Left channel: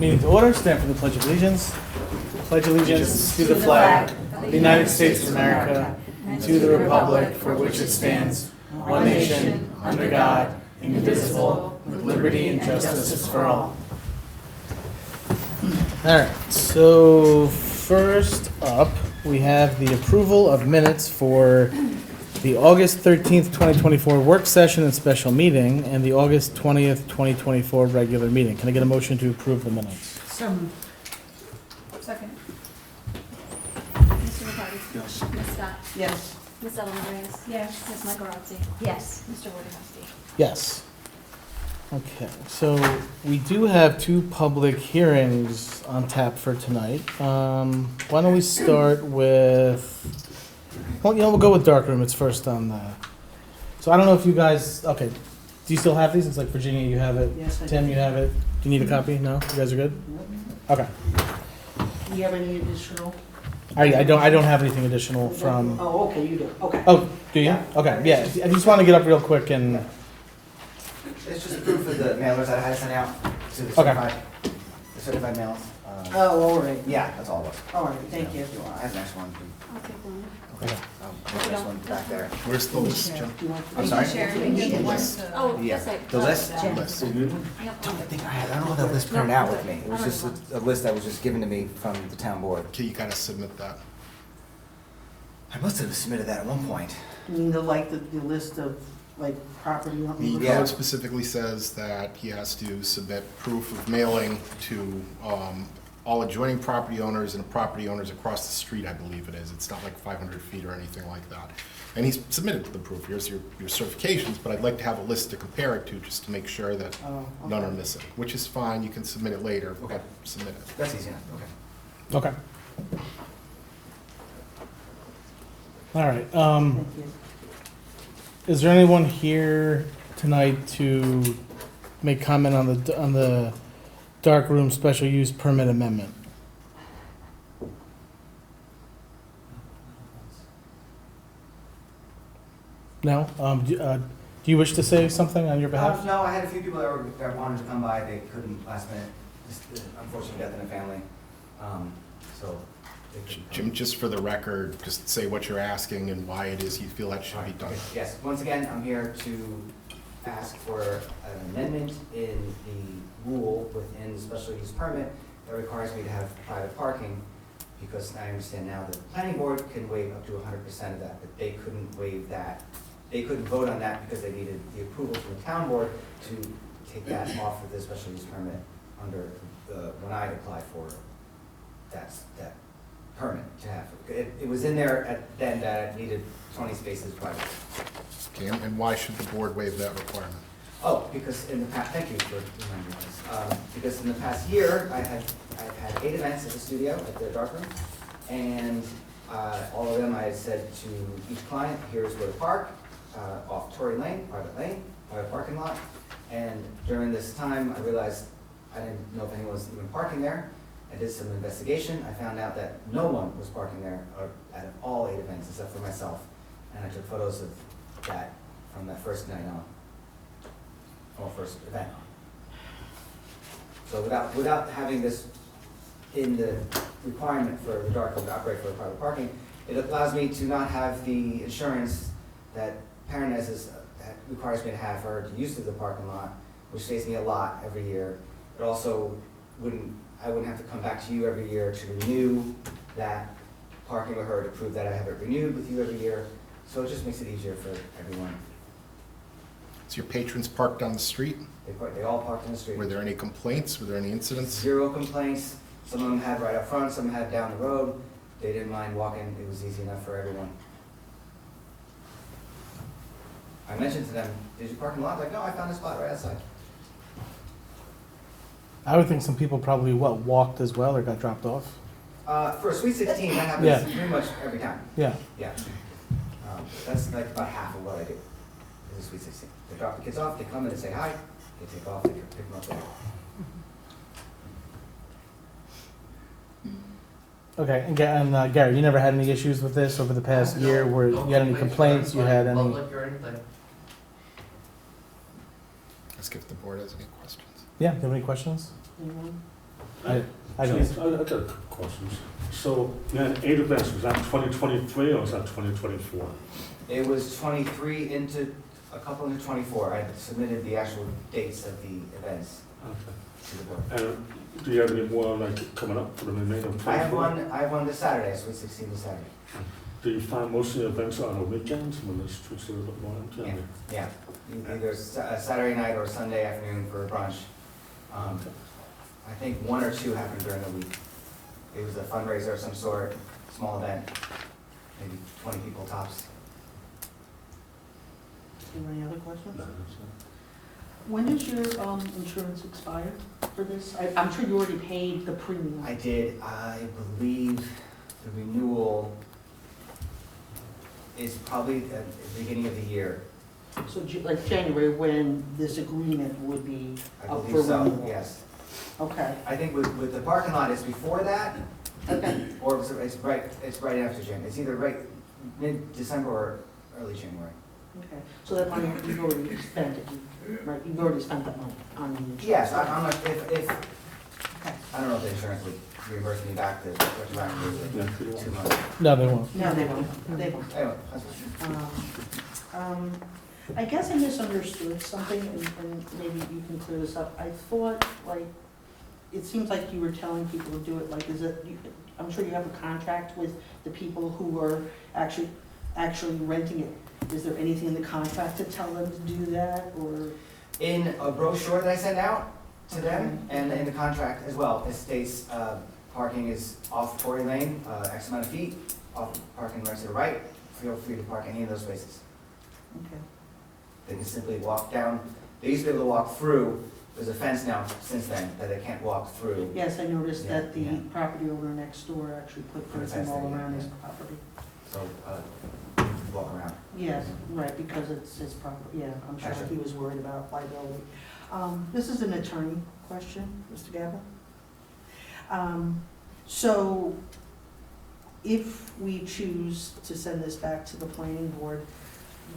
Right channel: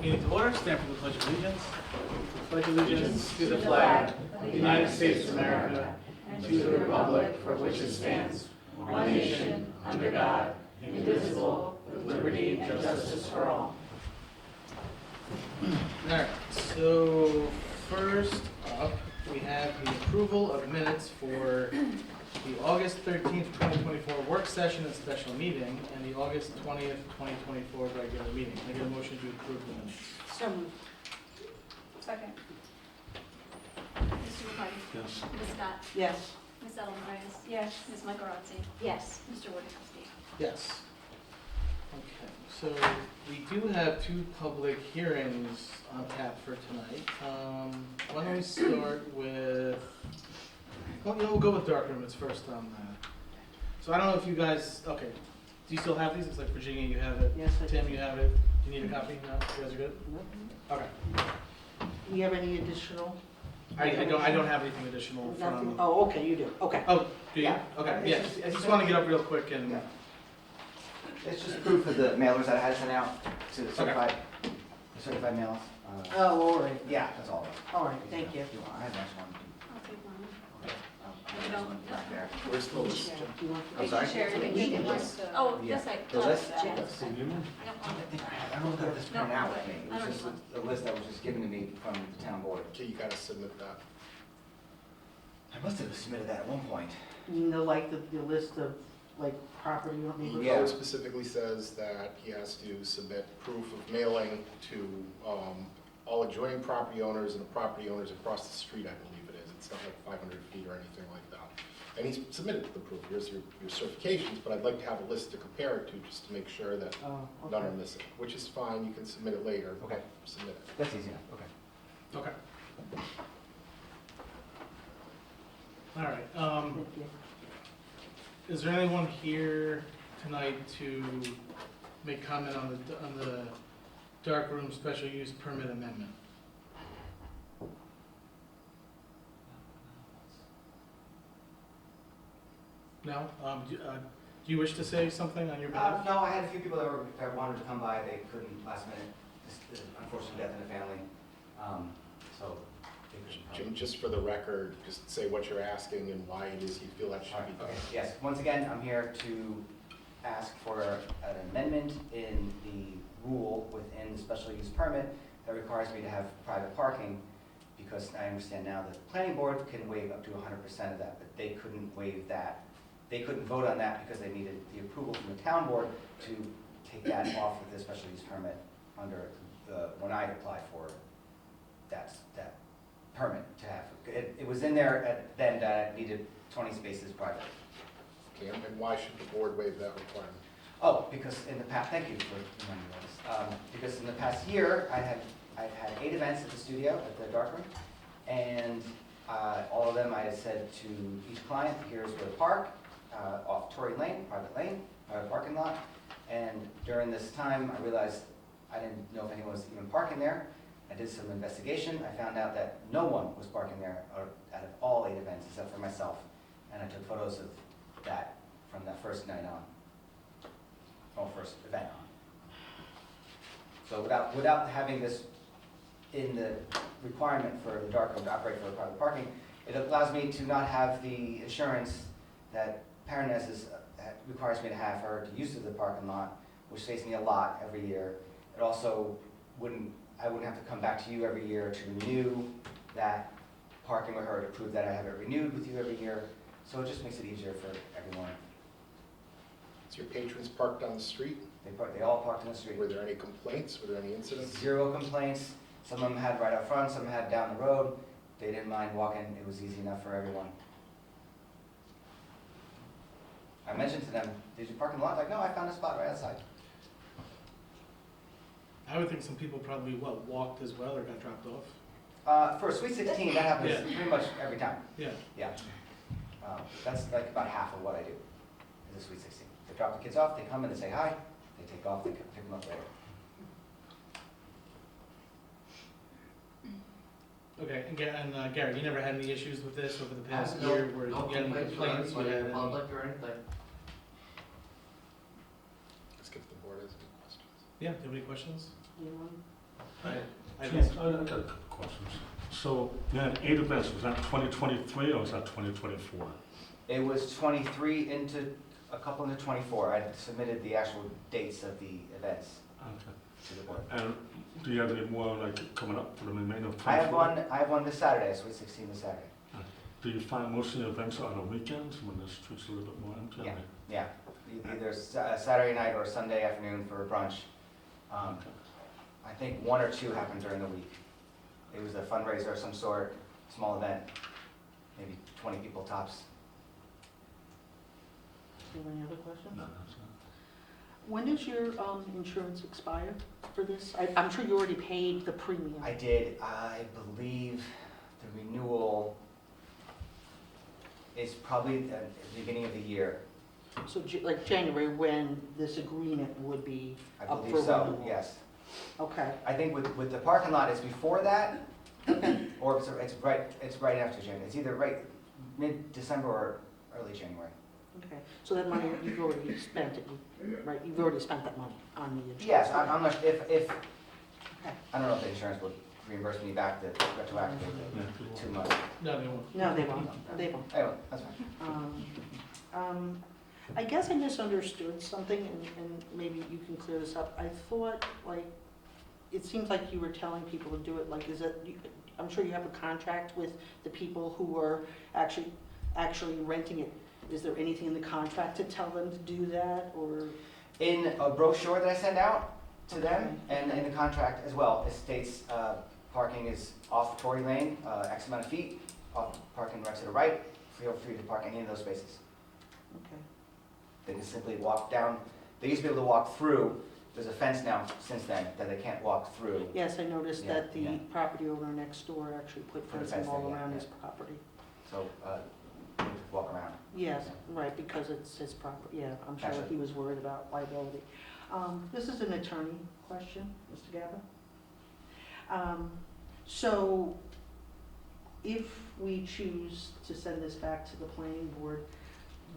Meeting to order, stand for the Pledge of Allegiance. Pledge allegiance to the flag of the United States of America and to the republic for which it stands, one nation, under God, indivisible, with liberty and justice for all. Alright, so first up, we have the approval of minutes for the August 13th, 2024 work session and special meeting, and the August 20th, 2024 regular meeting. Can I get a motion to approve the minutes? So moved. Second. Mr. McCarty? Yes. Ms. Scott? Yes. Ms. Ellen Reyes? Yes. Ms. Michaelozzi? Yes. Mr. Wojciechowski? Yes. Okay, so we do have two public hearings on tap for tonight. Why don't we start with, well, we'll go with darkroom. It's first on the, so I don't know if you guys, okay, do you still have these? It's like Virginia, you have it. Yes, I do. Tim, you have it. Do you need a copy? No? You guys are good? Okay. Do you have any additional? I don't have anything additional from, Oh, okay, you do, okay. oh, do you? Okay, yeah. I just want to get up real quick and, It's just proof of the mailers that I had sent out to the certified mails. Oh, all right, Yeah, that's all of us. all right, thank you. I have the next one. I'll take one. Okay. This one back there. Where's the list, Jim? Do you want- I'm sorry? Oh, Yeah. that's right. The list? Yep. List. I think I don't have the list printed out with me. It was just a list that was just given to me from the town board. Can you kind of submit that? I must have submitted that at one point. You mean the list of, like, property you want me to The look Yeah. code at? specifically says that he has to submit proof of mailing to all adjoining property owners and property owners across the street, I believe it is. It's not like 500 feet or anything like that. And he's submitted the proof. Here's your certifications, but I'd like to have a list to compare it to, just to make sure that Oh, none are okay. missing, which is fine. You can submit it later. Okay. Submit it. That's easy enough, okay. okay. All right, Thank you. is there anyone here tonight to make comment on the dark room special use permit amendment? No? Do you wish to say something on your behalf? No, I had a few people that wanted to come by, they couldn't last minute, just unfortunate death in the family. So they couldn't come. Jim, just for the record, just say what you're asking and why it is you feel that should be done. Okay. Yes, once again, I'm here to ask for an amendment in the rule within the special use permit that requires me to have private parking, because I understand now that the planning board can waive up to 100% of that, but they couldn't waive that. They couldn't vote on that because they needed the approval from the town board to take that off of the special use permit under when I applied for that permit to have. It was in there then that it needed 20 spaces private. Okay, and why should the board waive that requirement? Oh, because in the past, thank you for reminding me of this. Because in the past year, I've had 8 events at the studio, at the darkroom, and all of them I had said to each client, here's where to park, off Tory Lane, private parking lot. And during this time, I realized I didn't know if anyone was even parking there. I did some investigation. I found out that no one was parking there out of all 8 events except for myself. And I took photos of that from that first night on, or first event on. So without having this in the requirement for the dark room to operate for private parking, it allows me to not have the insurance that Paranez requires me to have for her to use the parking lot, which saves me a lot every year. It also I wouldn't have to come back to you every year to renew that parking with her, to prove that I have it renewed with you every year. So it just makes it easier for everyone. So your patrons parked on the street? They all parked on the street. Were there any complaints? Were there any incidents? 0 complaints. Some of them had right up front, some had down the road. They didn't mind walking. It was easy enough for everyone. I mentioned to them, did you park in the lot? Like, no, I found a spot right outside. I would think some people probably, walked as well or got dropped off? For a Sweet 16, that happens Yeah. pretty much every time. Yeah. Yeah. That's like about half of what I do, is a Sweet 16. They drop the kids off, they come in, they say hi, they take off, they pick them up later. Okay, and Gary, you never had any issues with this over the past year where you had any complaints, you had any? Public or anything. Let's give the board has any questions. Yeah, do you have any questions? Anyone? I don't, Geez, I got a couple questions. So, you had 8 events, was that 2023 or was that 2024? It was 23 into, a couple into 24. I submitted the actual dates of the events Okay. to the board. And do you have any more like coming up for the remainder of 24? I have one this Saturday, Sweet 16 this Saturday. Do you find most of the events are on the weekends when the street's a little bit more empty? Yeah, either Saturday night or Sunday afternoon for brunch. Okay. I think 1 or 2 happened during the week. It was a fundraiser of some sort, small event, maybe 20 people tops. Do you have any other questions? No, that's it. When does your insurance expire for this? I'm sure you already paid the premium. I did, I believe the renewal is probably at the beginning of the year. So like January, when this agreement would be I up for believe so, renewal? yes. Okay, I think with the parking lot, it's before that, okay, or it's right after January. It's either right mid-December or early January. okay. So that money, you've already spent it, right? You've already spent that money on the insurance? Yes, I'm not, if, Okay. I don't know if the insurance would reimburse me back the retroactively 2 months. no, they won't. No, they won't, they won't. Anyway, that's fine. I guess I misunderstood something, and maybe you can clear this up. I thought, like, it seems like you were telling people to do it, like, is it, I'm sure you have a contract with the people who are actually renting it. Is there anything in the contract to tell them to do that, or? In a brochure that I send out to them, and in the contract as well, it states, parking is off Tory Lane, X amount of feet, off parking right to the right, feel free to park any of those spaces. Okay. They can simply walk down, they used to be able to walk through, there's a fence now since then that they can't walk through. Yes, I noticed Yeah, that the yeah. property owner next door actually put Put a fencing fence all in, around yeah. his property. So, you can walk around. Yes, right, because it's his property, yeah, I'm sure Gotcha. he was worried about liability. This is an attorney question, Mr. Gabel. So, if we choose to send this back to the planning board,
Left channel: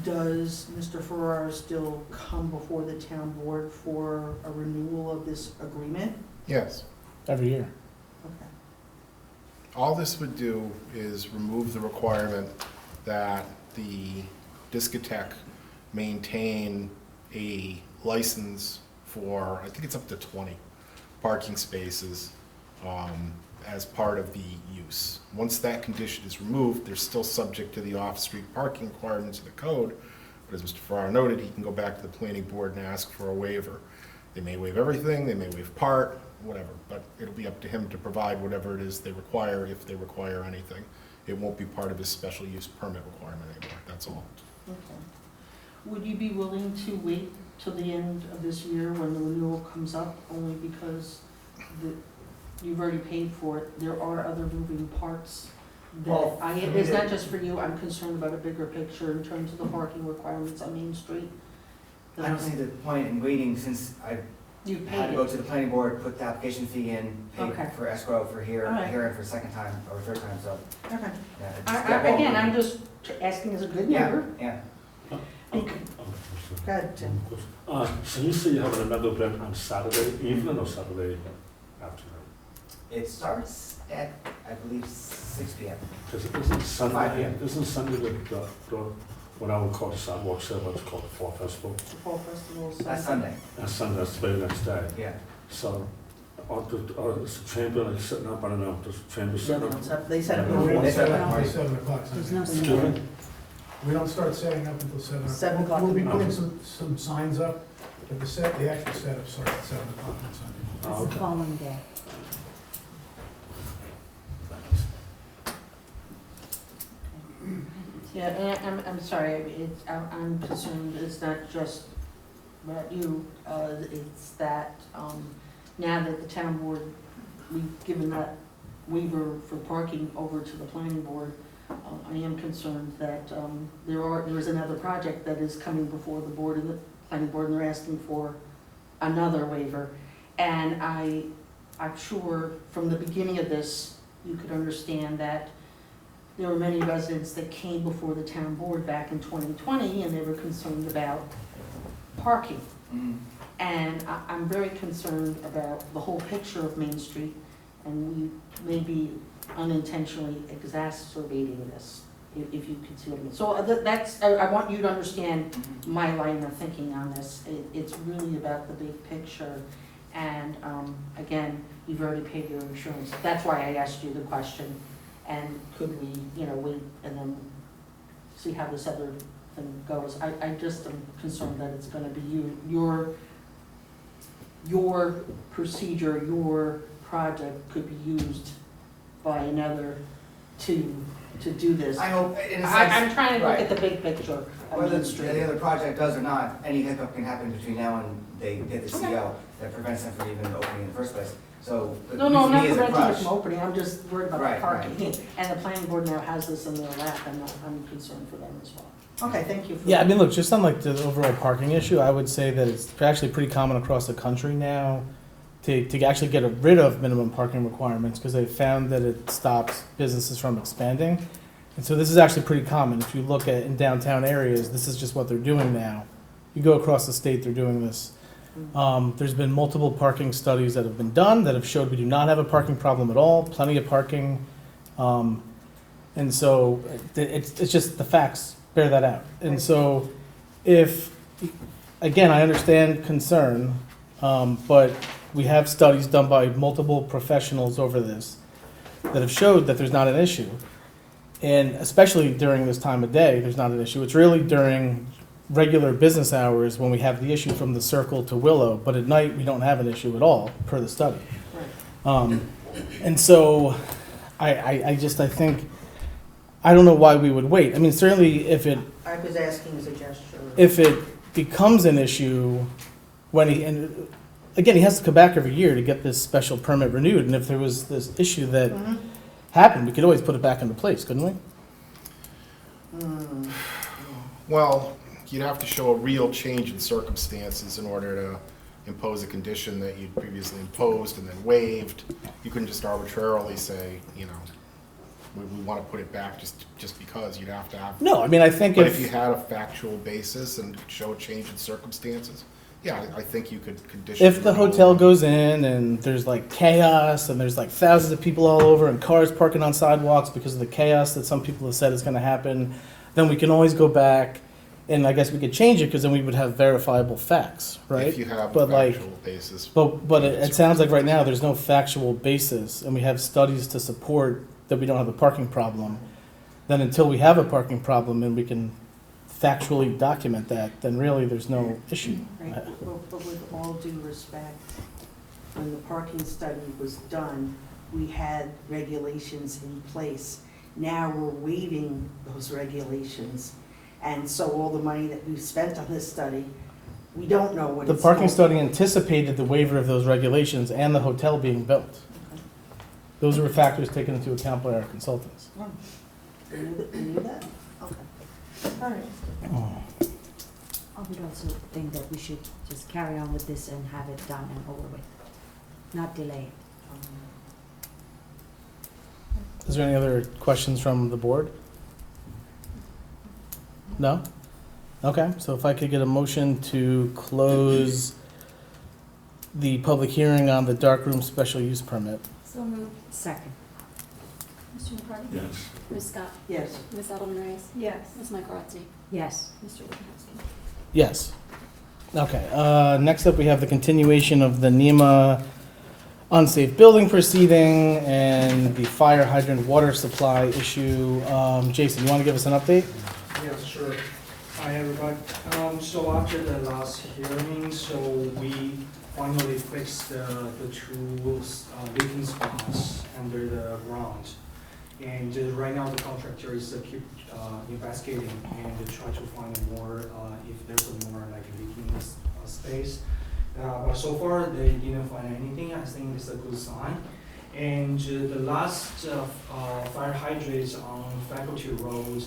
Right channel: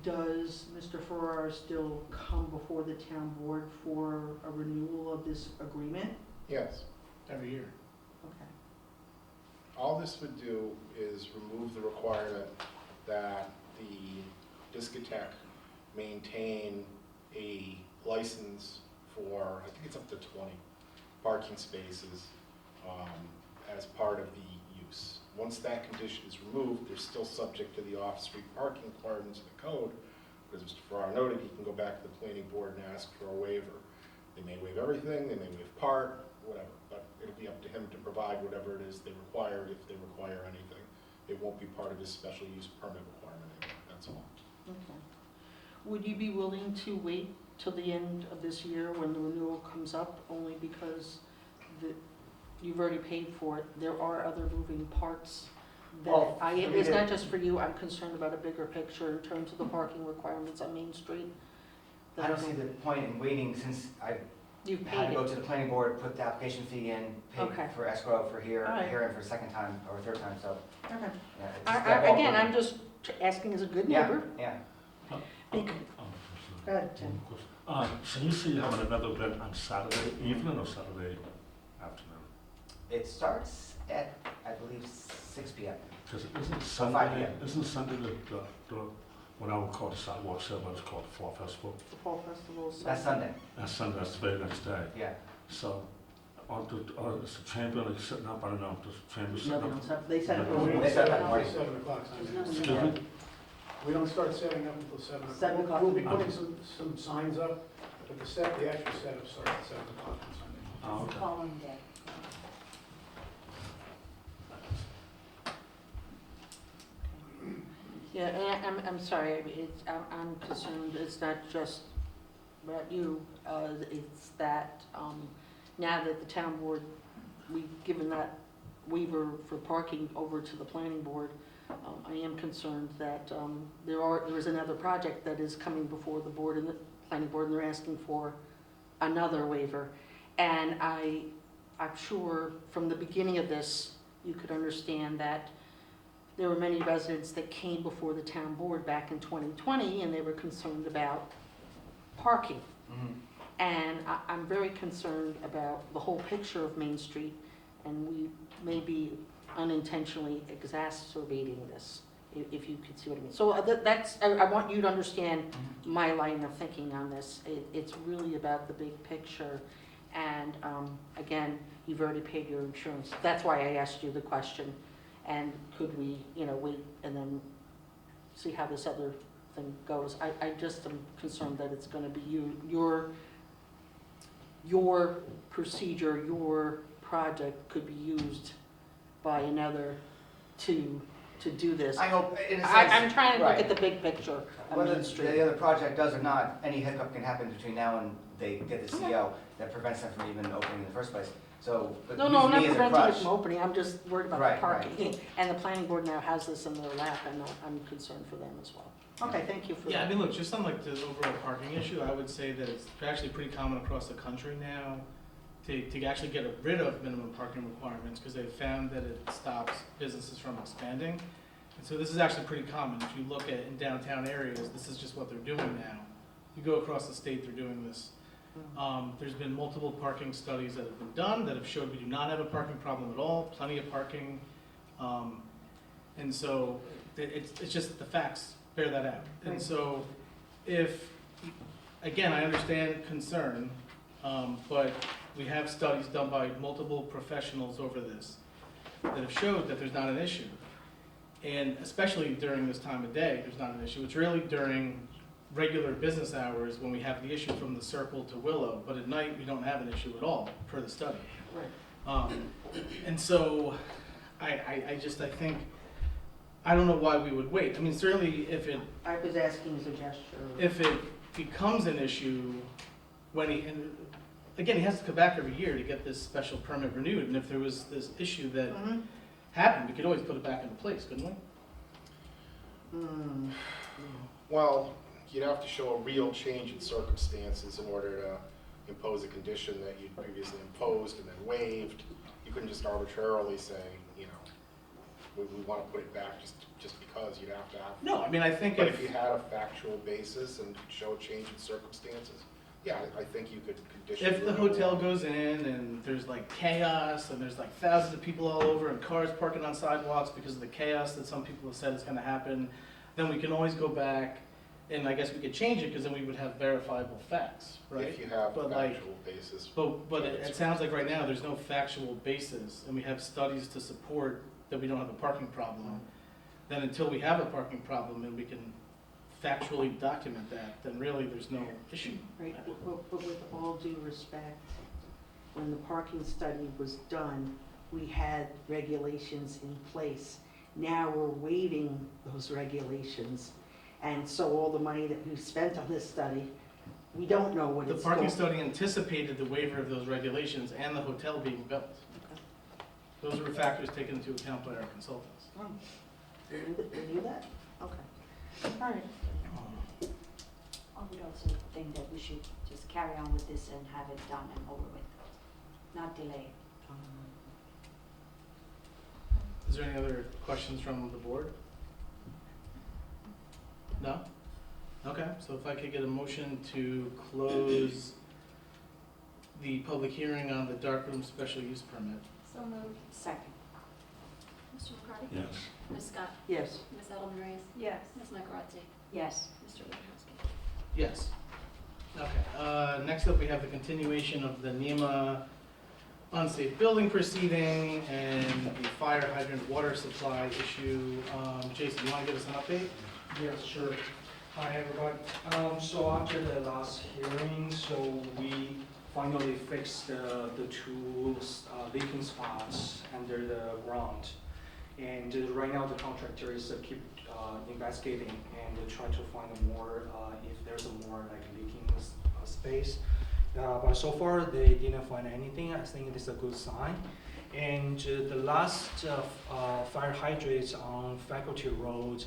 does Mr. Farrar still come before the town board for a renewal of this agreement? Yes. Every year. Okay. All this would do is remove the requirement that the discotheque maintain a license for, I think it's up to 20 parking spaces as part of the use. Once that condition is removed, they're still subject to the off-street parking requirements of the code, but as Mr. Farrar noted, he can go back to the planning board and ask for a waiver. They may waive everything, they may waive part, whatever, but it'll be up to him to provide whatever it is they require, if they require anything. It won't be part of his special use permit requirement anymore, that's all. Okay. Would you be willing to wait till the end of this year when the renewal comes up, only because you've already paid for it? There are other moving parts that, Well, it's not just for you, I'm concerned about a bigger picture in terms of the parking requirements on Main Street. I don't see the point in waiting since I You've had to paid go it. to the planning board, put the application fee in, pay Okay. for escrow for here, All right. here and for a second time or a third time, so, Okay. yeah. it's- Again, I'm just asking as a good Yeah, neighbor. yeah. Okay. Go ahead, Tim. One question. So you say you're having another event on Saturday evening or Saturday afternoon? It starts at, I believe, 6 p.m. Because isn't 5 Sunday, p.m. isn't Sunday the what I would call the sidewalk sale, what's called the Fall Festival? The Fall Festival. That's Sunday, And Sunday, that's the very next day. yeah. So, is the chamber like sitting up, I don't know, does the chamber Yeah, sitting they up? don't set, they set it No, before. they set it No, before. 7 o'clock. There's nothing. Excuse me? We don't start setting up until 7 o'clock. 7 o'clock. We'll be putting some signs up, but the actual setup starts at 7 o'clock on Sunday. Oh, okay. following day. Yeah, and I'm sorry, I'm concerned, it's not just about you, it's that, now that the town board, we've given that waiver for parking over to the planning board, I am concerned that, there is another project that is coming before the board and the planning board, and they're asking for another waiver. And I'm sure from the beginning of this, you could understand that there were many residents that came before the town board back in 2020, and they were concerned about parking. Mhm. And I'm very concerned about the whole picture of Main Street, and we may be unintentionally exacerbating this, if you can see what I mean. So I want you to understand my line of thinking on this. It's really about the big picture. And again, you've already paid your insurance. That's why I asked you the question. And could we, wait and then see how this other thing goes? I just am concerned that it's gonna be your procedure, your project could be used by another to do this. I hope, in a sense. I'm trying to look right. at the big picture of Whether Main Street. the other project does or not, any hiccup can happen between now and they get the CO that prevents them from even opening in the first place. So, but No, I'm not use me as a preventing it crutch. from opening, I'm just worried about Right, the parking. And the planning board now has this in their lap, and I'm concerned for them as well. Okay, thank you for Yeah, I that. mean, look, just on like the overall parking issue, I would say that it's actually pretty common across the country now to actually get rid of minimum parking requirements because they found that it stops businesses from expanding. And so this is actually pretty common. If you look at in downtown areas, this is just what they're doing now. You go across the state, they're doing this. There's been multiple parking studies that have been done that have showed we do not have a parking problem at all, plenty of parking. And so it's just the facts bear that out. And so if, again, I understand concern, but we have studies done by multiple professionals over this that have showed that there's not an issue. And especially during this time of day, there's not an issue. It's really during regular business hours when we have the issue from the Circle to Willow, but at night we don't have an issue at all, per the study. Right. And so I think, I don't know why we would wait. I mean, certainly if it asking as a gesture. if it becomes an issue when and again, he has to come back every year to get this special permit renewed, and if there was this issue that happened, we could always put it back into place, couldn't we? Well, you'd have to show a real change in circumstances in order to impose a condition that you'd previously imposed and then waived. You couldn't just arbitrarily say, we want to put it back just because. You'd have to have. No, I mean, I think But if you had a factual basis and could show a change in circumstances, yeah, I think you could condition. if the hotel goes in and there's like chaos and there's like thousands of people all over and cars parking on sidewalks because of the chaos that some people have said is going to happen, then we can always go back and I guess we could change it because then we would have verifiable facts, right? If you have But, a like, factual basis. But it sounds like right now there's no factual basis and we have studies to support that we don't have a parking problem. Then until we have a parking problem and we can factually document that, then really there's no issue. Right, but with all due respect, when the parking study was done, we had regulations in place. Now we're waiving those regulations, and so all the money that we've spent on this study, we don't know what The it's parking for. study anticipated the waiver of those regulations and the hotel being built. Those were factors taken into account by our consultants. Oh, you knew that? Okay. All right. I would also think that we should just carry on with this and have it done and over with, not delay it. Is there any other questions from the board? No? Okay, so if I could get a motion to close the public hearing on the darkroom special use permit. So moved. Second. Mr. McCarty? Yes. Ms. Scott? Yes. Ms. Edelman Reyes? Yes. Ms. Michaelozzi? Yes. Mr. Wojciechowski? Yes. Okay, next up we have the continuation of the NEMA unsafe building proceeding and the fire hydrant water supply issue. Jason, you want to give us an update? Yes, sure. Hi, everybody. So after the last hearing, so we finally fixed the two leaking spots under the ground. And right now the contractor is keep investigating and try to find more, if there's more like leaking space. But so far they didn't find anything. I think it's a good sign. And the last fire hydrants on Faculty Road,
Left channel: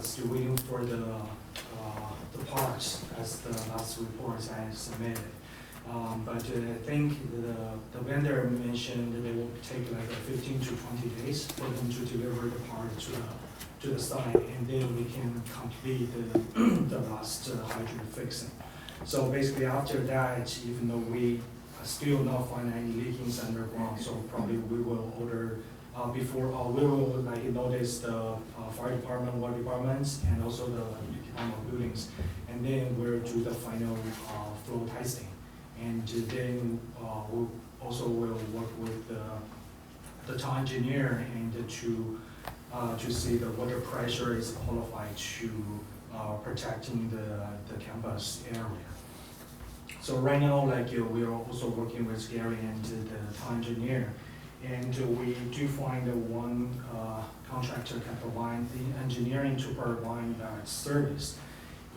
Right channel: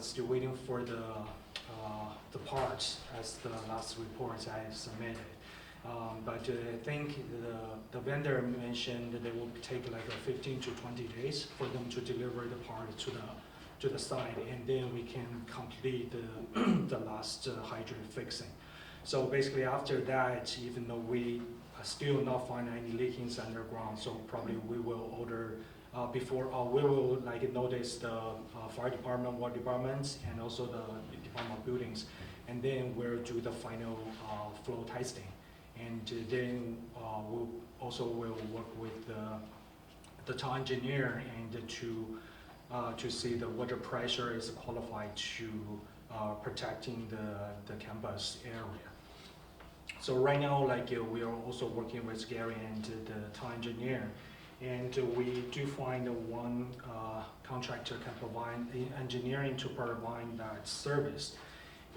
still waiting for the parts as the last reports I submitted. But I think the vendor mentioned that they will take like 15 to 20 days for them to deliver the part to the site, and then we can complete the last hydrant fixing. So basically after that, even though we still not find any leakings underground, so probably we will order, we will like notice the fire department, water departments, and also the department of buildings. And then we'll do the final flow testing. And then we'll also will work with the town engineer and to see the water pressure is qualified to protecting the campus area. So right now, like we are also working with Gary and the town engineer, and we do find one contractor can provide the engineering to provide that service.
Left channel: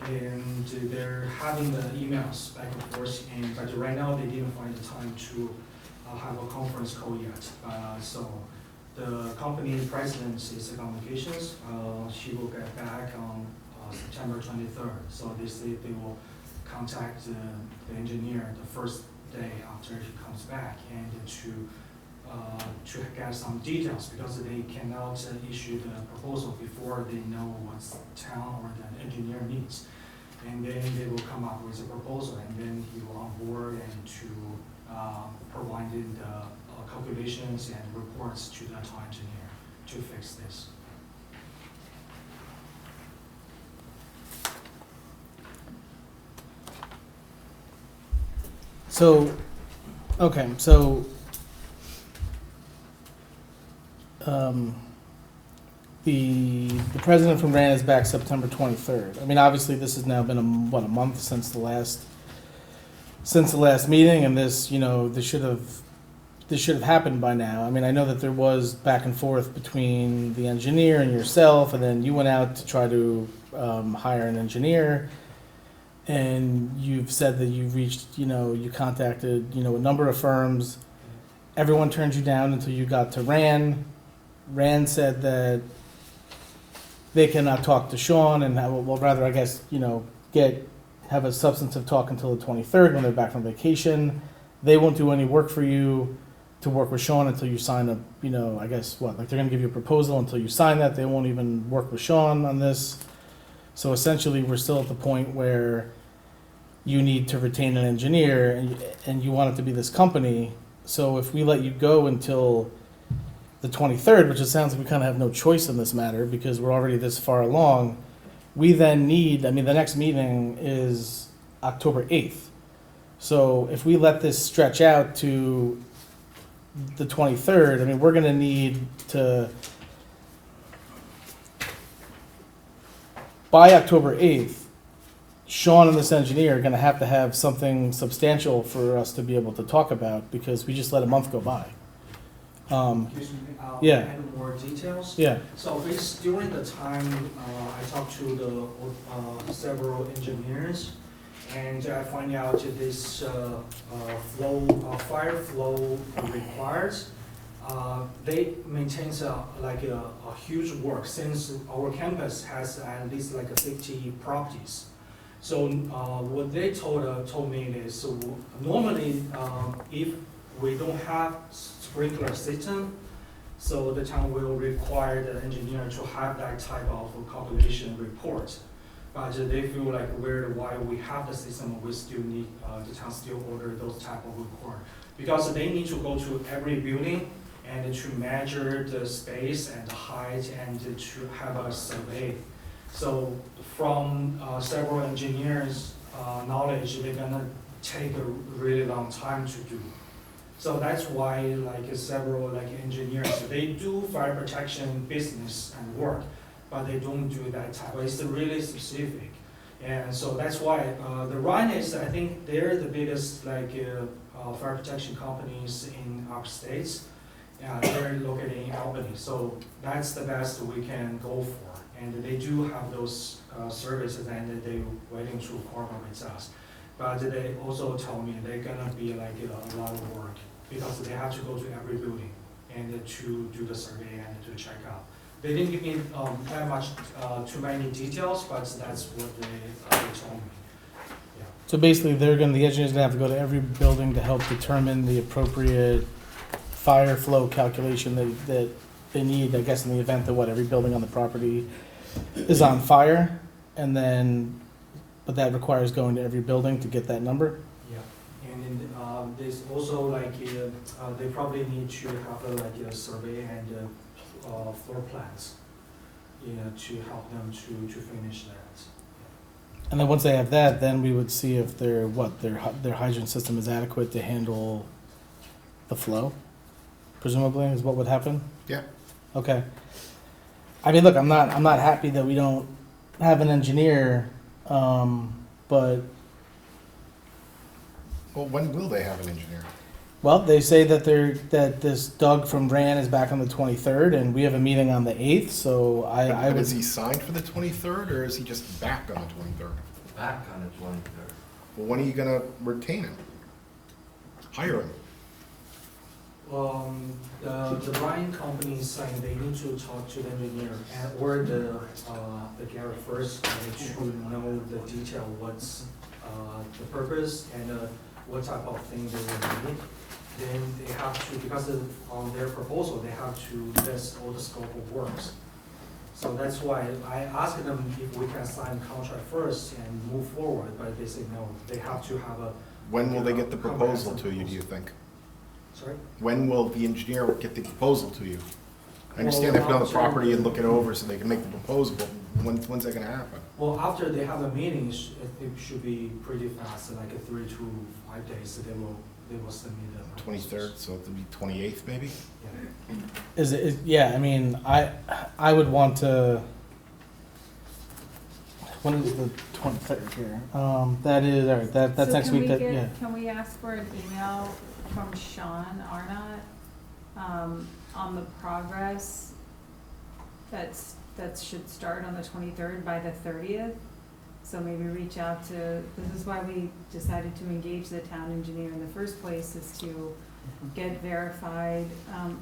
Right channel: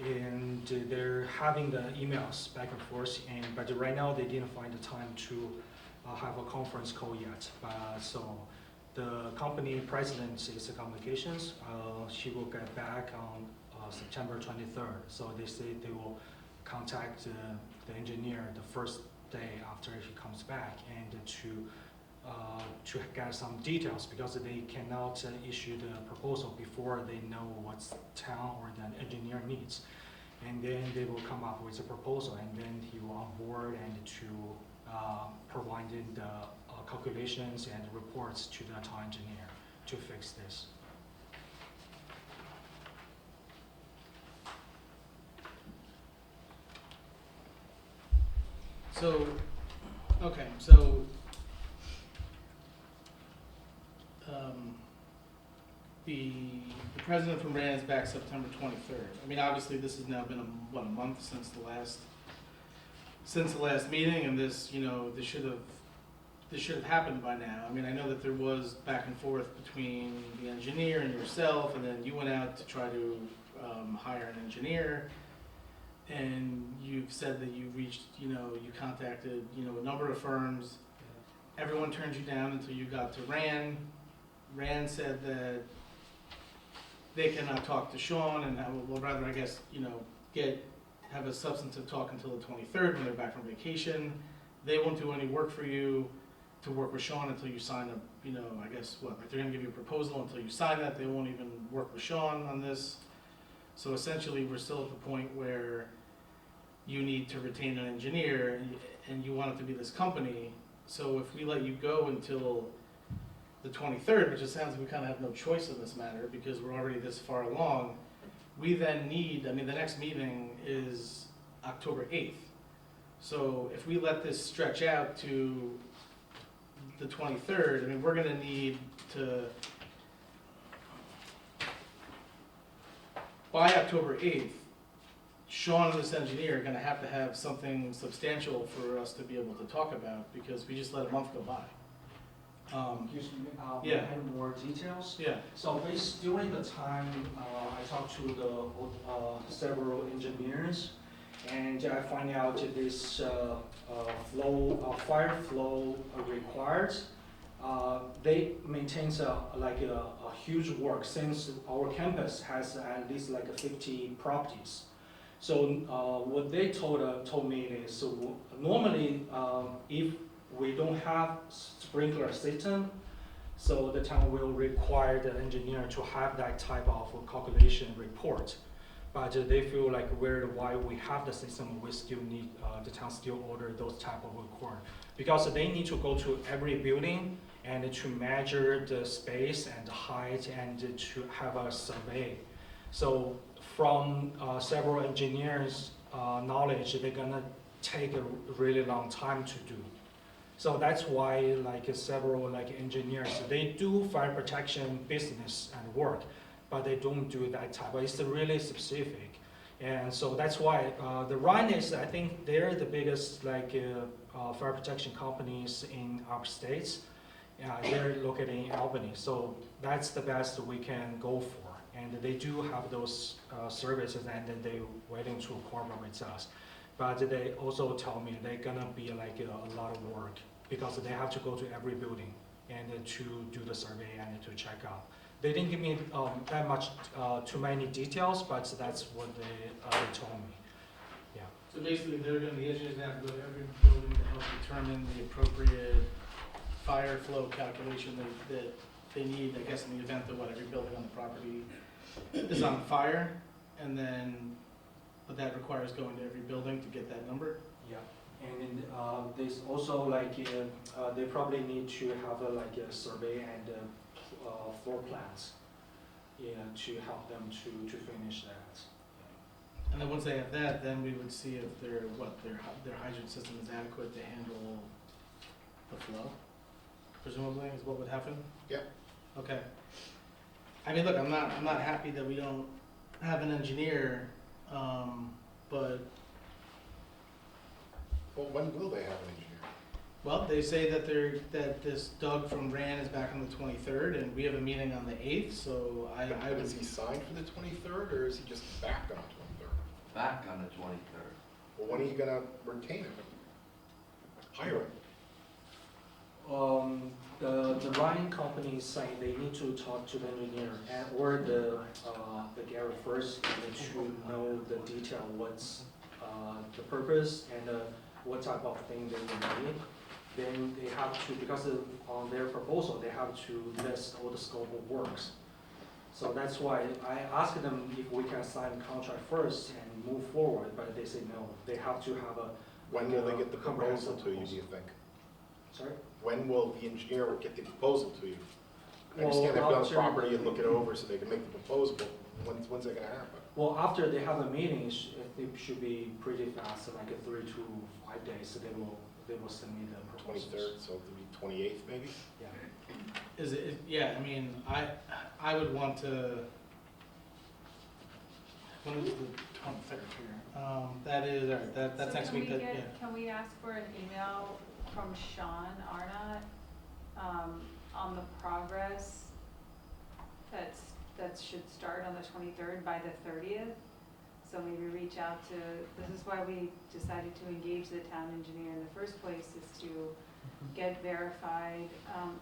And they're having the emails back and forth, but right now they didn't find the time to have a conference call yet. So the company president is on vacations. She will get back on September 23rd. So they say they will contact the engineer the first day after he comes back, and to get some details, because they cannot issue the proposal before they know what town or the engineer needs. And then they will come up with a proposal, and then he will on board and to provide the calculations and reports to the town engineer to fix this. So, okay, so, the president from RAN is back September 23rd. I mean, obviously, this has now been a month since the last meeting, and this should have happened by now. I mean, I know that there was back and forth between the engineer and yourself, and then you went out to try to hire an engineer. And you've said that you've reached, you contacted, a number of firms. Everyone turned you down until you got to RAN. RAN said that they cannot talk to Sean and have a substantive talk until the 23rd when they're back from vacation. They won't do any work for you to work with Sean until you sign a, they're gonna give you a proposal until you sign that. They won't even work with Sean on this. So essentially, we're still at the point where you need to retain an engineer, and you want it to be this company. So if we let you go until the 23rd, which it sounds like we kind of have no choice in this matter because we're already this far along, we then need, the next meeting is October 8th. So if we let this stretch out to the 23rd, we're going to need to, by October 8th, Sean and this engineer are going to have something substantial for us to be able to talk about, because we just let a month go by. Excuse me, Yeah. add more details. Yeah. So during the time, I talked to the several engineers, and I find out this fire flow requires. They maintain a huge work, since our campus has at least 50 properties. So what they told me is, so normally if we don't have sprinkler system, so the town will require the engineer to have that type of calculation report. But they feel like while we have the system, we still need, the town still order those type of report. Because they need to go to every building and to measure the space and the height and to have a survey. So from several engineers' knowledge, they're gonna take a really long time to do. So that's why several engineers, they do fire protection business and work, but they don't do that type. It's really specific. And so that's why the Rhineys, I think they're the biggest fire protection companies in our states. They're located in Albany. So that's the best we can go for. And they do have those services, and they're waiting to cooperate with us. But they also tell me they're gonna be a lot of work, because they have to go to every building and to do the survey and to check out. They didn't give me that much, too many details, but that's what they told me. Yeah. So basically, the engineer's gonna have to go to every building to help determine the appropriate fire flow calculation that they need, I guess, in the event that every building on the property is on fire. And then, but that requires going to every building to get that number? Yeah, and then, there's also like, they probably need to have like a survey and, floor plans, to help them to finish that. And then once they have that, then we would see if their hydrant system is adequate to handle the flow, presumably, is what would happen? Yeah. Okay. I mean, look, I'm not happy that we don't have an engineer, but, Well, when will they have an engineer? well, they say that that this Doug from Ran is back on the 23rd, and we have a meeting on the 8th, so I But would. is he signed for the 23rd, or is he just back on the 23rd? Back on the 23rd. Well, when are you gonna retain him? Hire him? The Ryan company is saying they need to talk to the engineer and, or the Garrett first, to know the detail, what's, the purpose and, what type of thing they will need. Then they have to, because of, on their proposal, they have to list all the scope of works. So that's why I asked them if we can sign contract first and move forward, but they say no, they have to have a. When will they get the proposal to you, do you think? Sorry? When will the engineer get the proposal to you? I understand they've been on the property and look it over so they can make the proposal, but when's that gonna happen? Well, after they have the meetings, it should be pretty fast, like 3 to 5 days, so they will send me the proposals. 23rd, so it'll be 28th maybe? Yeah. Is it, yeah, I mean, I would want to, when is the 23rd here? That is, all right, that's So next can week, we yeah. Can we ask for an email from Sean Arnott, on the progress that should start on the 23rd by the 30th? So maybe reach out to, this is why we decided to engage the town engineer in the first place, is to get verified,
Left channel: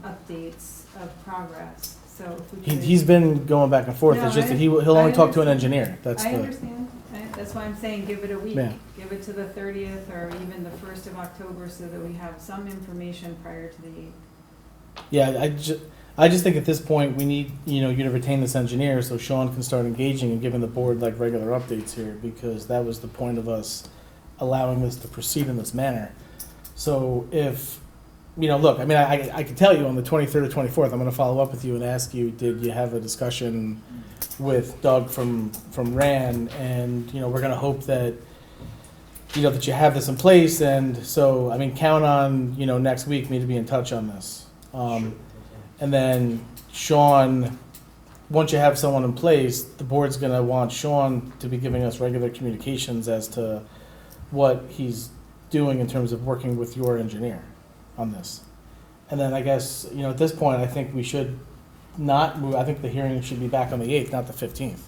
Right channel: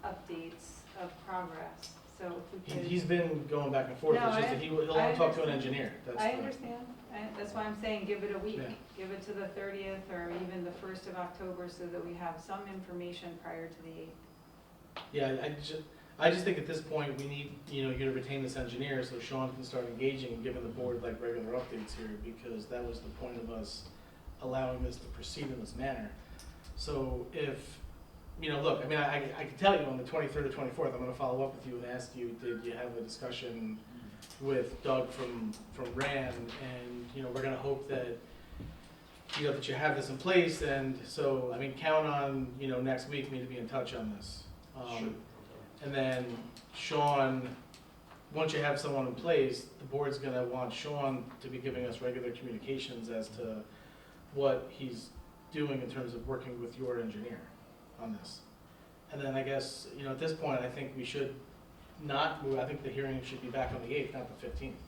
updates of progress. So if we could. He's been going back and forth, No, it's just I- that he'll only I talk to an understand. engineer, that's I the, understand, that's why I'm saying give it a week. Yeah. Give it to the 30th or even the 1st of October so that we have some information prior to the 8th. yeah, I just think at this point, we need, you to retain this engineer so Sean can start engaging and giving the board like regular updates here, because that was the point of us allowing this to proceed in this manner. So if, look, I mean, I can tell you on the 23rd or 24th, I'm gonna follow up with you and ask you, did you have a discussion with Doug from Ran? And, we're gonna hope that, that you have this in place, and so, I mean, count on, next week, me to be in touch on this. Sure. And then Sean, once you have someone in place, the board's gonna want Sean to be giving us regular communications as to what he's doing in terms of working with your engineer on this. And then I guess, at this point, I think we should not move, I think the hearing should be back on the 8th, not the 15th.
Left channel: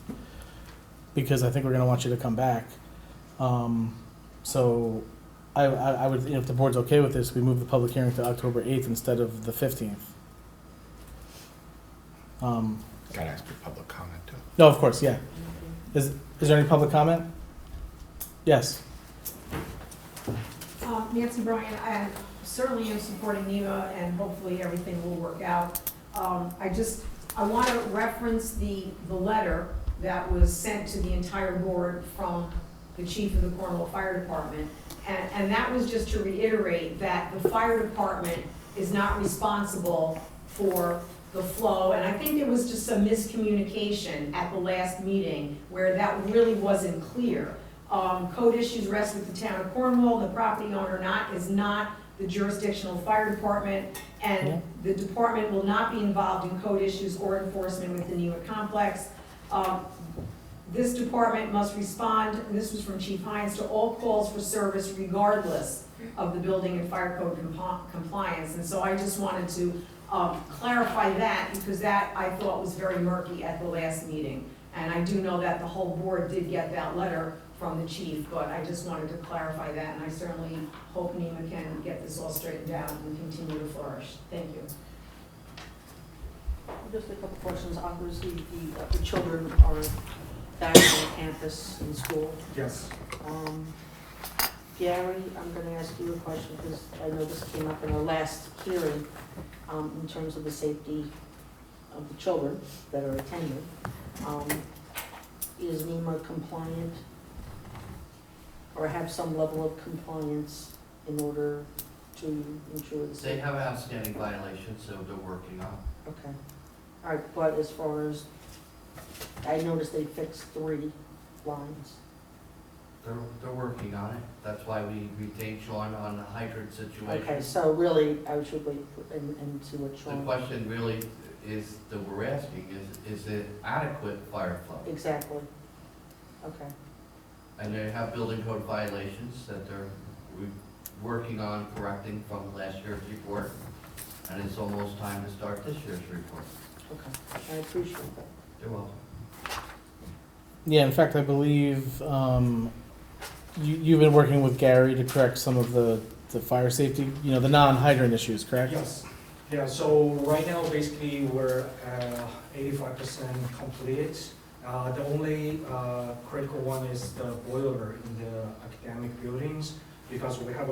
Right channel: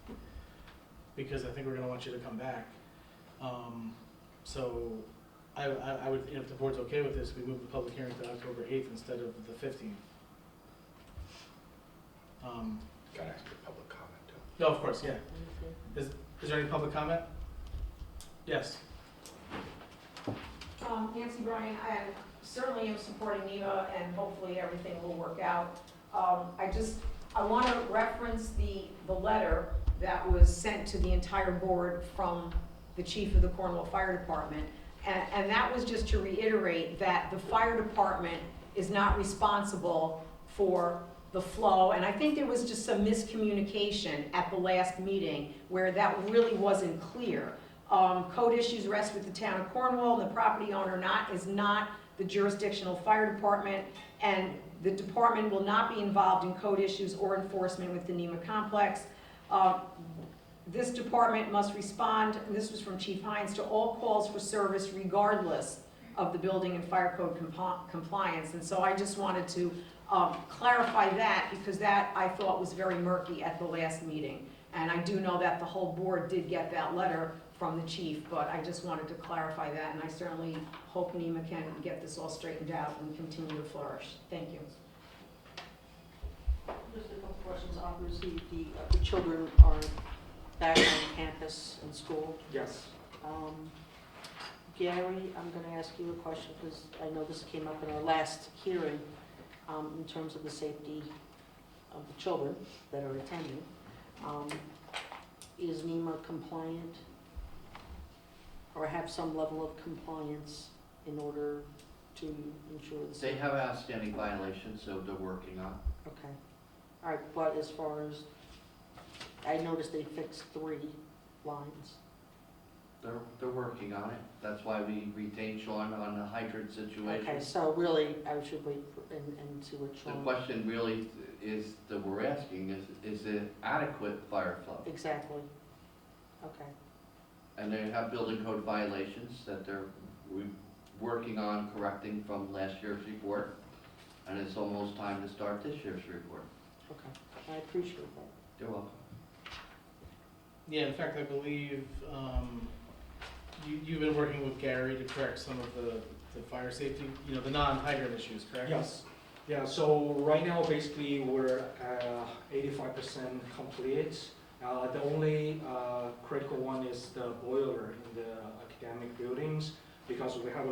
Because I think we're gonna want you to come back. So I would, if the board's okay with this, we move the public hearing to October 8th instead of the 15th. Gotta ask for public comment too. No, of course, yeah. Is there any public comment? Yes. Nancy Bryan, I certainly am supporting NEMA and hopefully everything will work out. I want to reference the letter that was sent to the entire board from the chief of the Cornwall Fire Department. And that was just to reiterate that the fire department is not responsible for the flow. And I think there was just some miscommunication at the last meeting where that really wasn't clear. Code issues rest with the town of Cornwall, the property owner is not the jurisdictional fire department, and the department will not be involved in code issues or enforcement with the NEMA complex. This department must respond, and this was from Chief Hines, to all calls for service regardless of the building and fire code compliance. And so I just wanted to clarify that, because that I thought was very murky at the last meeting. And I do know that the whole board did get that letter from the chief, but I just wanted to clarify that, and I certainly hope NEMA can get this all straightened out and continue to flourish. Thank you. Just a couple questions. Obviously, the children are back on campus in school. Yes. Gary, I'm gonna ask you a question, because I know this came up in our last hearing, in terms of the safety of the children that are attending. Is NEMA compliant or have some level of compliance in order to ensure the They safety. have outstanding violations, so they're working on. Okay. All right, but as far as, I noticed they fixed 3 lines. They're working on it. That's why we retained Sean on the hydrant situation. Okay, so really, I should wait and see what The Sean. question really is, that we're asking is it adequate fire flow? Exactly. Okay, And they have building code violations that they're working on correcting from last year's report. And it's almost time to start this year's report. okay. I appreciate that. You're welcome. Yeah, in fact, I believe you've been working with Gary to correct some of the fire safety, the non-hydrant issues, correct? Yes. Yeah, so right now, basically, we're 85% complete. The only critical one is the boiler in the academic buildings, because we have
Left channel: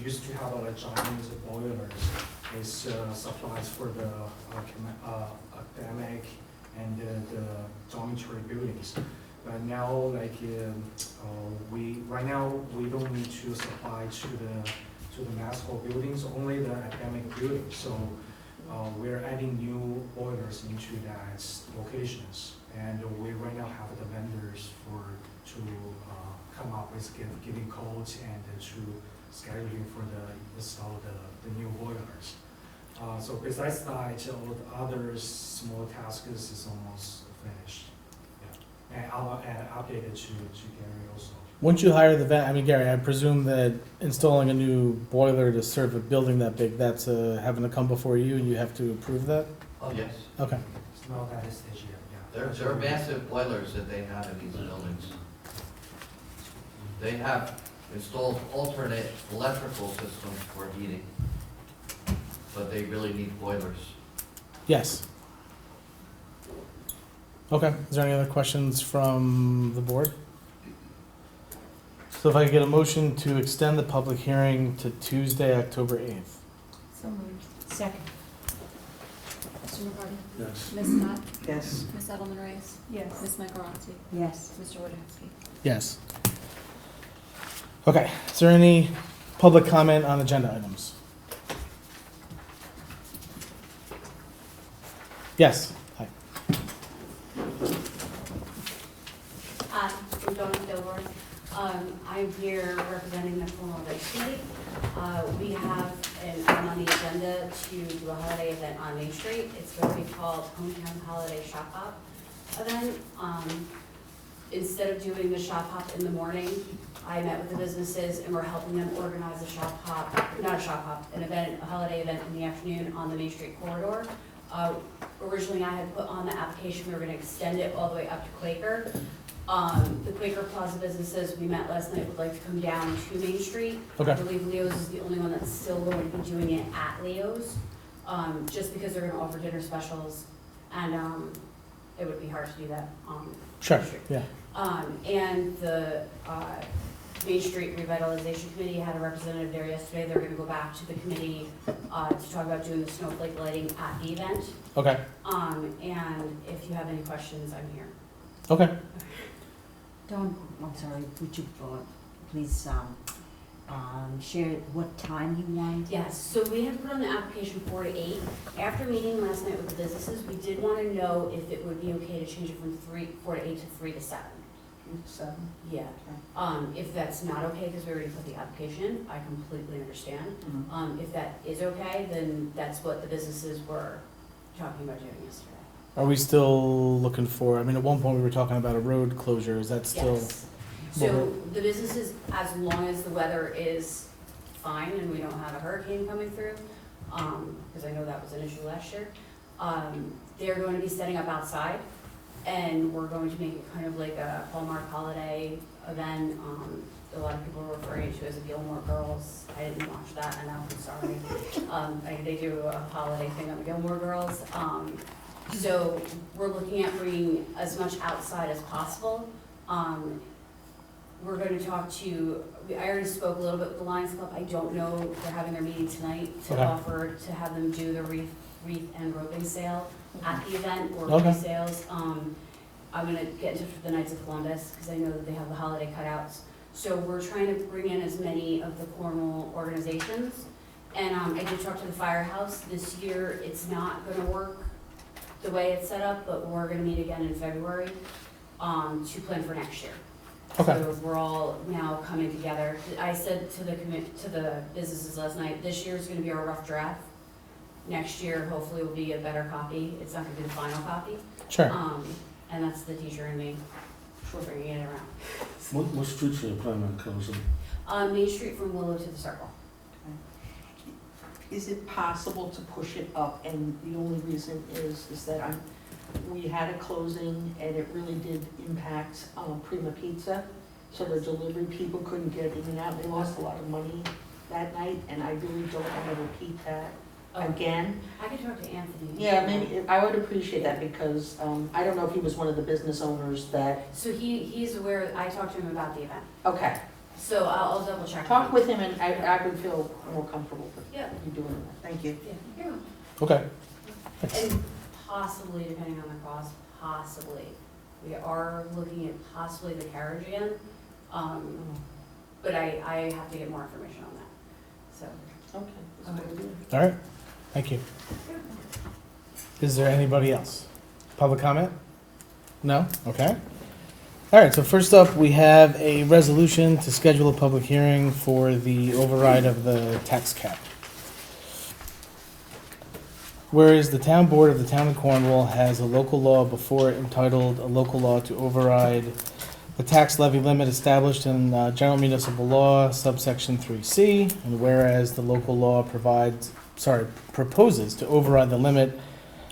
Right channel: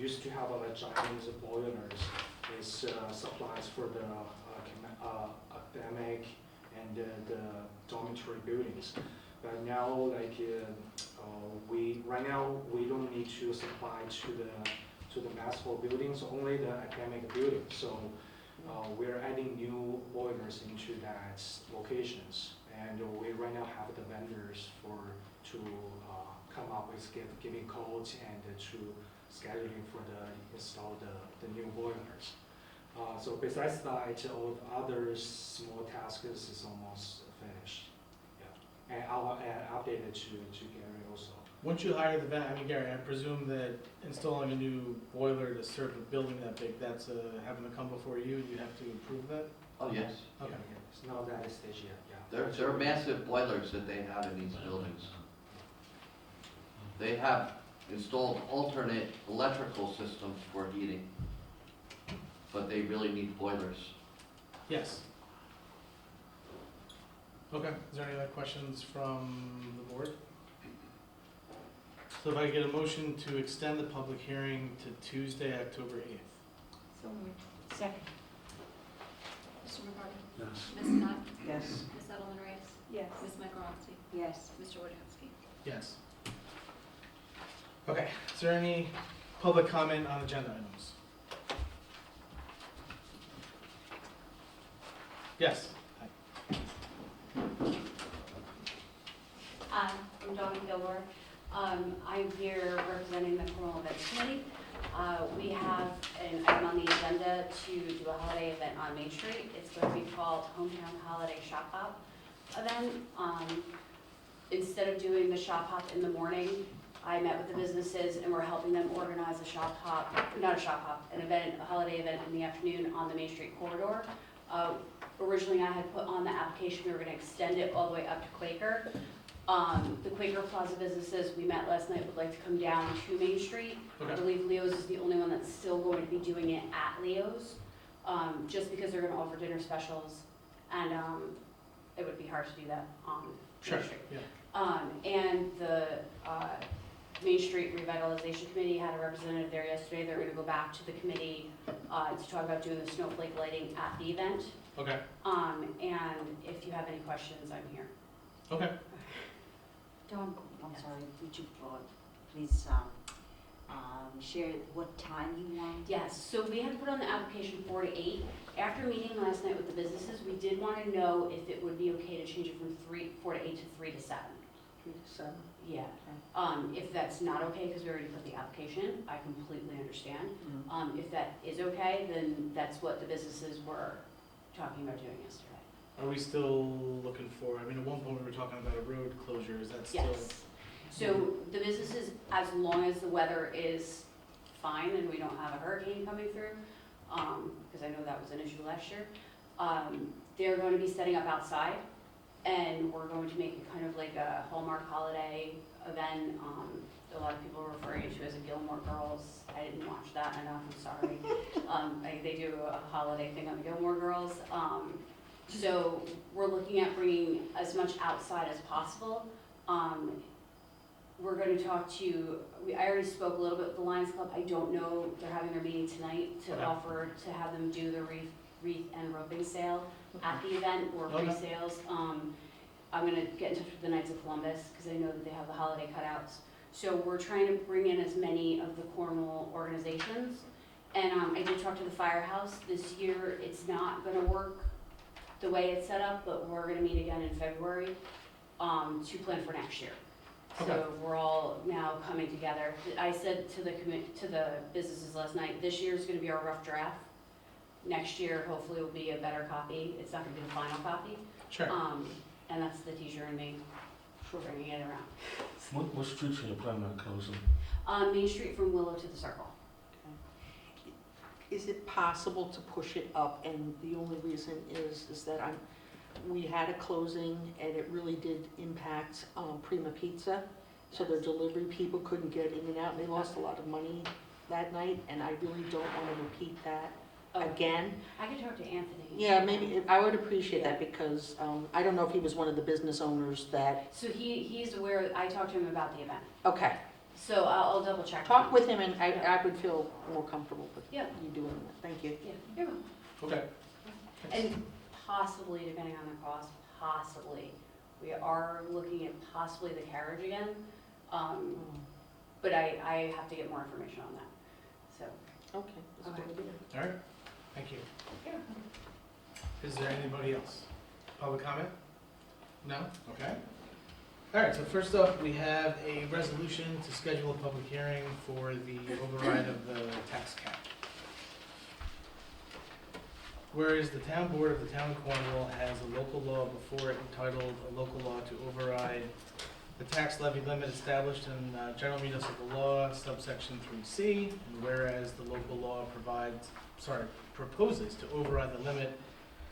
used to have giant boilers. It's supplies for the academic and the dormitory buildings. But now, we don't need to supply to the mass hall buildings, only the academic buildings. So we're adding new boilers into that locations, and we right now have the vendors to come up with giving codes and to scheduling for install the new boilers. So besides that, all the other small tasks is almost finished. Yeah, and I'll update it to Gary also. Once you hire Gary, I presume that installing a new boiler to serve a building that big, that's having to come before you, and you have to approve that? Oh, yes. Okay. It's not that stage yet, yeah. There are massive boilers that they have in these buildings. They have installed alternate electrical systems for heating, but they really need boilers. Yes. Okay, is there any other questions from the board? So if I could get a motion to extend the public hearing to Tuesday, October 8th. So moved. Second. Mr. McCarty? Yes. Ms. Scott? Yes. Ms. Edelman Reyes? Yes. Ms. Michaelozzi? Yes. Mr. Wojciechowski? Yes. Okay, is there any public comment on agenda items? Yes. Hi. I'm Dawn Gilmore. I'm here representing the Cornwall Committee. We have an item on the agenda to do a holiday event on Main Street. It's going to be called Hometown Holiday Shop Hop event. Instead of doing the shop hop in the morning, I met with the businesses and we're helping them organize a shop hop, not a shop hop, an event, a holiday event in the afternoon on the Main Street corridor. Originally, I had put on the application, we were gonna extend it all the way up to Quaker. The Quaker Plaza businesses, we met last night, would like to come down to Main Street. Okay. I believe Leo's is the only one that's still going to be doing it at Leo's, just because they're gonna offer dinner specials, and, it would be hard to do that on Sure, Main Street. yeah. And the, Main Street Revitalization Committee had a representative there yesterday. They're gonna go back to the committee, to talk about doing the snowflake lighting at the event. Okay, And if you have any questions, I'm here. okay. Dawn, I'm sorry, would you please share what time you want? Yes, so we had put on the application 4 to 8. After meeting last night with the businesses, we did want to know if it would be okay to change it from 4 to 8 to 3 to 7. 3 to 7. Yeah. If that's not okay, because we already put the application in, I completely understand. If that is okay, then that's what the businesses were talking about doing yesterday. Are we still looking for, at one point we were talking about a road closure, is that still? Yes. So the businesses, as long as the weather is fine and we don't have a hurricane coming through, because I know that was an issue last year, they're going to be setting up outside, and we're going to make it kind of like a Hallmark holiday event. A lot of people are referring to it as a Gilmore Girls. I didn't watch that enough, I'm sorry. They do a holiday thing on the Gilmore Girls. So we're looking at bringing as much outside as possible. We're going to talk to, I already spoke a little bit with the Lions Club. I don't know, they're having their meeting tonight to Okay. offer to have them do the wreath and roping sale at the event, or Okay. sales. I'm gonna get in touch with the Knights of Columbus, because I know that they have the holiday cutouts. So we're trying to bring in as many of the Cornwall organizations. And I did talk to the firehouse. This year, it's not gonna work the way it's set up, but we're gonna meet again in February to plan for next year. Okay. So we're all now coming together. I said to the businesses last night, this year's gonna be our rough draft. Next year, hopefully, will be a better copy. It's not gonna be the final copy. Sure. And that's the teacher and me, bringing it around. What streets are you planning on closing? Main Street from Willow to the Circle. Is it possible to push it up? And the only reason is that we had a closing and it really did impact Prima Pizza. So the delivery people couldn't get in and out. They lost a lot of money that night, and I really don't want to repeat that again. I could talk to Anthony. Yeah, maybe, I would appreciate that because I don't know if he was one of the business owners that, So he's aware, I talked to him about the event. okay. So I'll double check. Talk with him and I would feel more comfortable with Yeah. you doing that. Thank you. Yeah, you're welcome. Okay. And possibly, depending on the cost, possibly, we are looking at possibly the carriage again. But I have to get more information on that, so. Okay. that's what it is. All right. Thank you. Is there anybody else? Public comment? No? Okay. All right, so first up, we have a resolution to schedule a public hearing for the override of the tax cap. Whereas the town board of the town of Cornwall has a local law before it entitled a local law to override the tax levy limit established in General Municipal Law subsection 3C, and whereas the local law proposes to override the limit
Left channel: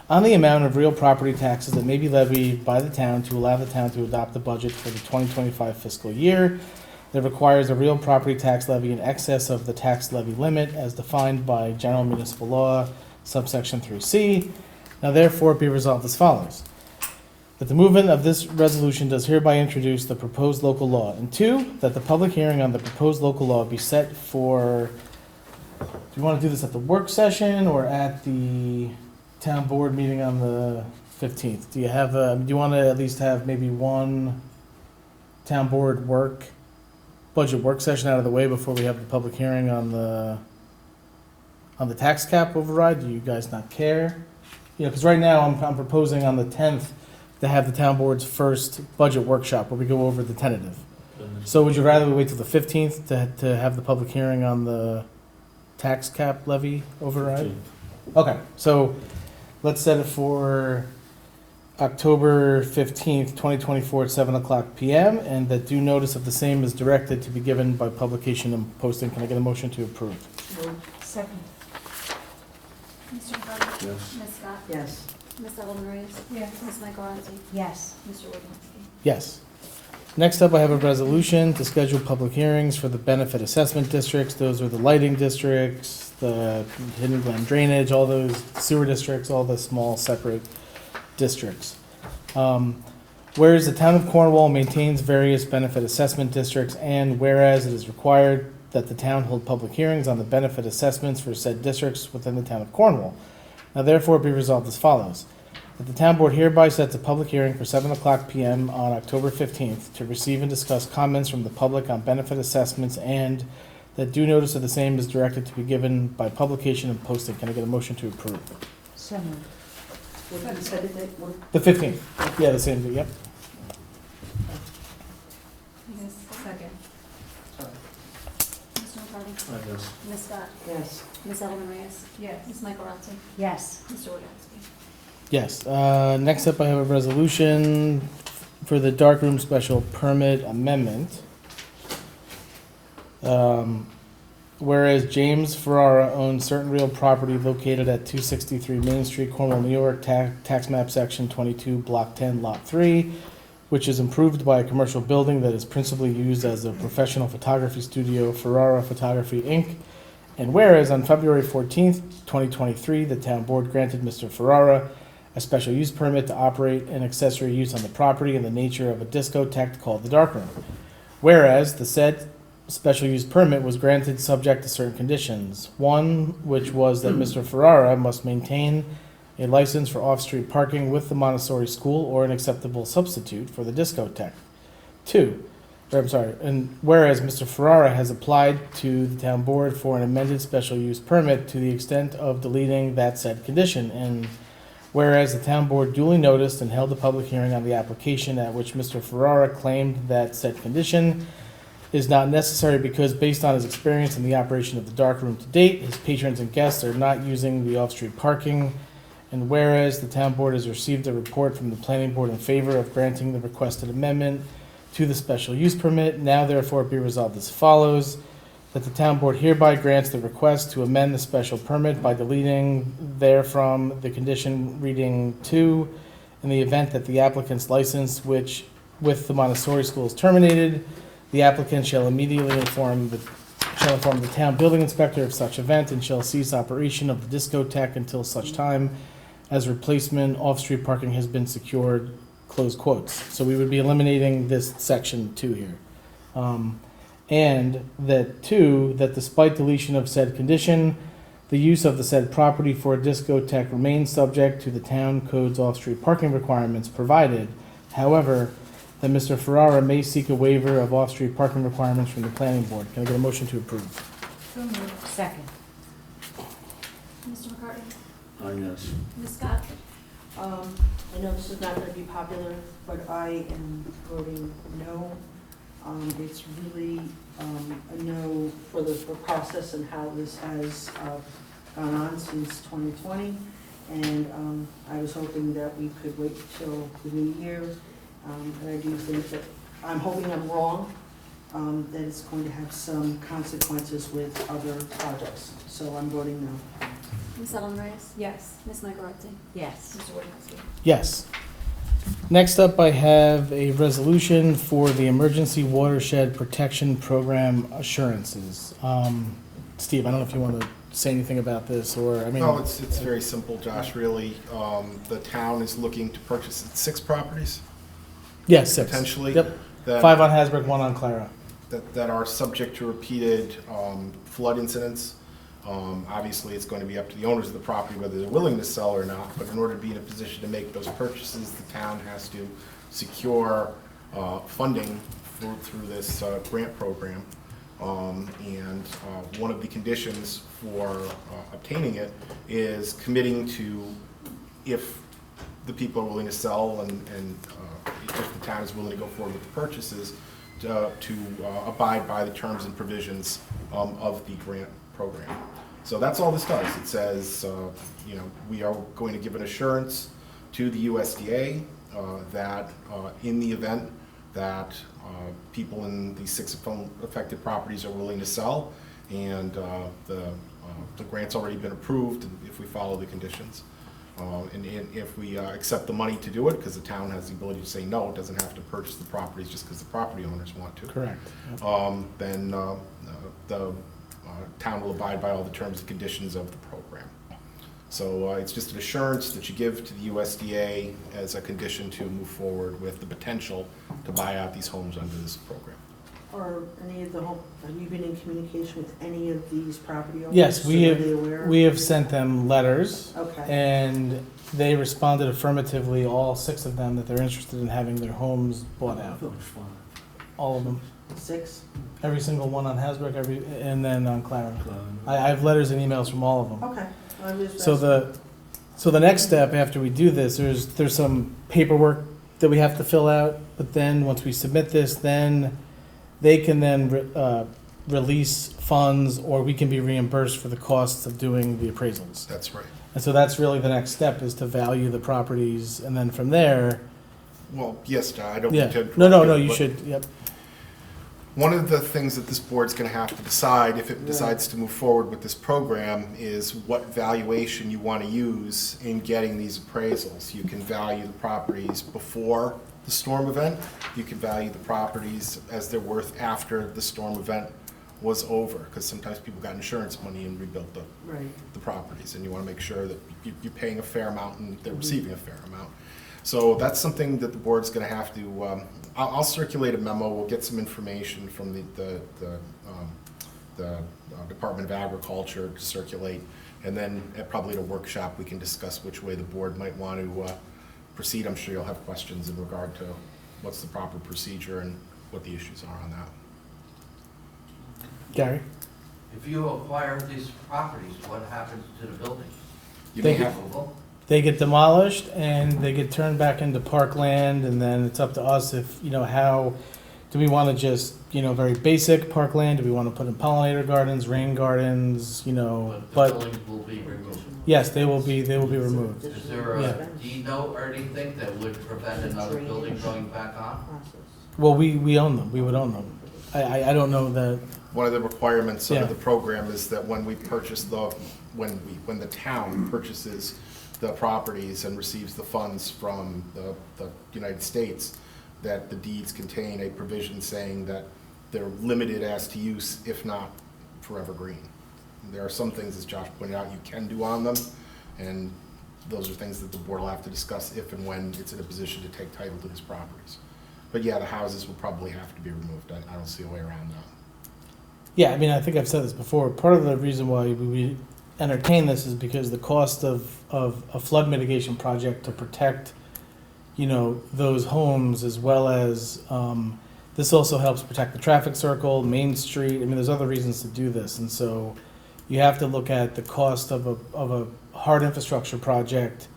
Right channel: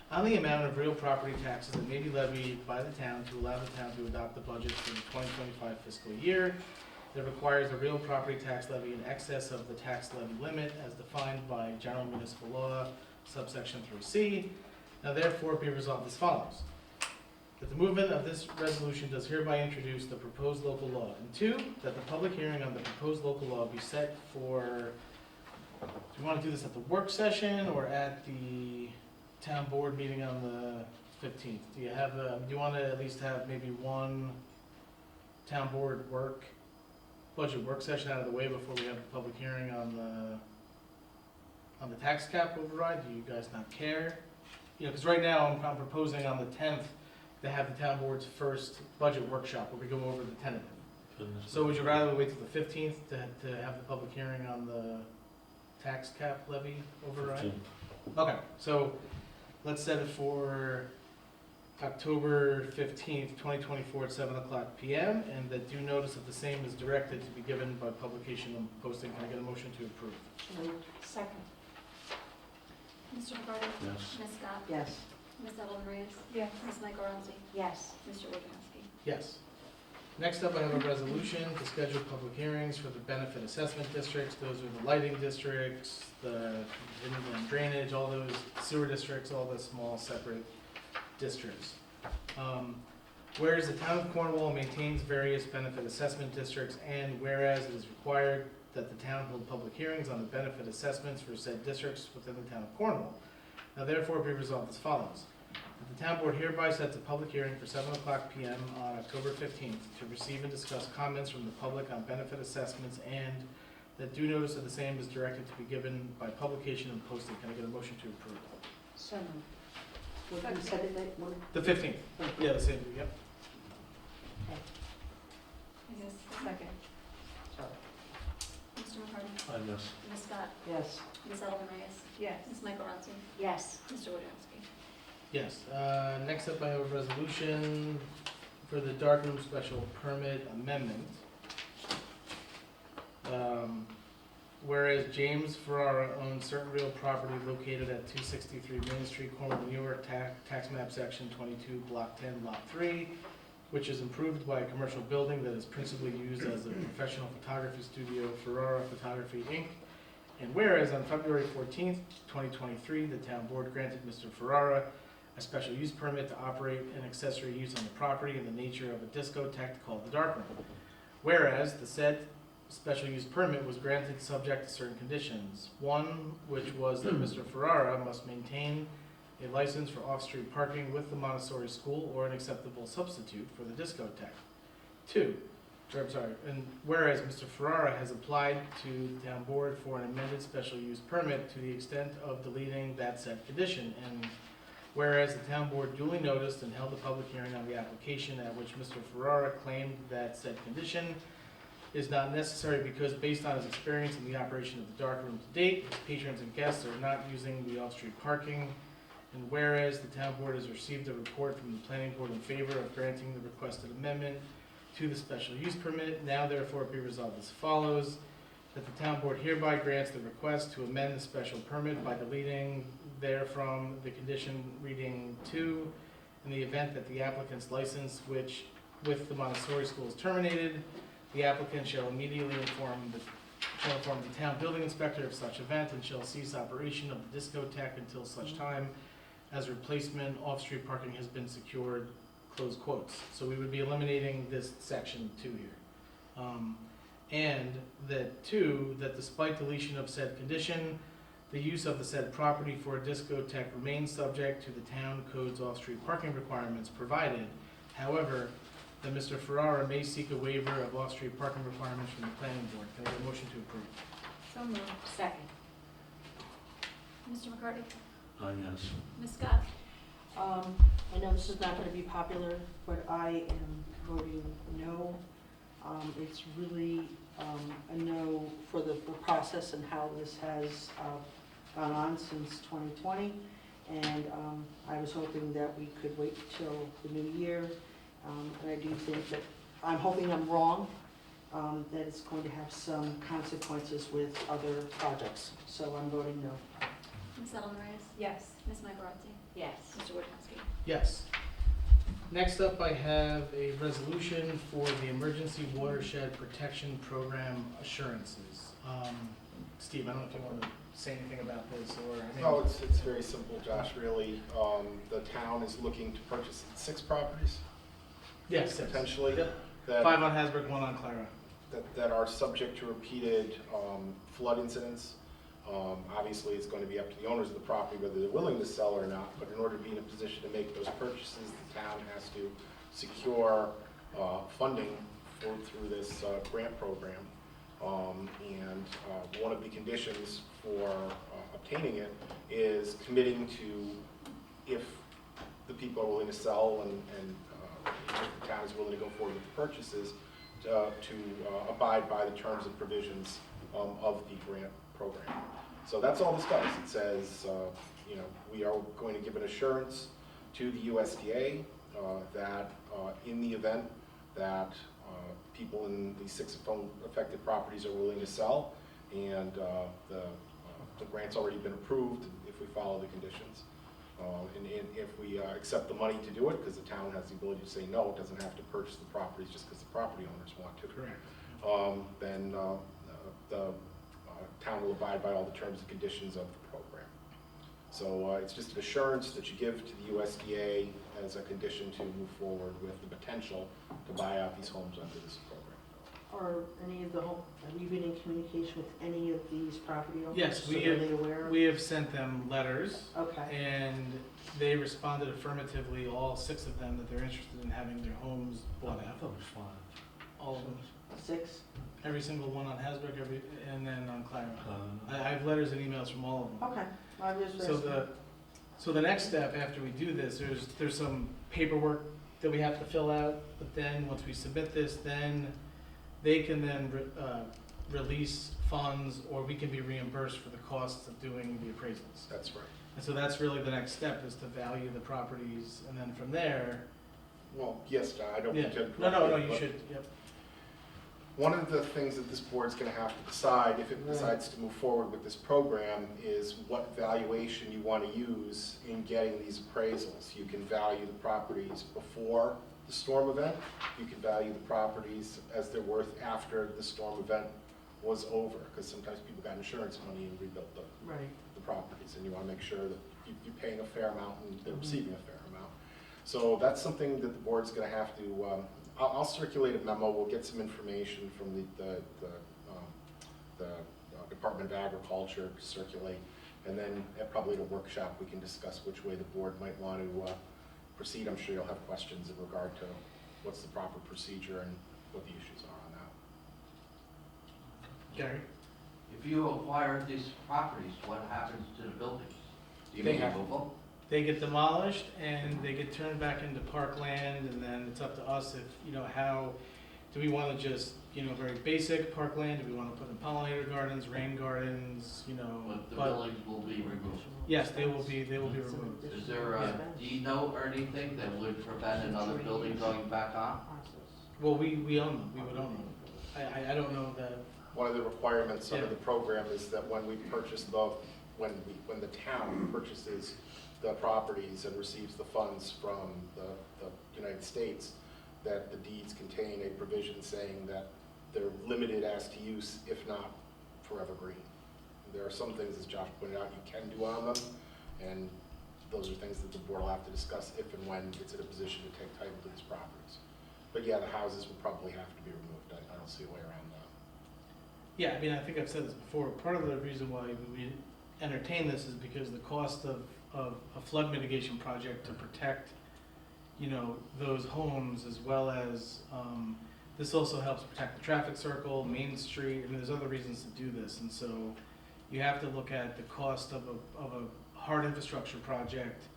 on the amount of real property taxes that may be levied by the town to allow the town to adopt the budget for the 2025 fiscal year, that requires a real property tax levy in excess of the tax levy limit as defined by General Municipal Law subsection 3C. Now therefore be resolved as follows. That the movement of this resolution does hereby introduce the proposed local law. And two, that the public hearing on the proposed local law be set for, do you want to do this at the work session or at the town board meeting on the 15th? Do you want to at least have maybe one town board budget work session out of the way before we have the public hearing on the tax cap override? Do you guys not care? Because right now I'm proposing on the 10th to have the town board's first budget workshop where we go over the tentative. So would you rather we wait till the 15th to have the public hearing on the tax cap levy override? Okay, so let's set it for October 15th, 2024 at 7 o'clock p.m. and that due notice of the same is directed to be given by publication and posting. Can I get a motion to approve? Second. Mr. McCarthy? Yes. Ms. Scott? Yes. Ms. Edelman Reyes? Yes. Ms. Michaelozzi? Yes. Mr. Wojciechowski? Yes. Next up, I have a resolution to schedule public hearings for the benefit assessment districts. Those are the lighting districts, the hidden glen drainage, all those sewer districts, all the small separate districts. Whereas the town of Cornwall maintains various benefit assessment districts, and whereas it is required that the town hold public hearings on the benefit assessments for said districts within the town of Cornwall. Now therefore be resolved as follows. That the town board hereby sets a public hearing for 7 o'clock p.m. on October 15th to receive and discuss comments from the public on benefit assessments, and that due notice of the same is directed to be given by publication and posting. Can I get a motion to approve? So moved. What did you say that? The 15th. Yeah, the same, yep. Yes, second. Sorry. Mr. McCarthy? Yes. Ms. Scott? Yes. Ms. Edelman Reyes? Yes. Ms. Michaelozzi? Yes. Mr. Wojciechowski? Yes. Next up, I have a resolution for the darkroom special permit amendment. Whereas James Ferrara owns certain real property located at 263 Main Street, Cornwall, New York, tax map section 22, block 10, lot 3, which is improved by a commercial building that is principally used as a professional photography studio, Ferrara Photography, Inc. And whereas on February 14th, 2023, the town board granted Mr. Ferrara a special use permit to operate an accessory use on the property in the nature of a discotheque called the Darkroom. Whereas the said special use permit was granted subject to certain conditions. One, which was that Mr. Ferrara must maintain a license for off-street parking with the Montessori school or an acceptable substitute for the discotheque. Two, and whereas Mr. Ferrara has applied to the town board for an amended special use permit to the extent of deleting that said condition, and whereas the town board duly noticed and held a public hearing on the application at which Mr. Ferrara claimed that said condition is not necessary because based on his experience in the operation of the darkroom to date, his patrons and guests are not using the off-street parking. And whereas the town board has received a report from the planning board in favor of granting the requested amendment to the special use permit, now therefore be resolved as follows, that the town board hereby grants the request to amend the special permit by deleting therefrom the condition reading 2, in the event that the applicant's license which with the Montessori school is terminated, the applicant shall immediately inform the town building inspector of such event and shall cease operation of the discotheque until such time as replacement off-street parking has been secured, close quotes. So we would be eliminating this section 2 here. And that 2, that despite deletion of said condition, the use of the said property for a discotheque remains subject to the town code's off-street parking requirements provided, however, that Mr. Ferrara may seek a waiver of off-street parking requirements from the planning board. Can I get a motion to approve? So moved. Second. Mr. McCarty? Yes. Ms. Scott? I know this is not gonna be popular, but I am voting no. It's really, a no for the process and how this has, gone on since 2020. And, I was hoping that we could wait till the new year. And I do think that, I'm hoping I'm wrong, that it's going to have some consequences with other projects. So I'm voting no. Ms. Ellen Reyes? Yes. Ms. Michaelozzi? Yes. Mr. Wojciechowski? Yes. Next up, I have a resolution for the Emergency Watershed Protection Program assurances. Steve, I don't know if you want to say anything about this, or, I mean. No, it's very simple, Josh, really. The town is looking to purchase 6 properties, Yes, 6. potentially. Yep. that- 5 on Hasbrook, 1 on Clara. that are subject to repeated flood incidents. Obviously, it's going to be up to the owners of the property whether they're willing to sell or not, but in order to be in a position to make those purchases, the town has to secure funding through this grant program. And one of the conditions for obtaining it is committing to, if the people are willing to sell and if the town is willing to go forward with the purchases, to abide by the terms and provisions of the grant program. So that's all this does. It says, we are going to give an assurance to the USDA that in the event that people in these 6 affected properties are willing to sell, and the grant's already been approved if we follow the conditions. And if we accept the money to do it, because the town has the ability to say no, it doesn't have to purchase the properties just because the property owners want to. Correct. Then the town will abide by all the terms and conditions of the program. So it's just an assurance that you give to the USDA as a condition to move forward with the potential to buy out these homes under this program. Or any of the home, have you been in communication with any of these property owners? Yes, So we are they aware? We have sent them letters, Okay, and they responded affirmatively, all 6 of them, that they're interested in having their homes bought out. All of them. 6? Every single one on Hasbrook, and then on Clara. I have letters and emails from all of them. Okay. I'm just So the next step after we do this, there's some paperwork that we have to fill out, but then once we submit this, then they can then release funds, or we can be reimbursed for the costs of doing the appraisals. That's right. And so that's really the next step, is to value the properties, and then from there, Well, yes, John, I don't yeah. intend to. No, you but should, yep. One of the things that this board's gonna have to decide, if it decides to move forward with this program, is what valuation you wanna use in getting these appraisals. You can value the properties before the storm event. You can value the properties as they're worth after the storm event was over, because sometimes people got insurance money and rebuilt the properties, and you wanna make sure that you're paying a fair amount and they're receiving a fair amount. So that's something that the board's gonna have to, I'll circulate a memo. We'll get some information from the Department of Agriculture to circulate, and then probably at a workshop we can discuss which way the board might want to proceed. I'm sure you'll have questions in regard to what's the proper procedure and what the issues are on that. Gary? If you acquire these properties, what happens to the buildings? You They may have, Removal? They get demolished and they get turned back into parkland, and then it's up to us if, how, do we want to just, very basic parkland? Do we want to put in pollinator gardens, rain gardens, But the but buildings will be removed. yes, they will be removed. Is there Yeah. a deed note or anything that would prevent another building going back on? Well, we own them, we would own them. I don't know that, one of the requirements under Yeah. the program is that when when the town purchases the properties and receives the funds from the United States, that the deeds contain a provision saying that they're limited as to use, if not forever green. There are some things, as Josh pointed out, you can do on them, and those are things that the board will have to discuss if and when it's in a position to take title to these properties. But yeah, the houses will probably have to be removed. I don't see a way around that. yeah, I think I've said this before, part of the reason why we entertain this is because the cost of a flood mitigation project to protect, those homes, as well as, this also helps protect the traffic circle, Main Street, there's other reasons to do this, and so you have to look at the cost of a hard infrastructure project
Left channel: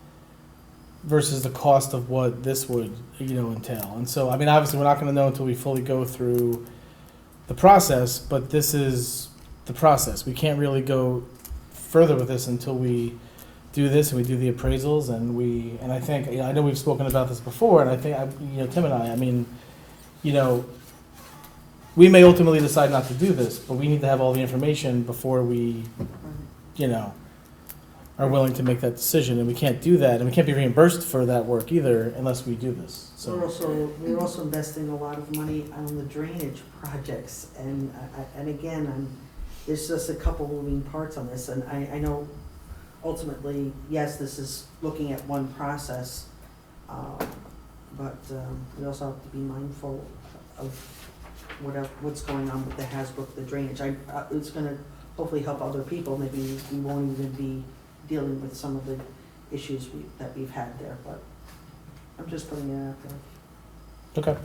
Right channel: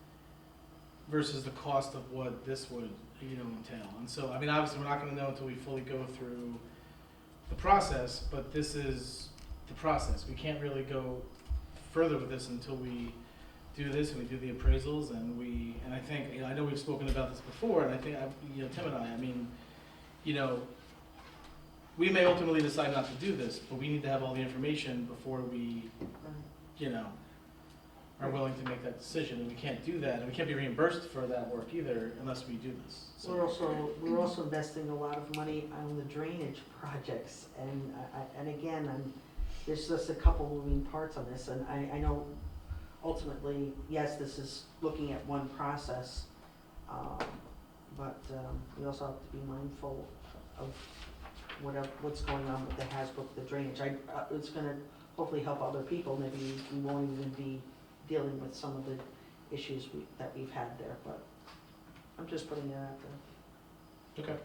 versus the cost of what this would, entail. And so, obviously, we're not gonna know until we fully go through the process, but this is the process. We can't really go further with this until we do this and we do the appraisals, and I think, I know we've spoken about this before, and I think, Tim and I we may ultimately decide not to do this, but we need to have all the information before we, are willing to make that decision, and we can't do that, and we can't be reimbursed for that work either unless we do this, so. We're also investing a lot of money on the drainage projects, and again, there's just a couple moving parts on this, and I know ultimately, yes, this is looking at one process, but we also have to be mindful of what's going on with the Hasbrook, the drainage. It's gonna hopefully help other people, maybe we won't even be dealing with some of the issues that we've had there, but I'm just putting it out there. Okay.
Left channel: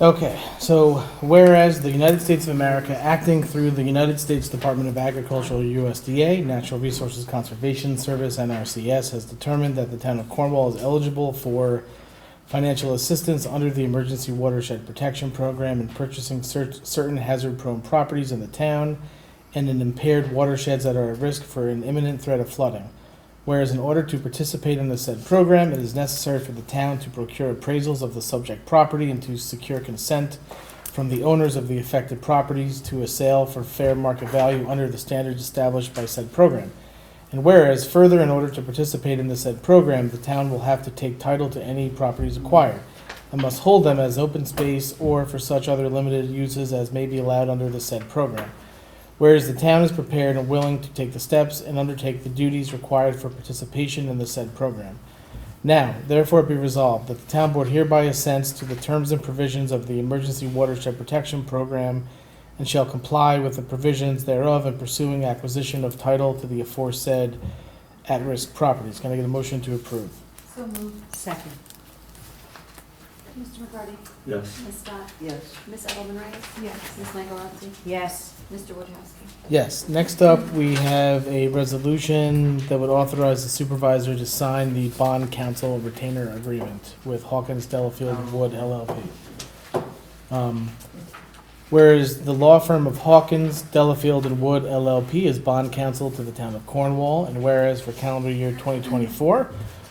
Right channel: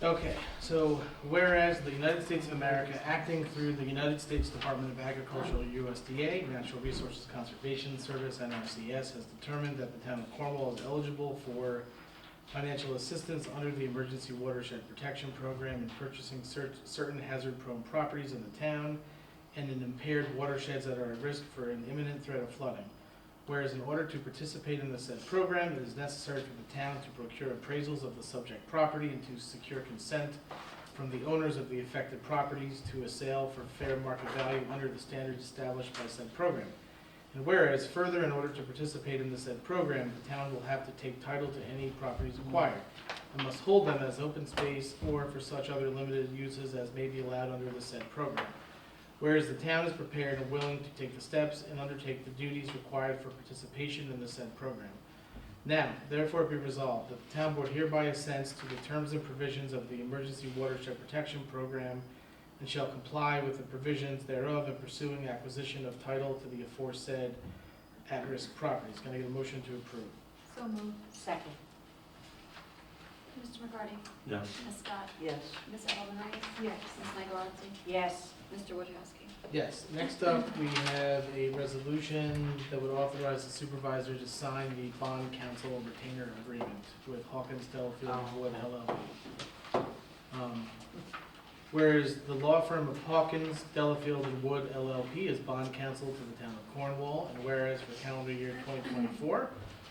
Okay, so whereas the United States of America, acting through the United States Department of Agriculture, USDA, Natural Resources Conservation Service, NRCS, has determined that the town of Cornwall is eligible for financial assistance under the Emergency Watershed Protection Program in purchasing certain hazard-prone properties in the town and in impaired watersheds that are at risk for an imminent threat of flooding. Whereas in order to participate in the said program, it is necessary for the town to procure appraisals of the subject property and to secure consent from the owners of the affected properties to a sale for fair market value under the standards established by said program. And whereas further, in order to participate in the said program, the town will have to take title to any properties acquired and must hold them as open space or for such other limited uses as may be allowed under the said program. Whereas the town is prepared and willing to take the steps and undertake the duties required for participation in the said program. Now, therefore be resolved that the town board hereby assents to the terms and provisions of the Emergency Watershed Protection Program and shall comply with the provisions thereof in pursuing acquisition of title to the aforesaid at-risk properties. Can I get a motion to approve? So moved. Second. Mr. McCarty? Yes. Ms. Scott? Yes. Ms. Edelman Reyes? Yes. Ms. Michaelozzi? Yes. Mr. Wojciechowski? Yes. Next up, we have a resolution that would authorize the supervisor to sign the bond council retainer agreement with Hawkins Delafield Wood LLP. Whereas the law firm of Hawkins, Delafield and Wood LLP is bond counsel to the town of Cornwall, and whereas for calendar year 2024,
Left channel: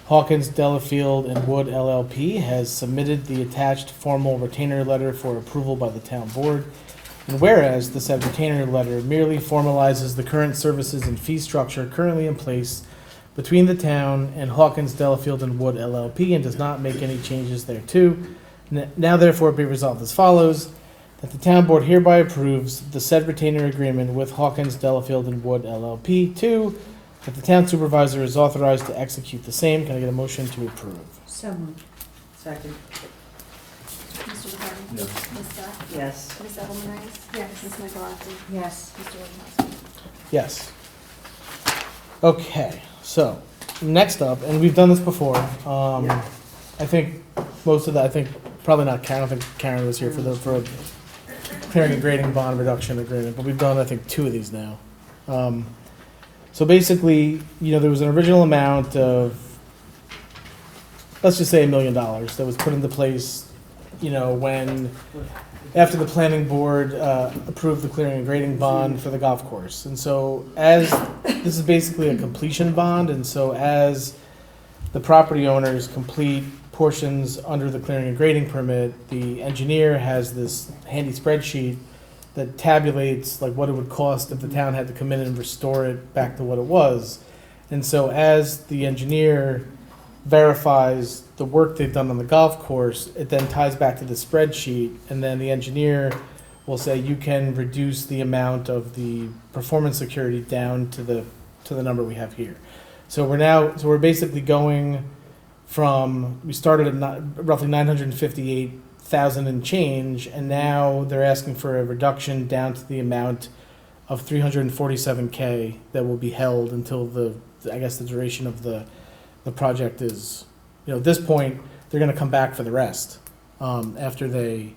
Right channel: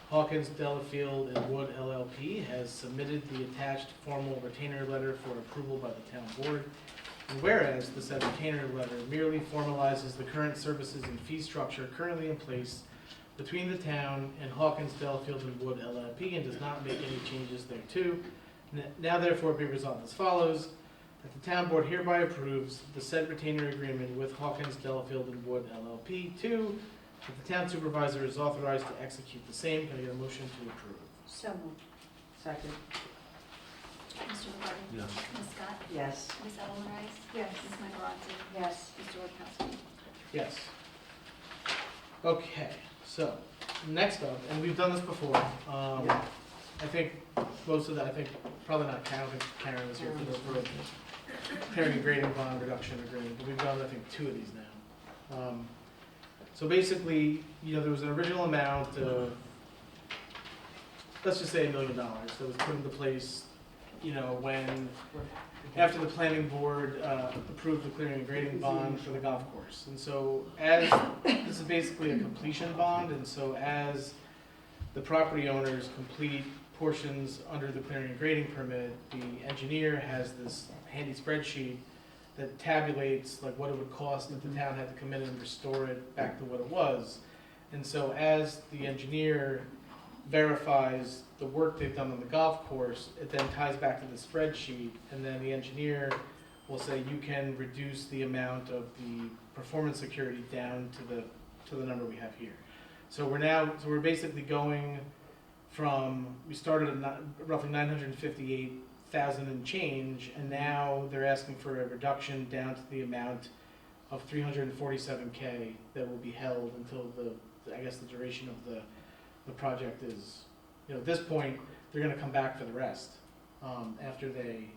Hawkins, Delafield and Wood LLP has submitted the attached formal retainer letter for approval by the town board, and whereas the said retainer letter merely formalizes the current services and fee structure currently in place between the town and Hawkins, Delafield and Wood LLP and does not make any changes thereto, now therefore be resolved as follows. That the town board hereby approves the said retainer agreement with Hawkins, Delafield and Wood LLP. 2, that the town supervisor is authorized to execute the same. Can I get a motion to approve? So moved. Second. Mr. McCarty? Yes. Ms. Scott? Yes. Ms. Edelman Reyes? Yes. Ms. Michaelozzi? Yes. Mr. Wojciechowski? Yes. Okay, so next up, and we've done this before. Yeah. I think most of that, probably not Karen, I don't think Karen was here for clearing and grading bond reduction agreement, but we've done, I think, 2 of these now. So basically, there was an original amount of, let's just say $1 million that was put into place, when, after the planning board approved the clearing and grading bond for the golf course. And so this is basically a completion bond, and so as the property owners complete portions under the clearing and grading permit, the engineer has this handy spreadsheet that tabulates like what it would cost if the town had to come in and restore it back to what it was. And so as the engineer verifies the work they've done on the golf course, it then ties back to the spreadsheet, and then the engineer will say you can reduce the amount of the performance security down to the number we have here. So we're basically going from, we started at roughly 958,000 and change, and now they're asking for a reduction down to the amount of 347K that will be held until the duration of the project is, at this point, they're gonna come back for the rest, after they,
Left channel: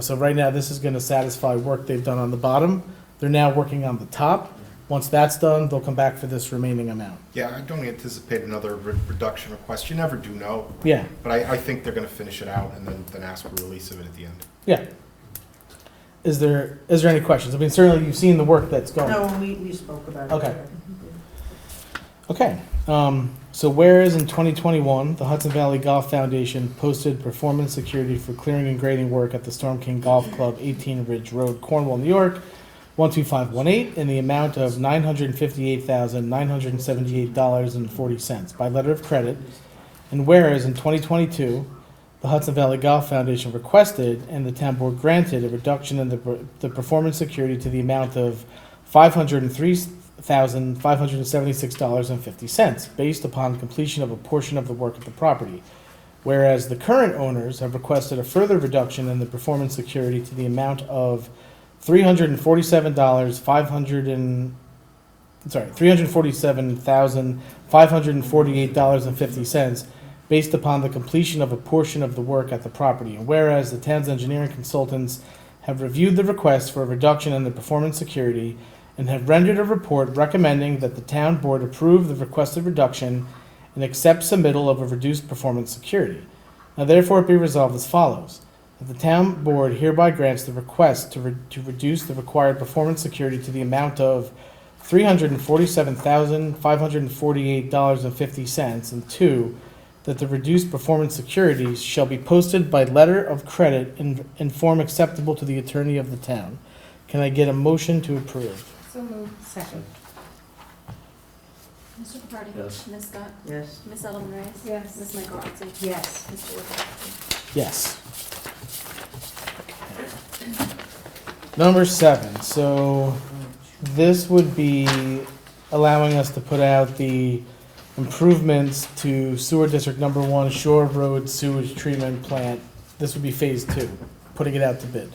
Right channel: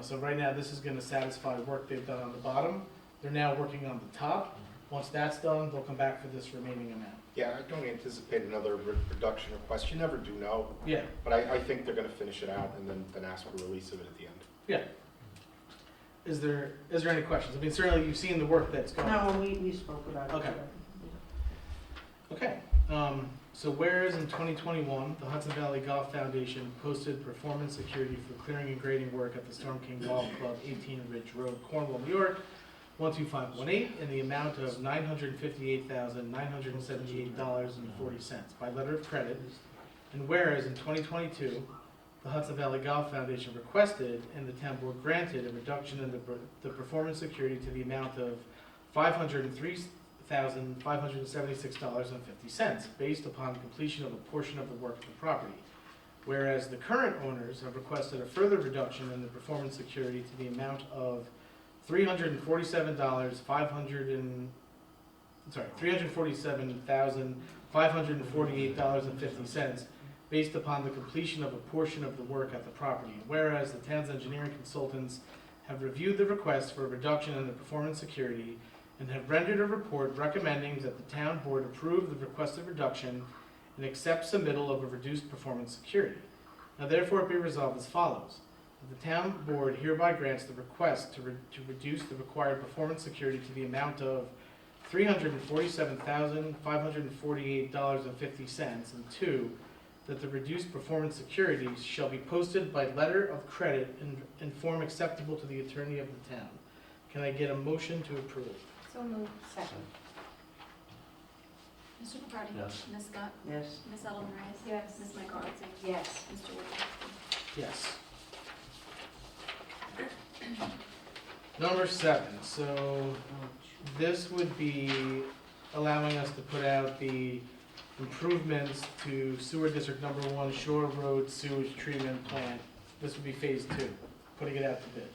so right now, this is gonna satisfy work they've done on the bottom. They're now working on the top. Once that's done, they'll come back for this remaining amount. Yeah, I don't anticipate another reduction request. You never do know. Yeah, But I think they're gonna finish it out and then ask for release of it at the end. yeah. Is there any questions? I mean, certainly you've seen the work that's going. No, we spoke about it. Okay. Okay, so whereas in 2021, the Hudson Valley Golf Foundation posted performance security for clearing and grading work at the Storm King Golf Club, 18 Ridge Road, Cornwall, New York, 12518, in the amount of $958,978.40 by letter of credit. And whereas in 2022, the Hudson Valley Golf Foundation requested and the town board granted a reduction in the performance security to the amount of $503,576.50 based upon completion of a portion of the work at the property. Whereas the current owners have requested a further reduction in the performance security to the amount of $347,548.50 based upon the completion of a portion of the work at the property. And whereas the town's engineering consultants have reviewed the request for a reduction in the performance security and have rendered a report recommending that the town board approve the requested reduction and accept submittal of a reduced performance security. Now therefore be resolved as follows. That the town board hereby grants the request to reduce the required performance security to the amount of $347,548.50, and 2, that the reduced performance securities shall be posted by letter of credit in form acceptable to the attorney of the town. Can I get a motion to approve? So moved. Second. Mr. McCarty? Yes. Ms. Scott? Yes. Ms. Edelman Reyes? Yes. Ms. Michaelozzi? Yes. Mr. Wojciechowski? Yes. Number 7, so this would be allowing us to put out the improvements to sewer district number 1 Shore Road sewage treatment plant. This would be phase 2, putting it out to bid.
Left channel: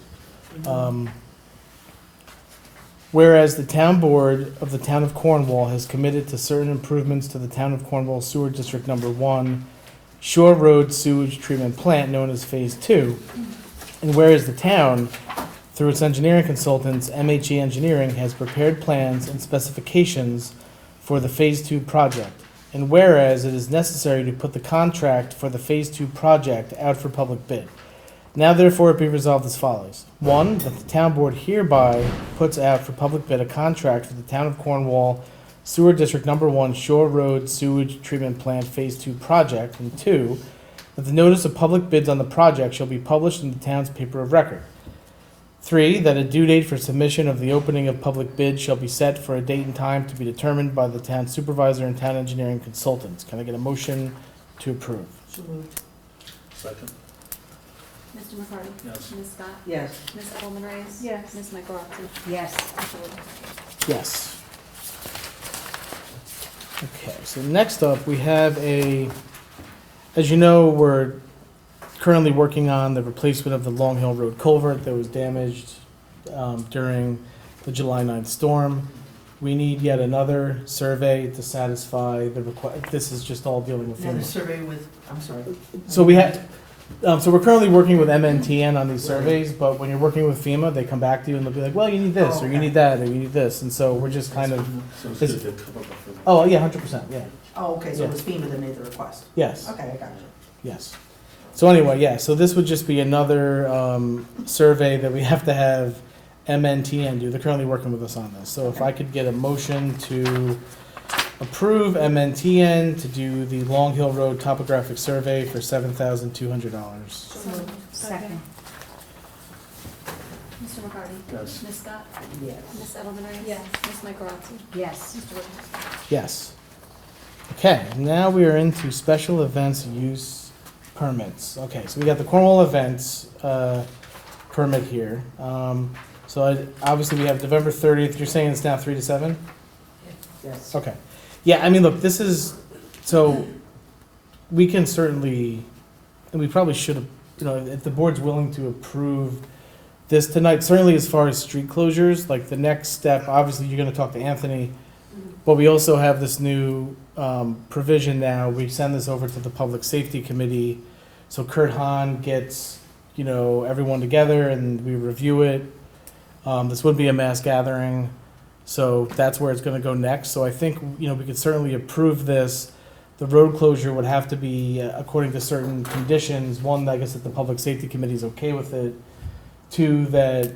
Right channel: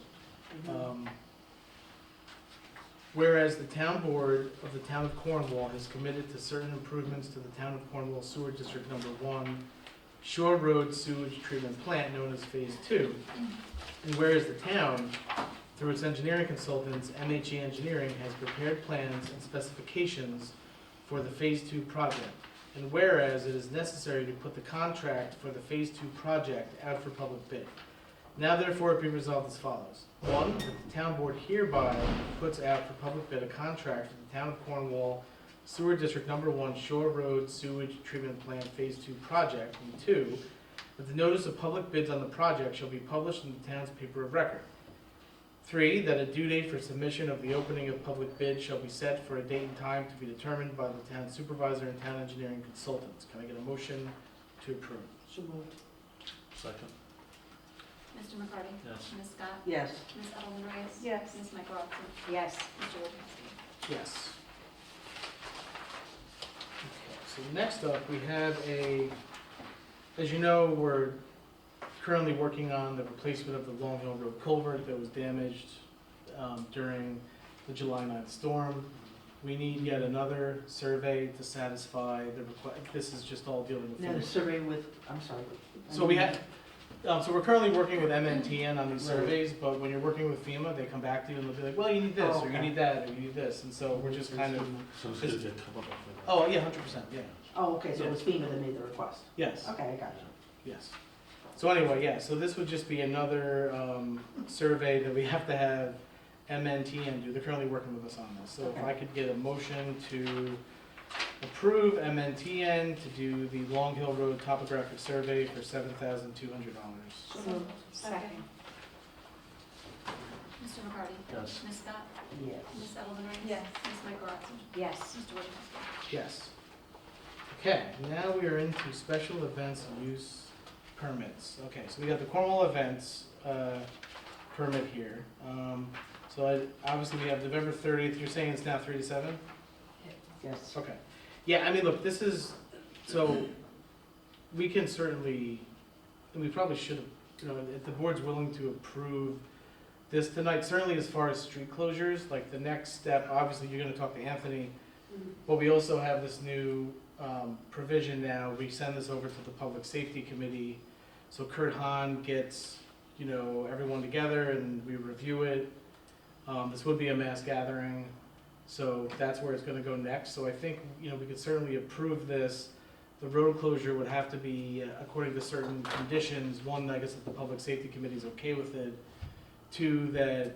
Whereas the town board of the town of Cornwall has committed to certain improvements to the town of Cornwall sewer district number 1 Shore Road sewage treatment plant known as phase 2. And whereas the town, through its engineering consultants, MHE Engineering, has prepared plans and specifications for the Phase 2 project. And whereas it is necessary to put the contract for the Phase 2 project out for public bid. Now therefore it be resolved as follows. 1, that the town board hereby puts out for public bid a contract for the town of Cornwall Sewer District Number 1 Shore Road Sewage Treatment Plant Phase 2 project. And 2, that the notice of public bids on the project shall be published in the town's paper of record. 3, that a due date for submission of the opening of public bids shall be set for a date and time to be determined by the town supervisor and town engineering consultants. Can I get a motion to approve? So moved. Second. Mr. McCarty? Yes. Ms. Scott? Yes. Ms. Edelman Reyes? Yes. Ms. Michaelozzi? Yes. Mr. Wojciechowski? Yes. Okay, so next up, we have as you know, we're currently working on the replacement of the Long Hill Road culvert that was damaged during the July 9th storm. We need yet another survey to satisfy the request. This is just all dealing with. Now the survey with, I'm sorry. So we had, So we're currently working with MNTN on these surveys, but when you're working with FEMA, they come back to you and they'll be like, well, you need this, or you need that, or you need this, and so we're just kind of, So it's gonna get covered up in- oh, yeah, 100%, yeah, Oh, okay, so Yeah. it was FEMA that made the request. yes. Okay, I got you. Yes. So anyway, yeah, so this would just be another survey that we have to have MNTN do. They're currently working with us on this. So if I could get a motion to approve MNTN to do the Long Hill Road topographic survey for $7,200. Second. Mr. McCarty? Yes. Ms. Scott? Yes. Ms. Edelman Reyes? Yes. Ms. Michaelozzi? Yes. Mr. Wojciechowski? Yes. Okay, now we are into special events use permits. Okay, so we got the Cornwall events permit here. Obviously we have November 30th. You're saying it's now 3 to 7? Yes. Okay. Yeah, I mean, look, this is, so we can certainly, and we probably should have, you know, if the board's willing to approve this tonight, certainly as far as street closures, like the next step, obviously you're gonna talk to Anthony, but we also have this new provision now. We send this over to the Public Safety Committee. So Kurt Hahn gets, you know, everyone together and we review it. This would be a mass gathering. So that's where it's gonna go next. So I think, you know, we could certainly approve this. The road closure would have to be according to certain conditions. One, I guess that the Public Safety Committee is okay with it. Two, that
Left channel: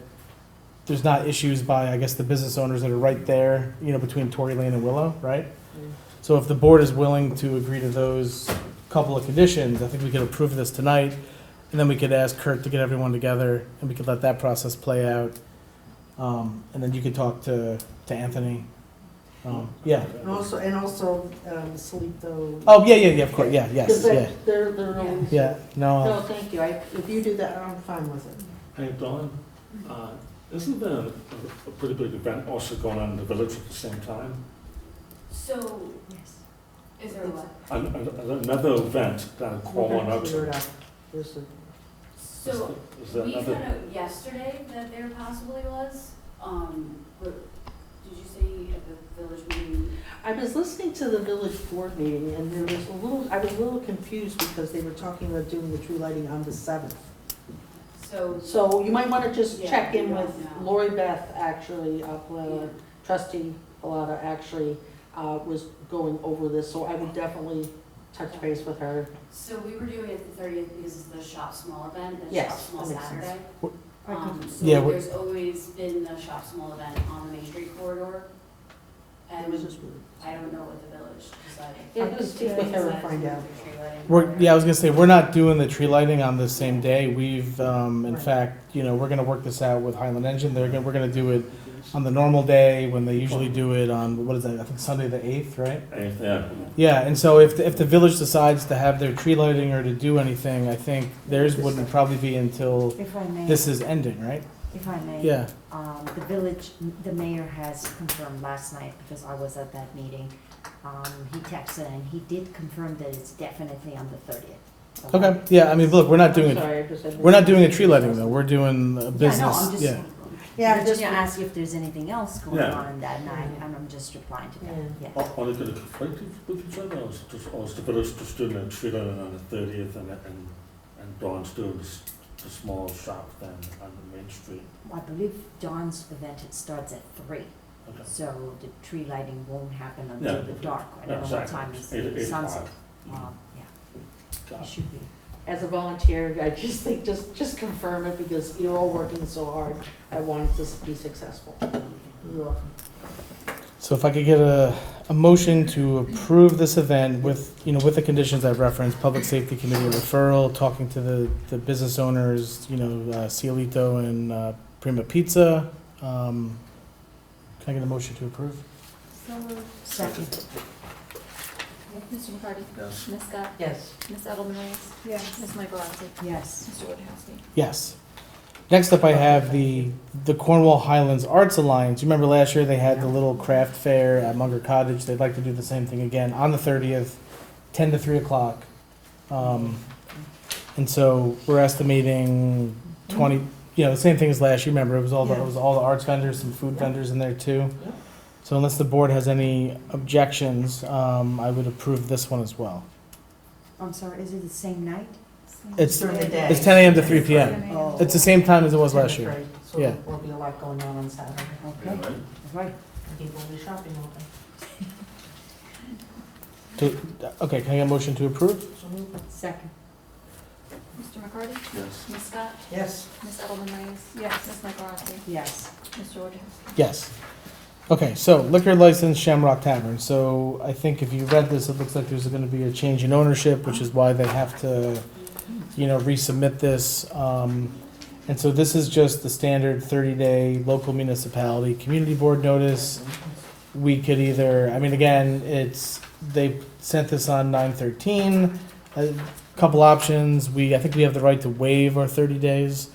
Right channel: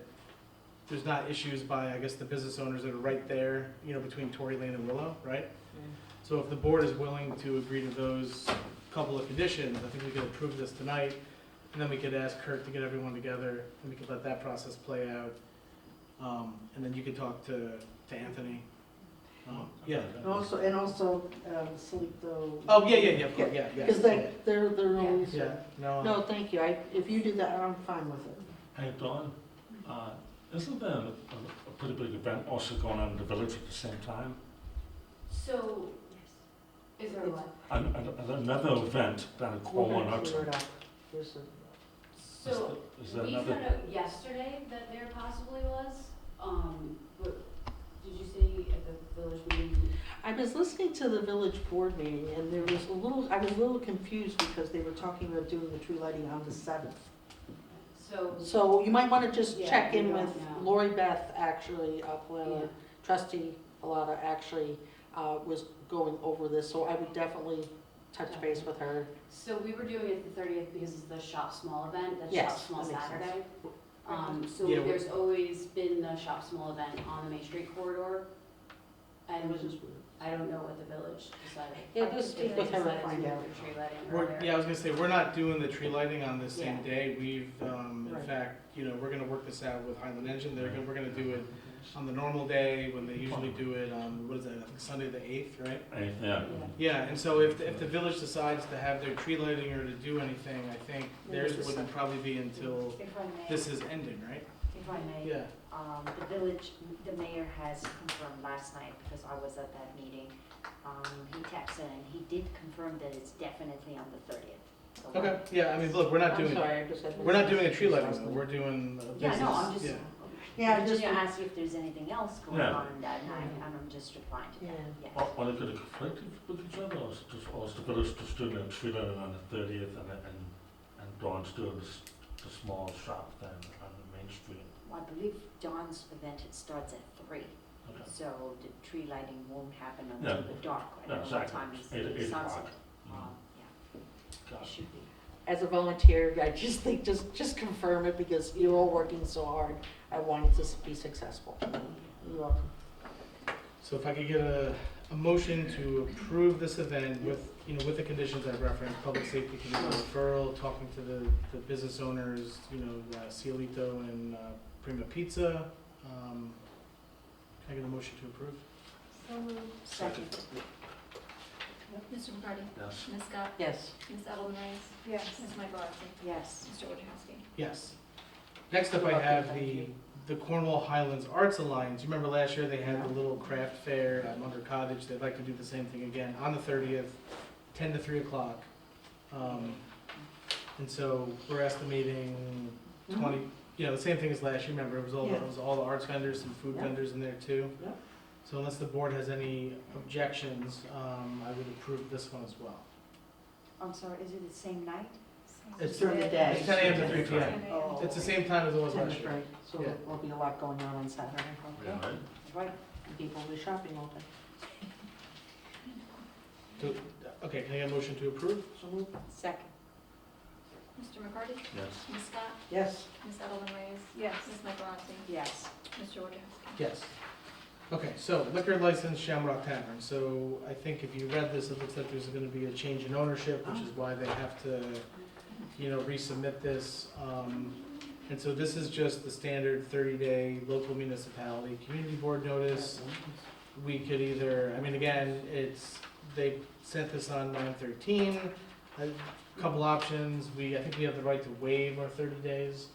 there's not issues by, I guess, the business owners that are right there, you know, between Tory Lane and Willow, right? So if the board is willing to agree to those couple of conditions, I think we could approve this tonight. And then we could ask Kurt to get everyone together and we could let that process play out. And then you could talk to Anthony. Yeah. And also, Salito. Oh, yeah, of course, yeah, Because yes, they're always. yeah. No, No, thank you. If you do that, I'm fine with it. Hey, Dawn, isn't there a pretty big event also going on in the village at the same time? So, Yes. is there what? Another event down in We're Cornwall, gonna not- clear it up. There's a- So, is there we another? found out yesterday that there possibly was, did you say at the village meeting? I was listening to the village board meeting and there was I was a little confused because they were talking about doing the tree lighting on the 7th. So you might wanna just Yeah, check in we with don't know. Lori Beth, actually, Yeah. trustee Pallotta actually, was going over this, so I would definitely touch base with her. So we were doing it the 30th because it's the shop small event, the Yes, shop small that makes sense. Saturday. So Yeah, we're- there's always been a shop small event on the Main Street corridor. And It was just weird. I don't know what the village decided. Yeah, just speak with her and find out. I was gonna say, we're not doing the tree lighting on the same day. We've, in fact, you know, we're gonna work this out with Highland Engine. We're gonna do it on the normal day when they usually do it on, what is that, I think Sunday the 8th, right? Yeah. Yeah, and so if the village decides to have their tree lighting or to do anything, I think theirs wouldn't probably be until If I may, this is ending, right? if I may. Yeah, The village, the mayor has confirmed last night, because I was at that meeting, he texted and he did confirm that it's definitely on the 30th. okay, yeah, I mean, look, we're not I'm doing, sorry, I just had- we're not doing a tree lighting though, we're doing a Yeah, no, business, I'm just, yeah. Yeah, I'm just just- ask if there's anything else going Yeah. on that night, and I'm just replying to that, yeah. Are they going to conflict with each other, or is the village just doing a tree lighting on the 30th and Dawn's doing the small shop then on the Main Street? I believe John's event, it starts at 3, Okay. so the tree lighting won't happen Yeah. until the dark. I don't know what Exactly. time is 8 the sunset. o'clock. Yeah, Got it it. should be. As a volunteer, I just think, just confirm it because you're all working so hard. I want it to be successful. You're welcome. So if I could get a motion to approve this event with, you know, with the conditions I've referenced, Public Safety Committee referral, talking to the business owners, you know, Cielito and Prima Pizza. Can I get a motion to approve? Second. Mr. McCarty? Yes. Ms. Scott? Yes. Ms. Edelman Reyes? Yes. Ms. Michaelozzi? Yes. Mr. Wojciechowski? Yes. Next up, I have the Cornwall Highlands Arts Alliance. You remember last year they had the little craft fair at Munger Cottage. They'd like to do the same thing again on the 30th, 10 to 3 o'clock. And so we're estimating 20, you know, the same thing as last year. Remember, it was all the arts vendors, some food vendors in there too. Yeah. So unless the board has any objections, I would approve this one as well. I'm sorry, is it the same night? It's, During the day. it's 10 a.m. to 3 p.m. 10 a.m. Oh. It's the same time as it was last year. Right, so Yeah. there'll be a lot going on Saturday. Yeah, Okay. right? Right, and people will be shopping all day. Okay, can I get a motion to approve? So moved. Second. Mr. McCarty? Yes. Ms. Scott? Yes. Ms. Edelman Reyes? Yes. Ms. Michaelozzi? Yes. Mr. Wojciechowski? Yes. Okay, so liquor license Shamrock Tavern. So I think if you read this, it looks like there's gonna be a change in ownership, which is why they have to, resubmit this. And so this is just the standard 30-day local municipality community board notice. We could either, again, they sent this on 9/13, a couple options. I think we have the right to waive our 30 days,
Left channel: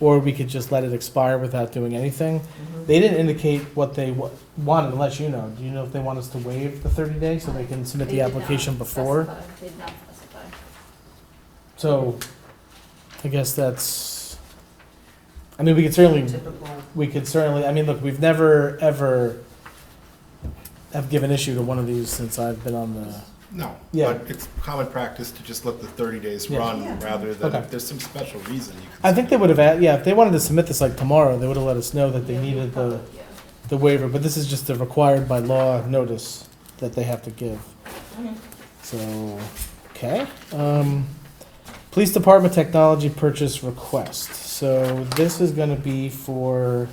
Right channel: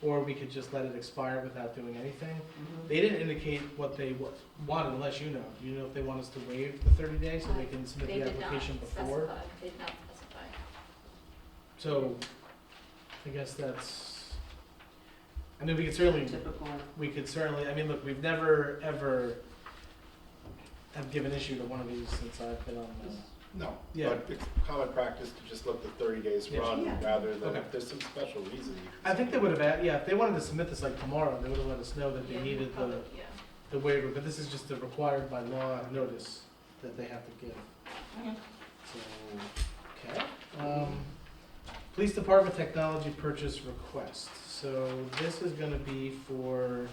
or we could just let it expire without doing anything. They didn't indicate what they wanted, unless you know. Do you know if they want us to waive the 30 days so they can submit They the did not application before? specify. They did not specify. So, I guess we could certainly, look, we've never, ever have given issue to one of these since I've been on the, No, Yeah. but it's common practice to just let the 30 days Yeah. run Yeah. rather than, Okay. if there's some special reason you can. I think they would have, if they wanted to submit this like tomorrow, they would have let us know that they Yeah, needed probably, the, yeah. the waiver, but this is just a required by law notice that they have to give. Okay. So, okay. Police Department technology purchase request. So this is gonna be for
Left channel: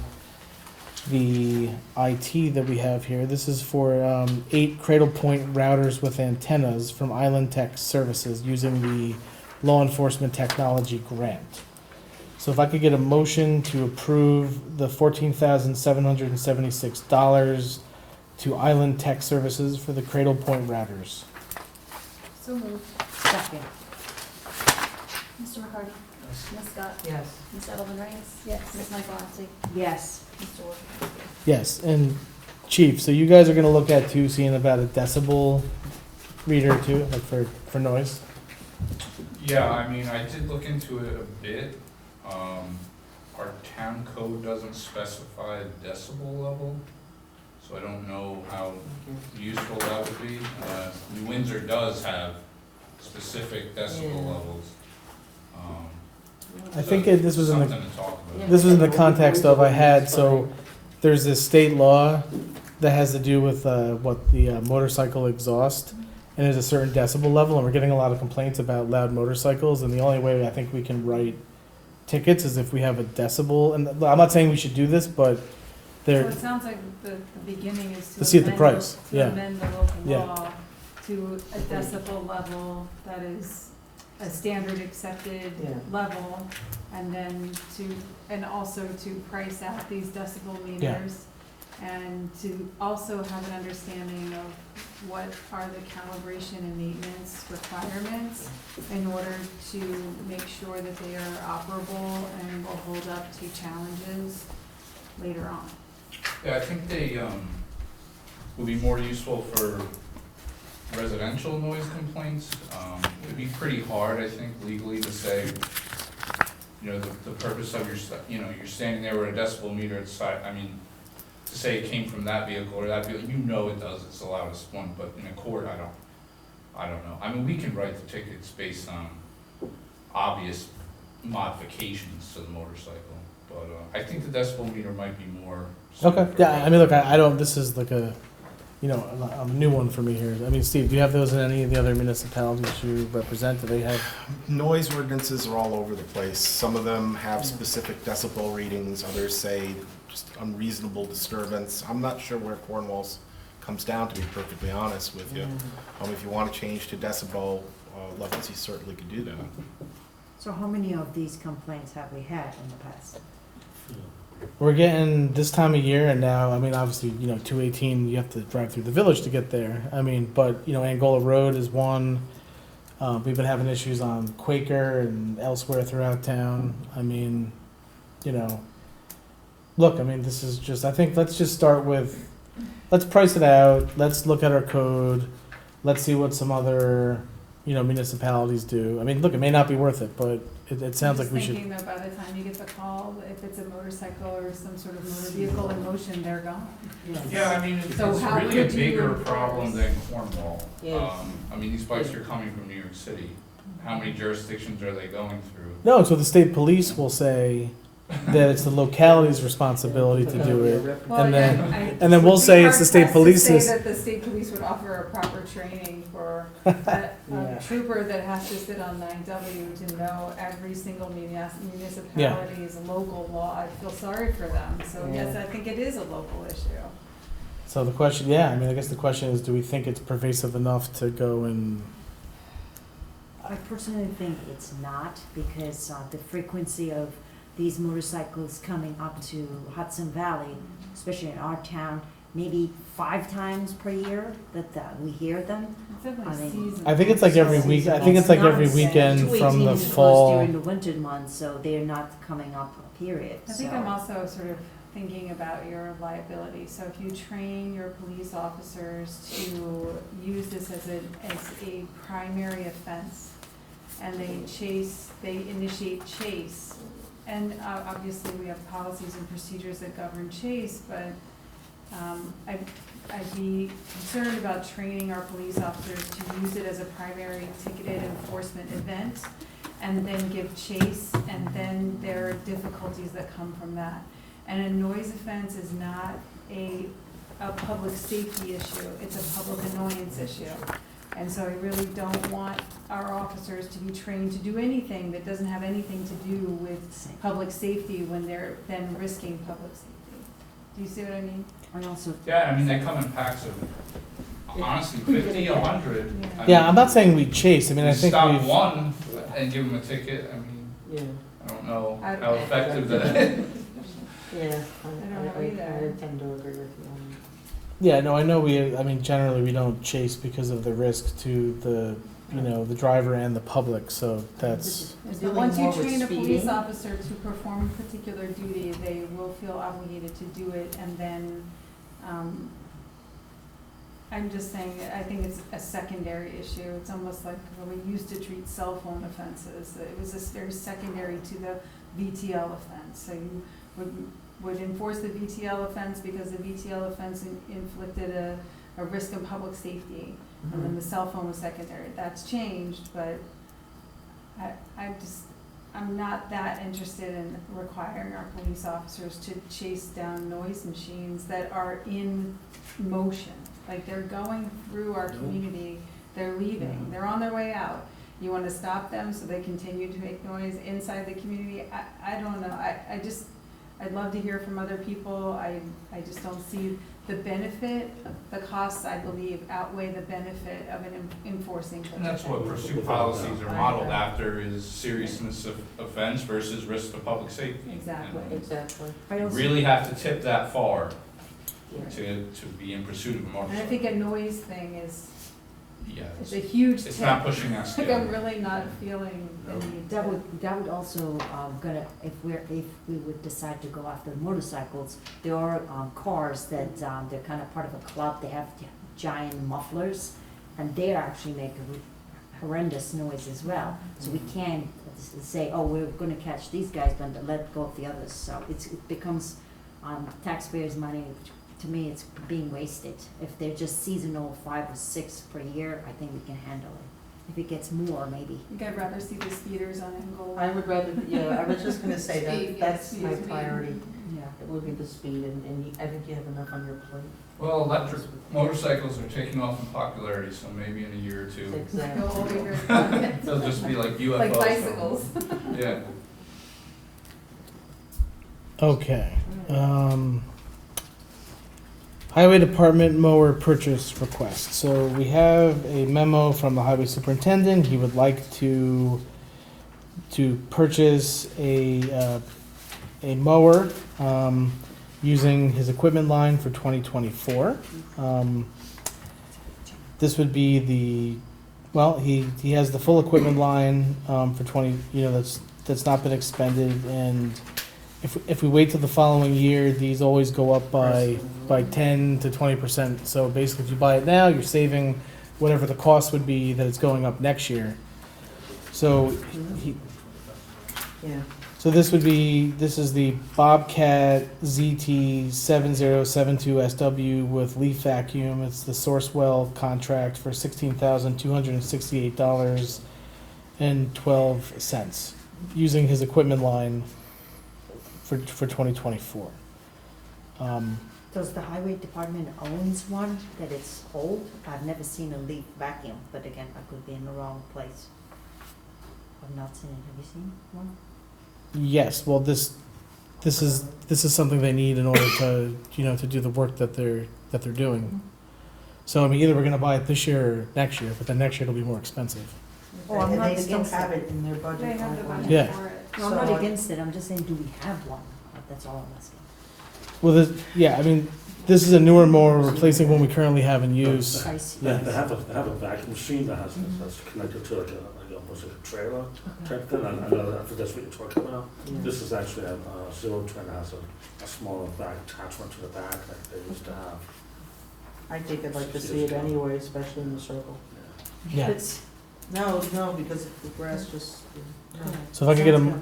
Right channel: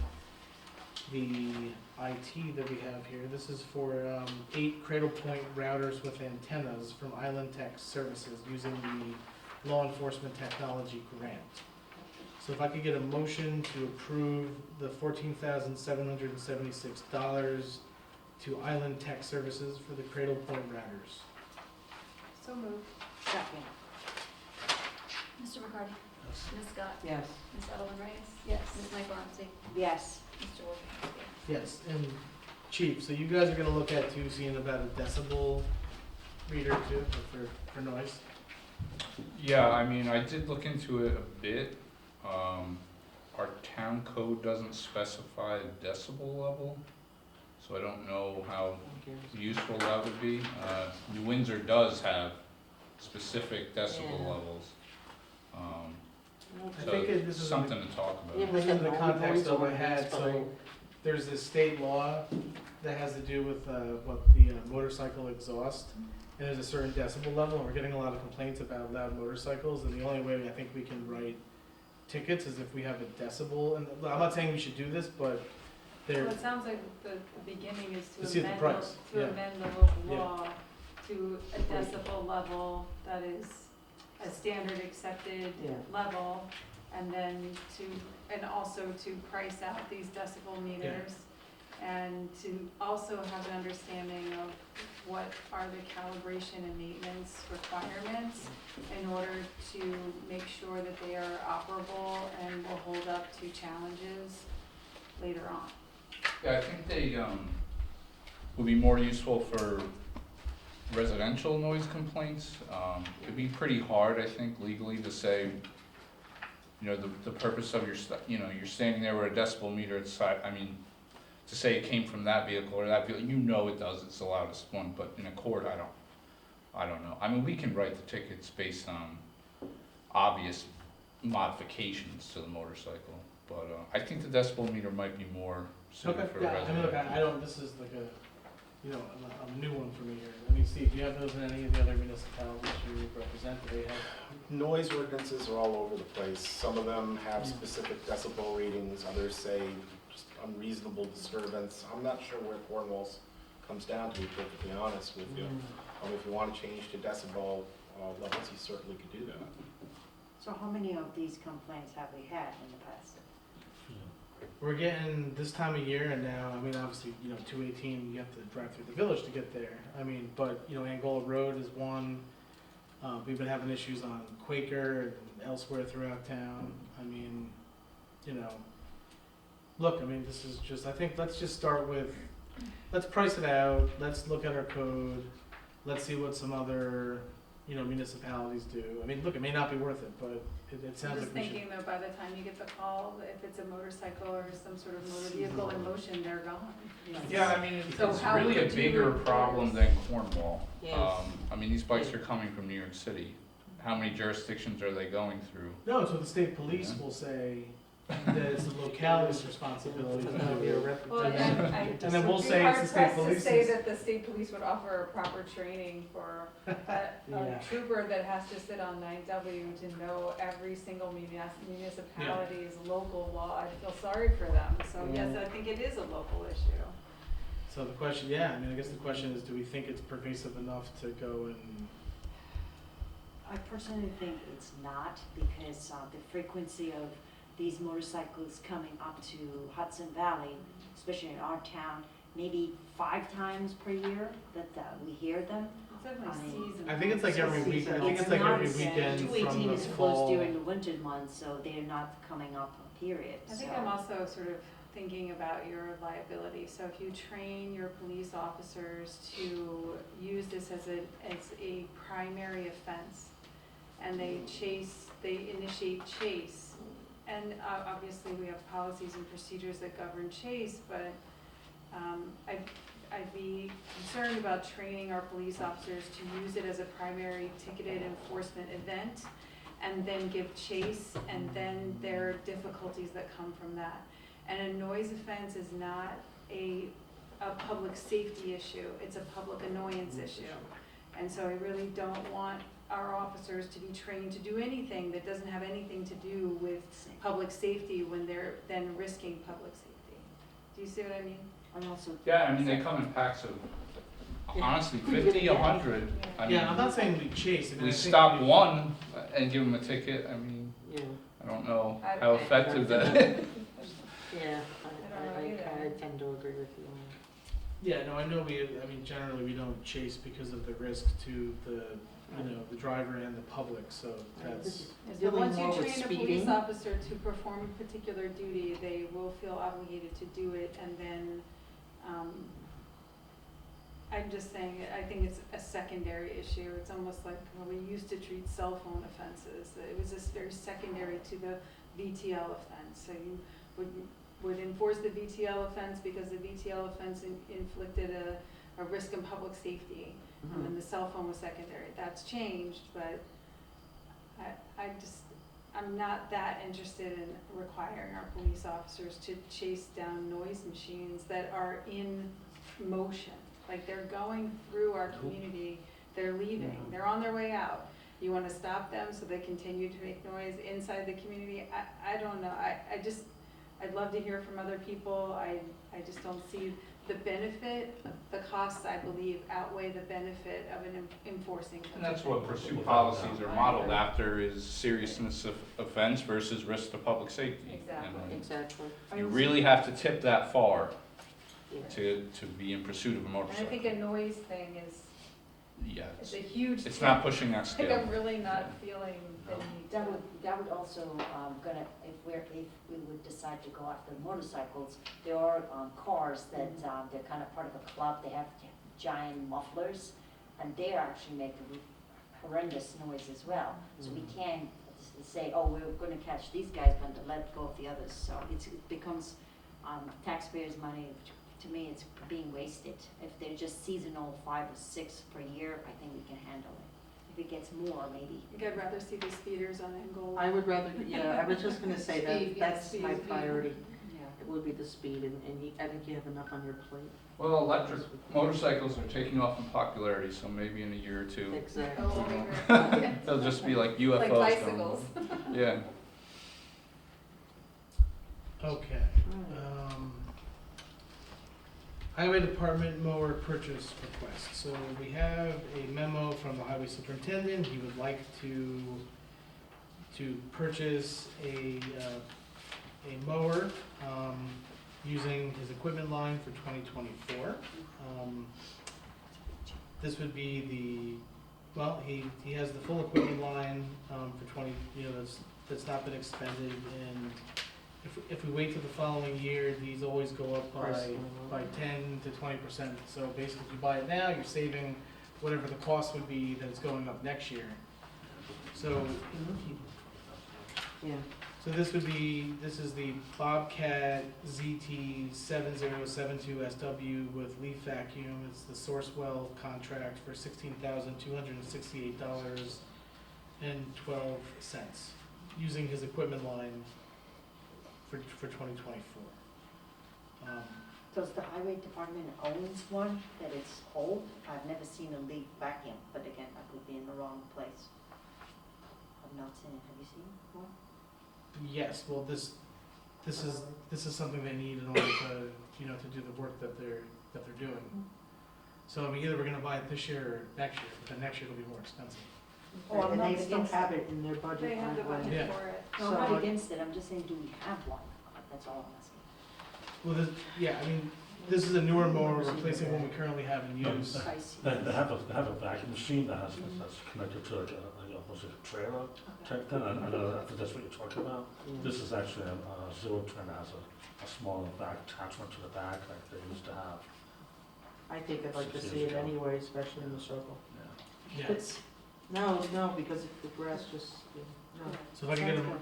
the IT that we have here. This is for 8 Cradle Point routers with antennas from Island Tech Services using the law enforcement technology grant. So if I could get a motion to approve the $14,776 to Island Tech Services for the Cradle Point routers. So moved. Second. Mr. McCarty? Ms. Scott? Yes. Ms. Edelman Reyes? Yes. Ms. Michaelozzi? Yes. Mr. Wojciechowski? Yes, and Chief, so you guys are gonna look at too, seeing about a decibel reader too, like for noise? Yeah, I did look into it a bit. Our town code doesn't specify a decibel level, so I don't know how useful that would be. New Windsor does have specific decibel Yeah. levels. I think this was in the, Something to talk Yeah, about. this was in the but context of I had, so fine. there's this state law that has to do with what the motorcycle exhaust, and there's a certain decibel level, and we're getting a lot of complaints about loud motorcycles, and the only way I think we can write tickets is if we have a decibel, and I'm not saying we should do this, but So there, it sounds like the beginning is To see at the amend price, to yeah. amend the local Yeah. law to a decibel level that is a standard accepted Yeah. level, and then and also to price out these decibel meters, and to also have an understanding of what are the calibration and maintenance requirements in order to make sure that they are operable and will hold up to challenges later on. Yeah, I think they would be more useful for residential noise complaints. It'd be pretty hard, I think, legally to say, the purpose of you're standing there with a decibel meter inside, to say it came from that vehicle or that vehicle, it does, it's the loudest one, but in a court, I don't know. We can write the tickets based on obvious modifications to the motorcycle, but I think the decibel meter might be more suited okay, for yeah, look, I don't, this is like a new one for me here. Steve, do you have those in any of the other municipalities you represent? Do they have? Noise ordinances are all over the place. Some of them have specific decibel readings, others say just unreasonable disturbance. I'm not sure where Cornwall's comes down, to be perfectly honest with you. If you want to change to decibel levels, you certainly could do that. So how many of these complaints have we had in the past? We're getting this time of year, and now, obviously, 218, you have to drive through the village to get there. But, Angola Road is one. We've been having issues on Quaker and elsewhere throughout town. Look, this is just, I think let's just start with, let's price it out. Let's look at our code. Let's see what some other, municipalities do. Look, it may not be worth it, but it sounds like we should. I'm just thinking though, by the time you get the call, if it's a motorcycle or some sort of motor vehicle in motion, they're gone. Yeah, it's So how really a could you bigger enforce- problem than Cornwall. Yes. These bikes are coming from New York City. how many jurisdictions are they going through? No, so the state police will say that it's the locality's responsibility to do it. Well, And then- I- and then we'll it'd be say it's the state hard pressed to police's- say that the state police would offer a proper training for a trooper that has to sit on 9W to know every single municipality's local law. I feel sorry for them, so yes, I think it is a local issue. So the question, yeah, I mean, I guess the question is, do we think it's pervasive enough to go and, I personally think it's not, because the frequency of these motorcycles coming up to Hudson Valley, especially in our town, maybe 5 times per year that we hear them. It's definitely I mean, seasonal. I think it's like every week, I think it's like every weekend from the 218 is closed fall. during the winter months, so they're not coming up, period. I think So- I'm also sort of thinking about your liability. So if you train your police officers to use this as a primary offense, and they initiate chase, and obviously we have policies and procedures that govern chase, but I'd be concerned about training our police officers to use it as a primary ticketed enforcement event, and then give chase, and then there are difficulties that come from that. And a noise offense is not a public safety issue, it's a public annoyance issue. And so I really don't want our officers to be trained to do anything that doesn't have anything to do with public safety when they're then risking public safety. Do you see what I mean? And also, Yeah, I mean, they come in packs of, honestly, 50, 100. I Yeah, mean, I'm not saying we chase, I mean, we I think stop we've. one and give them a ticket, I mean, Yeah, I don't know I- how effective that is. yeah, I don't know either. I tend to agree with you on Yeah, no, I know I mean, generally we don't chase because of the risk to the, the driver and the public, so that's, And so Dealing once you more with train a police speeding. officer to perform a particular duty, they will feel obligated to do it, and then, I'm just saying, I think it's a secondary issue. It's almost like when we used to treat cell phone offenses, it was this very secondary to the VTL offense. So you would enforce the VTL offense because the VTL offense inflicted a risk of public safety. And then the cell phone was secondary. That's changed, but I'm not that interested in requiring our police officers to chase down noise machines that are in motion. Like, they're going through our community, they're leaving, they're on their way out. You wanna stop them so they continue to make noise inside the community? I don't know, I'd love to hear from other people. I just don't see the benefit, the costs, I believe, outweigh the benefit of enforcing. And that's what pursuit policies are modeled after, is seriousness of offense versus risk to public safety. Exactly. And exactly. you really have to tip that far Yeah. to be in pursuit of a And I motorcycle. think a noise thing is Yeah, a huge it's tip. not pushing that Like, I'm scale. really not feeling any. that would also, if we would decide to go after motorcycles, there are, cars that, they're kind of part of a club, they have giant mufflers, and they actually make a horrendous noise as well. So we can't say, oh, we're gonna catch these guys, but let go of the others, so it becomes, taxpayers' money. To me, it's being wasted. If they're just seasonal, 5 or 6 per year, I think we can handle it. If it gets more, maybe. I think I'd rather see the speeders on Engle. I would rather, I was just gonna say Speed, that's yeah, my speed. priority. Yeah. It would be the speed, and I think you have enough on your plate. Well, electric motorcycles are taking off in popularity, so maybe in a year or two, Exactly. Go over. they'll just be like UFOs. Like going. bicycles. Yeah. okay. Highway Department mower purchase request. So we have a memo from the highway superintendent. He would like to purchase a mower, using his equipment line for 2024. This would be he has the full equipment line, for 20, that's not been expended, and if we wait till the following year, these always go up by 10 to 20%. So basically, if you buy it now, you're saving whatever the cost would be that it's going up next year. So Yeah. so this is the Bobcat ZT 7072 SW with leaf vacuum. It's the Sourcewell contract for $16,268. and 12 cents, using his equipment line for 2024. Does the highway department owns one that it's old? I've never seen a leaf vacuum, but again, I could be in the wrong place. I've not seen it. Have you seen one? Yes, well, this is something they need in order to, to do the work that they're doing. So I mean, either we're gonna buy it this year or next year, but then next year it'll be more expensive. Oh, I'm And not they still against have it. it in their budget. They have the already. budget Yeah. for it. No, I'm So not I- against it, I'm just saying, do we have one? That's all I'm asking. Well, I mean, this is a newer, more replacing one we currently have in use. I see. They have a vacuum machine that that's connected to like almost like a trailer type thing. I know that's what you're talking about. This is actually a zero turn that has a smaller back attachment to the back like they used to have. I think I'd like to see it anyway, especially in the circle. Yeah. It's, no, because the grass just, no. So if I could get All right.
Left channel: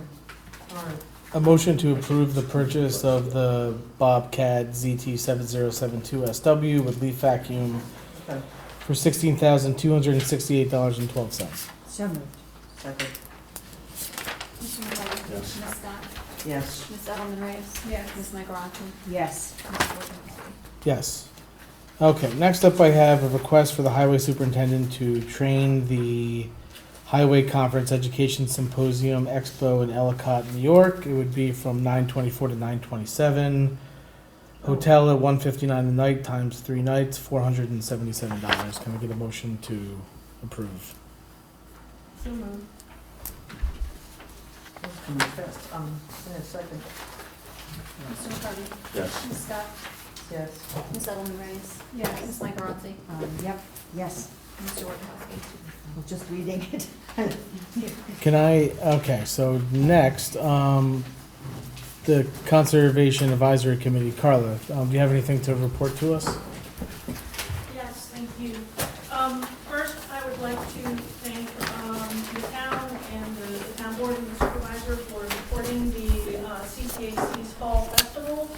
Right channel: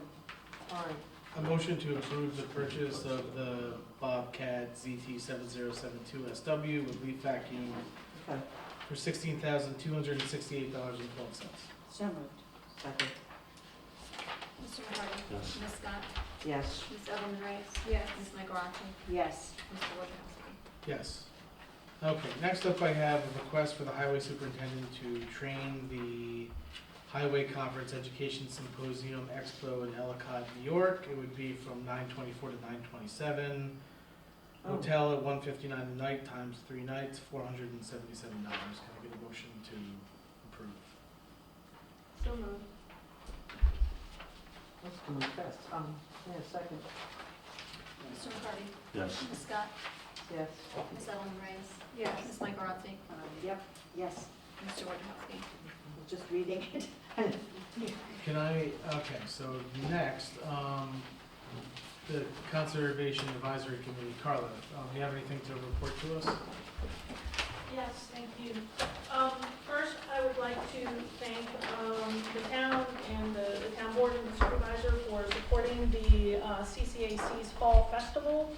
a motion to approve the purchase of the Bobcat ZT7072SW with leaf vacuum Okay. for $16,268.12. So moved. Second, Mr. McCarty? Yes. Ms. Scott? yes. Ms. Edelman Reyes? Yes. Ms. Michaelozzi? Yes. Mr. Wojciechowski? Yes. Okay, next up I have a request for the highway superintendent to train the Highway Conference Education Symposium Expo in Ellicott, New York. It would be from 9/24 to 9/27. Hotel at 159 a night times 3 nights, $477. Can I get a motion to approve? So moved. That's coming fast. Yeah, second, Mr. McCarty? Yes. Ms. Scott? yes. Ms. Edelman Reyes? Yes. Ms. Michaelozzi? Yep, yes, Mr. Wojciechowski? I'm just reading it. Okay, so next, the Conservation Advisory Committee, Carla, do you have anything to report to us? Yes, thank you. First, I would like to thank the town and the town board and the supervisor for supporting the CCAC's Fall Festival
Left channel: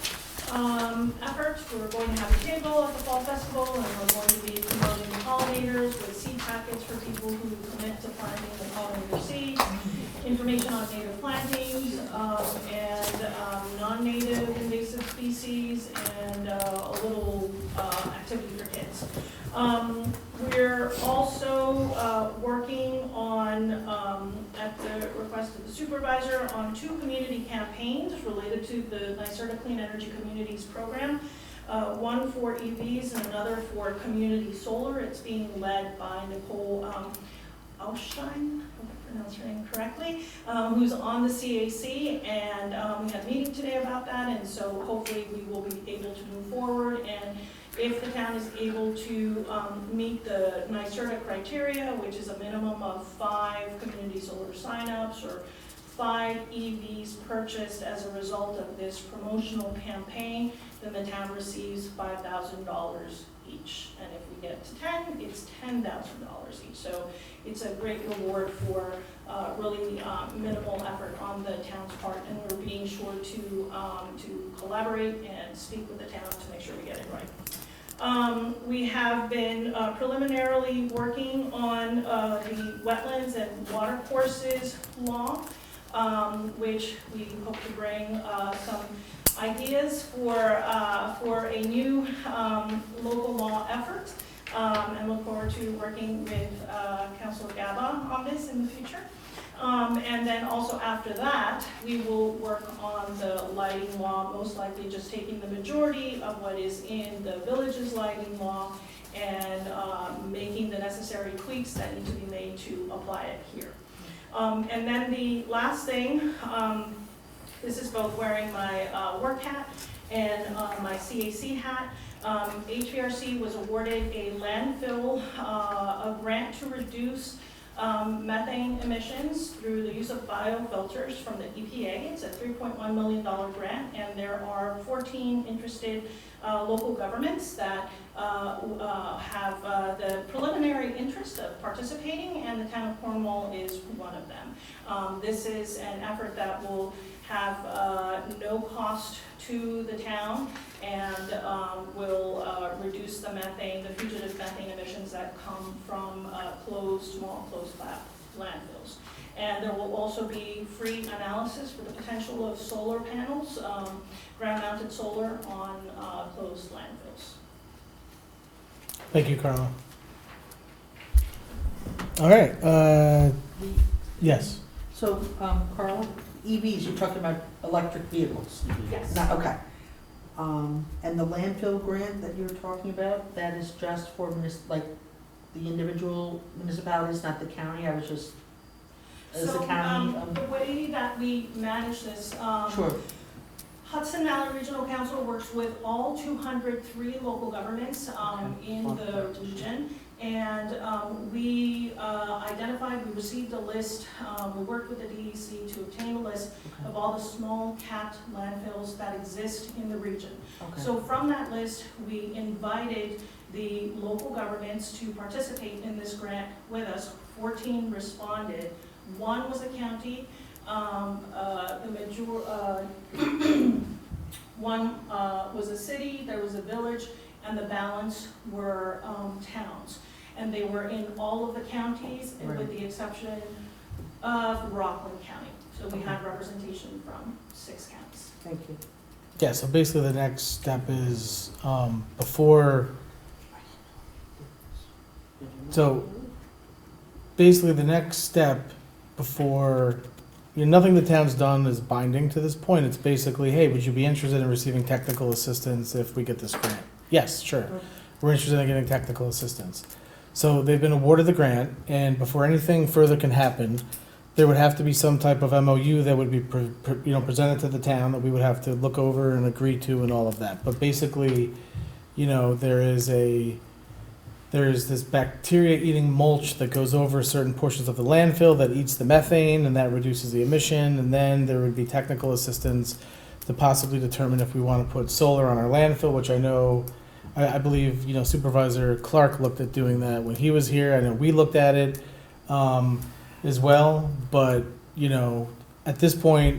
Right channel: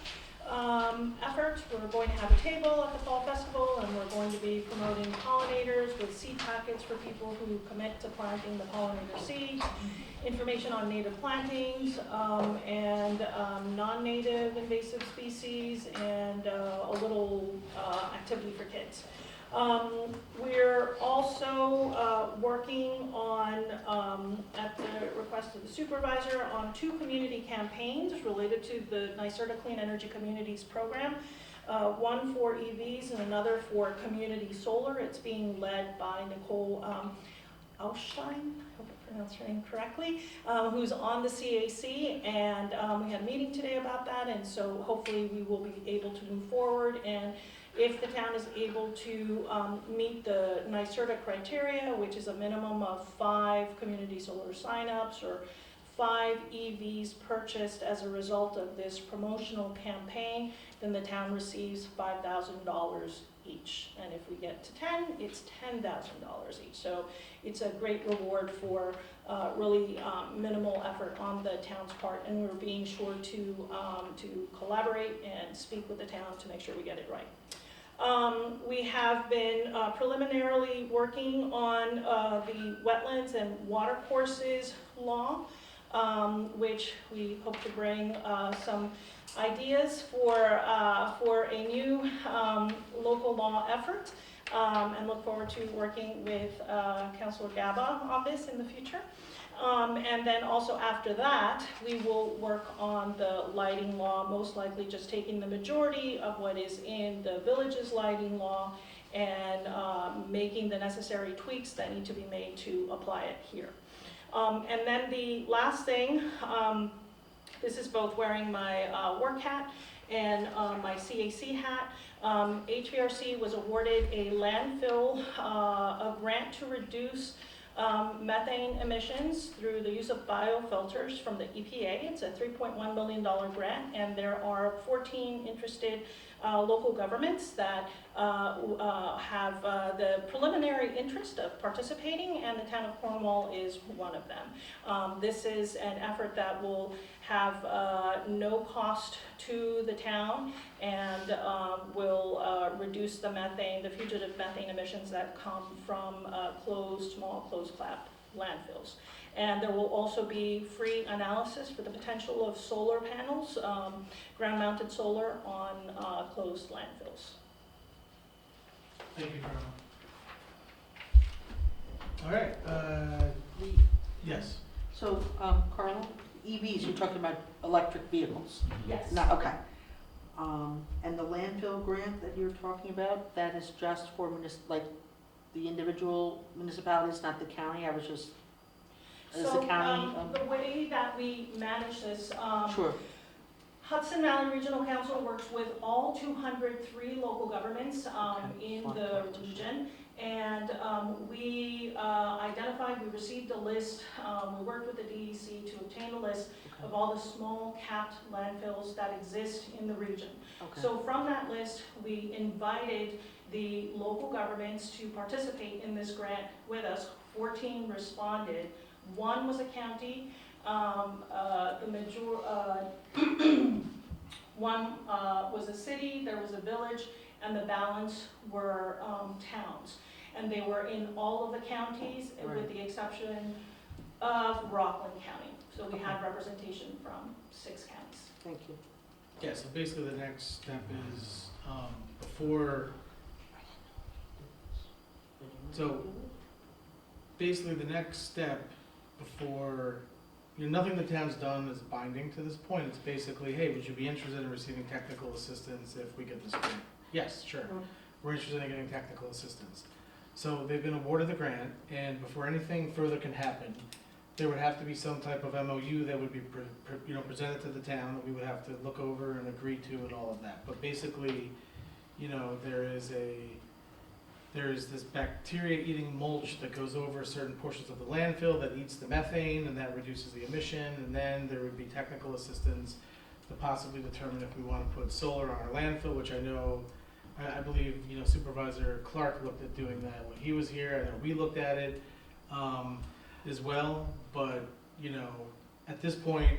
efforts. We're going to have a table at the Fall Festival, and we're going to be promoting pollinators with seed packets for people who commit to planting the pollinator seed, information on native plantings, and non-native invasive species, and a little activity for kids. We're also working on, at the request of the supervisor, on 2 community campaigns related to the NYSERDA Clean Energy Communities program. One for EVs and another for community solar. It's being led by Nicole Ausstein, I hope I pronounced her name correctly, who's on the CAC, and we had a meeting today about that, and so hopefully we will be able to move forward. And if the town is able to meet the NYSERDA criteria, which is a minimum of 5 community solar signups or 5 EVs purchased as a result of this promotional campaign, then the town receives $5,000 each. And if we get to 10, it's $10,000 each. So it's a great reward for really minimal effort on the town's part, and we're being sure to collaborate and speak with the town to make sure we get it right. We have been preliminarily working on the wetlands and watercourses law, which we hope to bring some ideas for a new local law effort, and look forward to working with Councilor Gaba on this in the future. And then also after that, we will work on the lighting law, most likely just taking the majority of what is in the village's lighting law and making the necessary tweaks that need to be made to apply it here. And then the last thing, this is both wearing my work hat and my CAC hat. HVRC was awarded a landfill, a grant to reduce methane emissions through the use of biofilters from the EPA. It's a $3.1 million grant, and there are 14 interested local governments that have the preliminary interest of participating, and the town of Cornwall is one of them. This is an effort that will have no cost to the town and will reduce the methane, the fugitive methane emissions that come from small closed flap landfills. And there will also be free analysis for the potential of solar panels, ground-mounted solar on closed landfills. Thank you, Carla. All right, yes. So, Carl, EVs, you're talking about electric vehicles? Yes. Not, okay. And the landfill grant that you're talking about, that is just for like the individual municipalities, not the county? I was just, is the county? The way that we manage this, Sure. Hudson Valley Regional Council works with all 203 local governments in the region. And we identified, we received a list, we worked with the DEC to obtain a list of all the small capped landfills that exist in the region. Okay. So from that list, we invited the local governments to participate in this grant with us. 14 responded. One was a county, one was a city, there was a village, and the balance were towns. And they were in all of the counties, and with the exception of Rockland County. So we have representation from 6 counties. Thank you. Yeah, so basically the next step is, before, so basically the next step before, nothing the town's done is binding to this point. It's basically, hey, would you be interested in receiving technical assistance if we get this grant? Yes, sure. We're interested in getting technical assistance. So they've been awarded the grant, and before anything further can happen, there would have to be some type of MOU that would be presented to the town that we would have to look over and agree to and all of that. But basically, there is this bacteria-eating mulch that goes over certain portions of the landfill that eats the methane, and that reduces the emission. And then there would be technical assistance to possibly determine if we want to put solar on our landfill, which I believe, Supervisor Clark looked at doing that when he was here. I know we looked at it as well, but, at this point,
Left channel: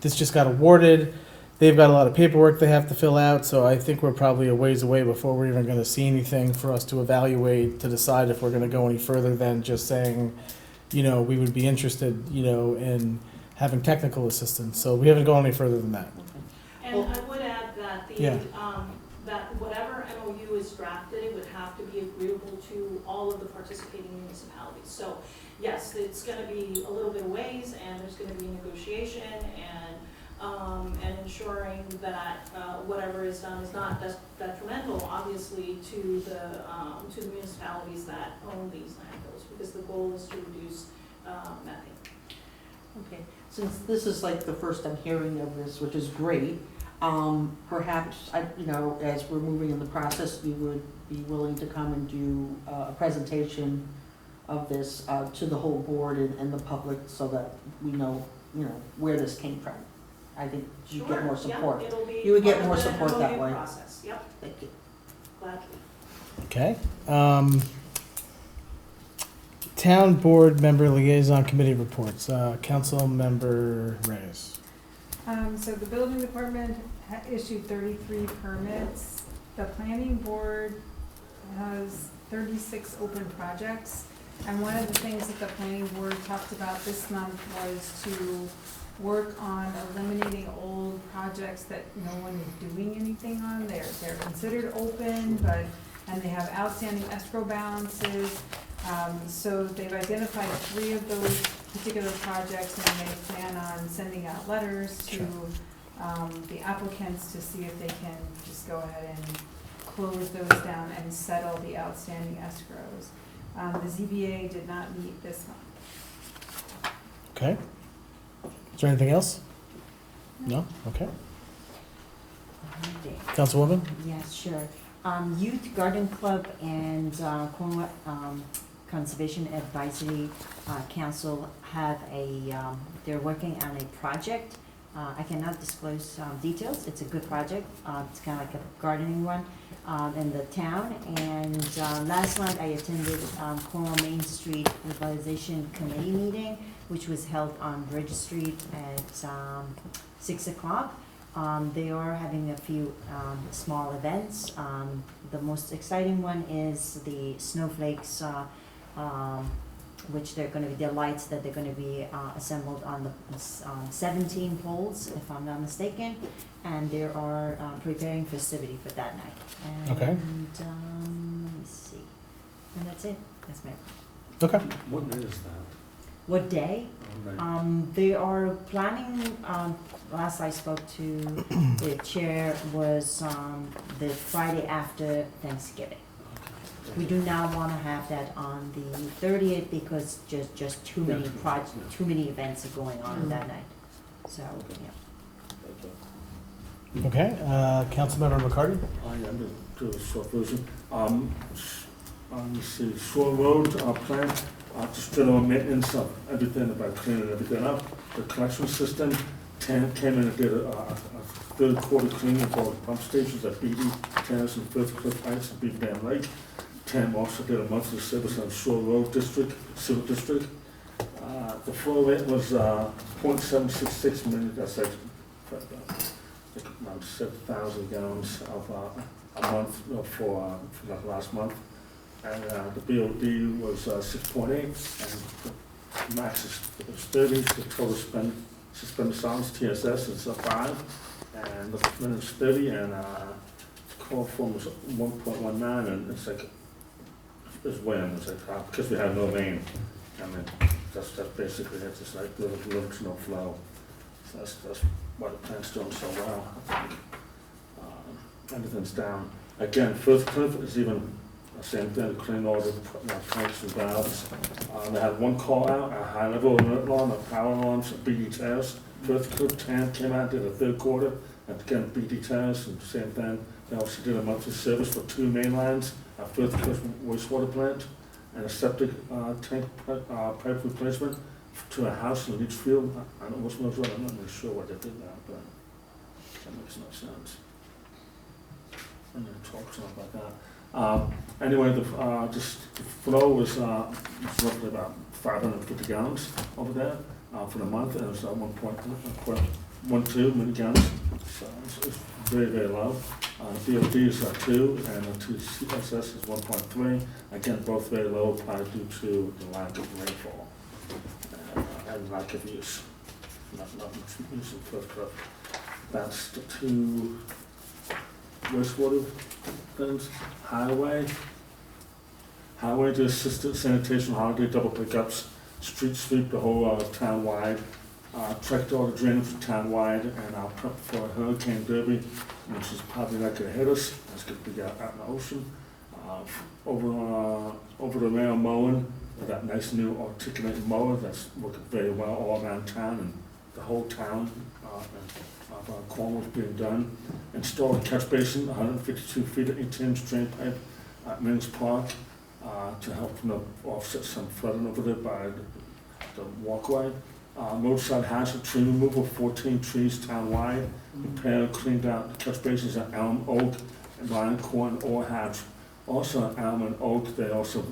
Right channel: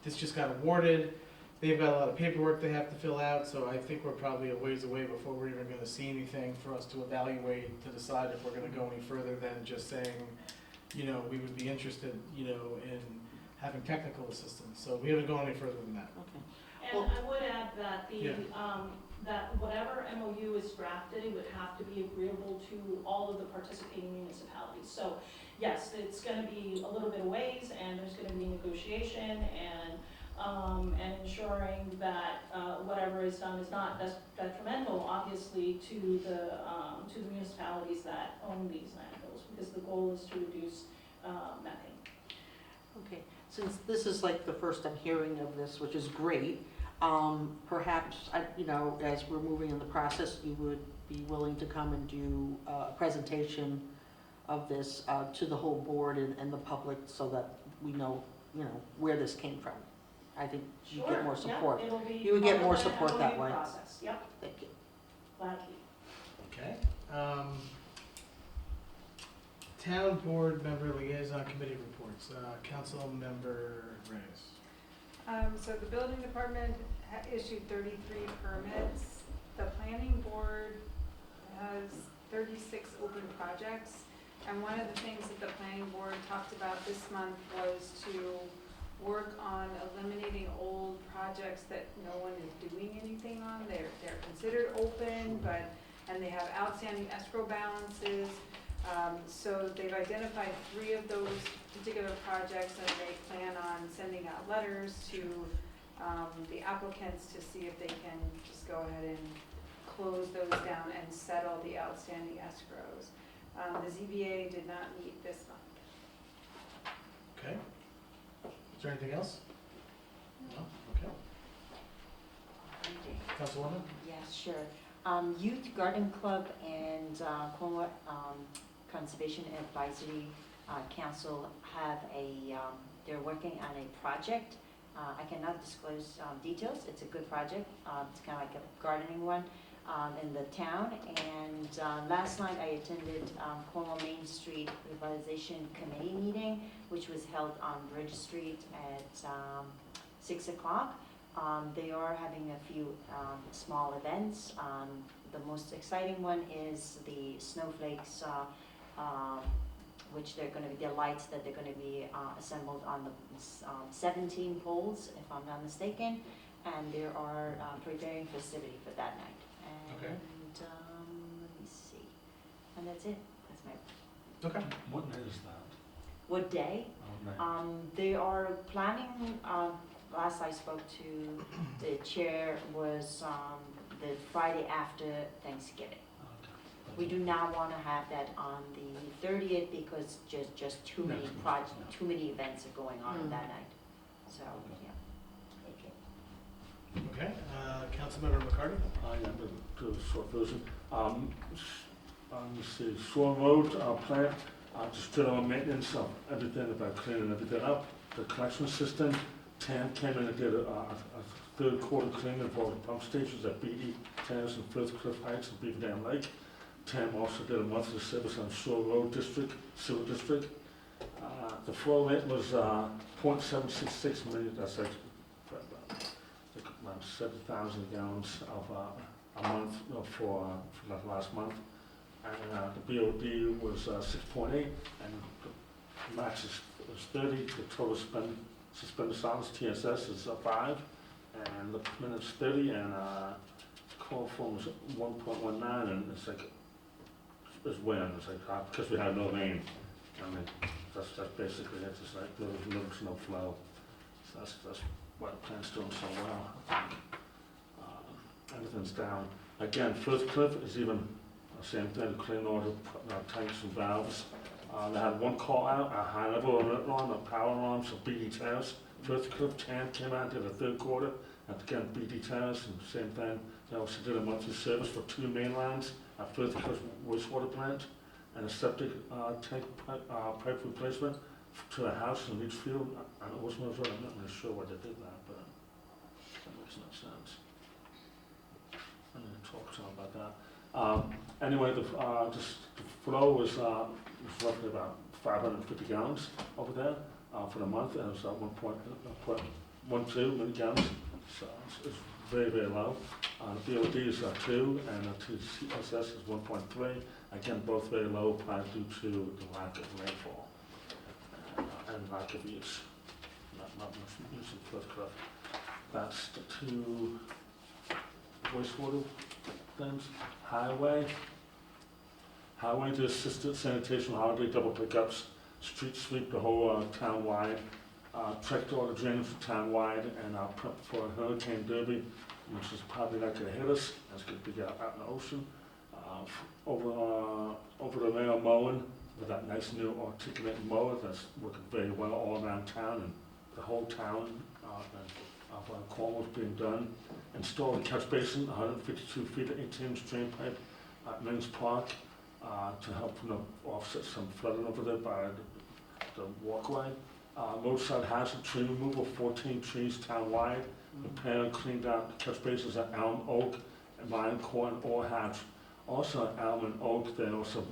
this just got awarded. They've got a lot of paperwork they have to fill out, so I think we're probably a ways away before we're even gonna see anything for us to evaluate, to decide if we're gonna go any further than just saying, we would be interested, in having technical assistance. So we haven't gone any further than that. And I would add that Yeah. that whatever MOU is drafted, it would have to be agreeable to all of the participating municipalities. So yes, it's gonna be a little bit of ways, and there's gonna be negotiation and ensuring that whatever is done is not detrimental, obviously, to the municipalities that own these landfills, because the goal is to reduce methane. Okay, since this is like the first I'm hearing of this, which is great, perhaps, as we're moving in the process, you would be willing to come and do a presentation of this to the whole board and the public, so that we know, where this came from. I think you get more support. Yeah, it'll be You would get part more of the support that MOU way. process. Yep, Thank you. gladly. Okay. Town board member liaison committee reports. Council member Reyes. So the building department issued 33 permits. The planning board has 36 open projects. And one of the things that the planning board talked about this month was to work on eliminating old projects that no one is doing anything on. They're considered open, and they have outstanding escrow balances. So they've identified 3 of those particular projects, and they plan on sending out letters to the applicants to see if they can just go ahead and close those down and settle the outstanding escrows. The ZBA did not meet this month. Okay. Is there anything else? No? Okay. Councilwoman? Yes, sure. Youth Garden Club and Cornwall Conservation Advisory Council have they're working on a project. I cannot disclose details. It's a good project. It's kind of like a gardening one in the town. And last night I attended Cornwall Main Street Revitalization Committee meeting, which was held on Bridge Street at 6 o'clock. They are having a few small events. The most exciting one is the Snowflakes which they're gonna be, their lights that they're gonna be, assembled on the, 17 poles, if I'm not mistaken. And they are, preparing festivity for that night. Okay. And, let me see, and that's it, that's my, Okay. What day is that? what day? Monday. They are planning, last I spoke to the chair was, the Friday after Thanksgiving. We do not wanna have that on the 30th because just too many too many events are going on that night. So, yeah. Okay, Councilmember McCarty? I am to the short version. Let's see, Shore Road, plan, just general maintenance of everything, about cleaning everything up. The collection system, came in and did a third quarter cleaning of all the pump stations at BD Terrace and First Cliff Heights and Beaver Dam Lake. Tam also did a monthly service on Shore Road District, Sewer District. The flow rate was, 0.766 million, that's like, around 7,000 gallons of, a month for the last month. And, the BOD was, 6.8, and the max is 30, the total suspended silence, TSS is 5, and the minutes 30, and, call form was 1.19, and it's like, it's when, it's like, because we have no rain, I mean, that's basically it, it's like little to no flow. So that's why the plant's doing so well, I think. Everything's down. Again, First Cliff is even the same thing, clean all the tanks and valves. They had one call out, a high level alert alarm, a power alarms at BD Terrace. First Cliff Tam came out, did a third quarter, and again, BD Terrace, and same thing. They also did a monthly service for 2 main lines, a First Cliff wastewater plant, and a septic tank pipe replacement to a house in Leachfield. I don't know what's most right, I'm not really sure why they did that, but that makes no sense. I'm gonna talk to them about that. Anyway, the flow was roughly about 550 gallons over there for the month, and it was 1.12 million gallons, so it's very, very low. The BOD is 2, and the TSS is 1.3. Again, both very low, probably due to the lack of rainfall and lack of use. Not much use in First Cliff. That's the 2 wastewater things. Highway to assisted sanitation holiday double pickups, street sweep the whole town-wide, checked all the drainage for town-wide, and our prep for Hurricane Derby, which is probably not gonna hit us, that's gonna be out in the ocean. Over the rail mowing, with that nice new articulated mower that's working very well all around town, and the whole town of Cornwall is being done. Install a catch basin, 152 feet of 18-inch drain pipe at Mills Park to help offset some flooding over there by the walkway. Roadside hazard tree removal, 14 trees town-wide. Repair, cleaned out catch basins at Elm, Oak, and Lion, Corn, or Hatch. Also at Elm and Oak, they also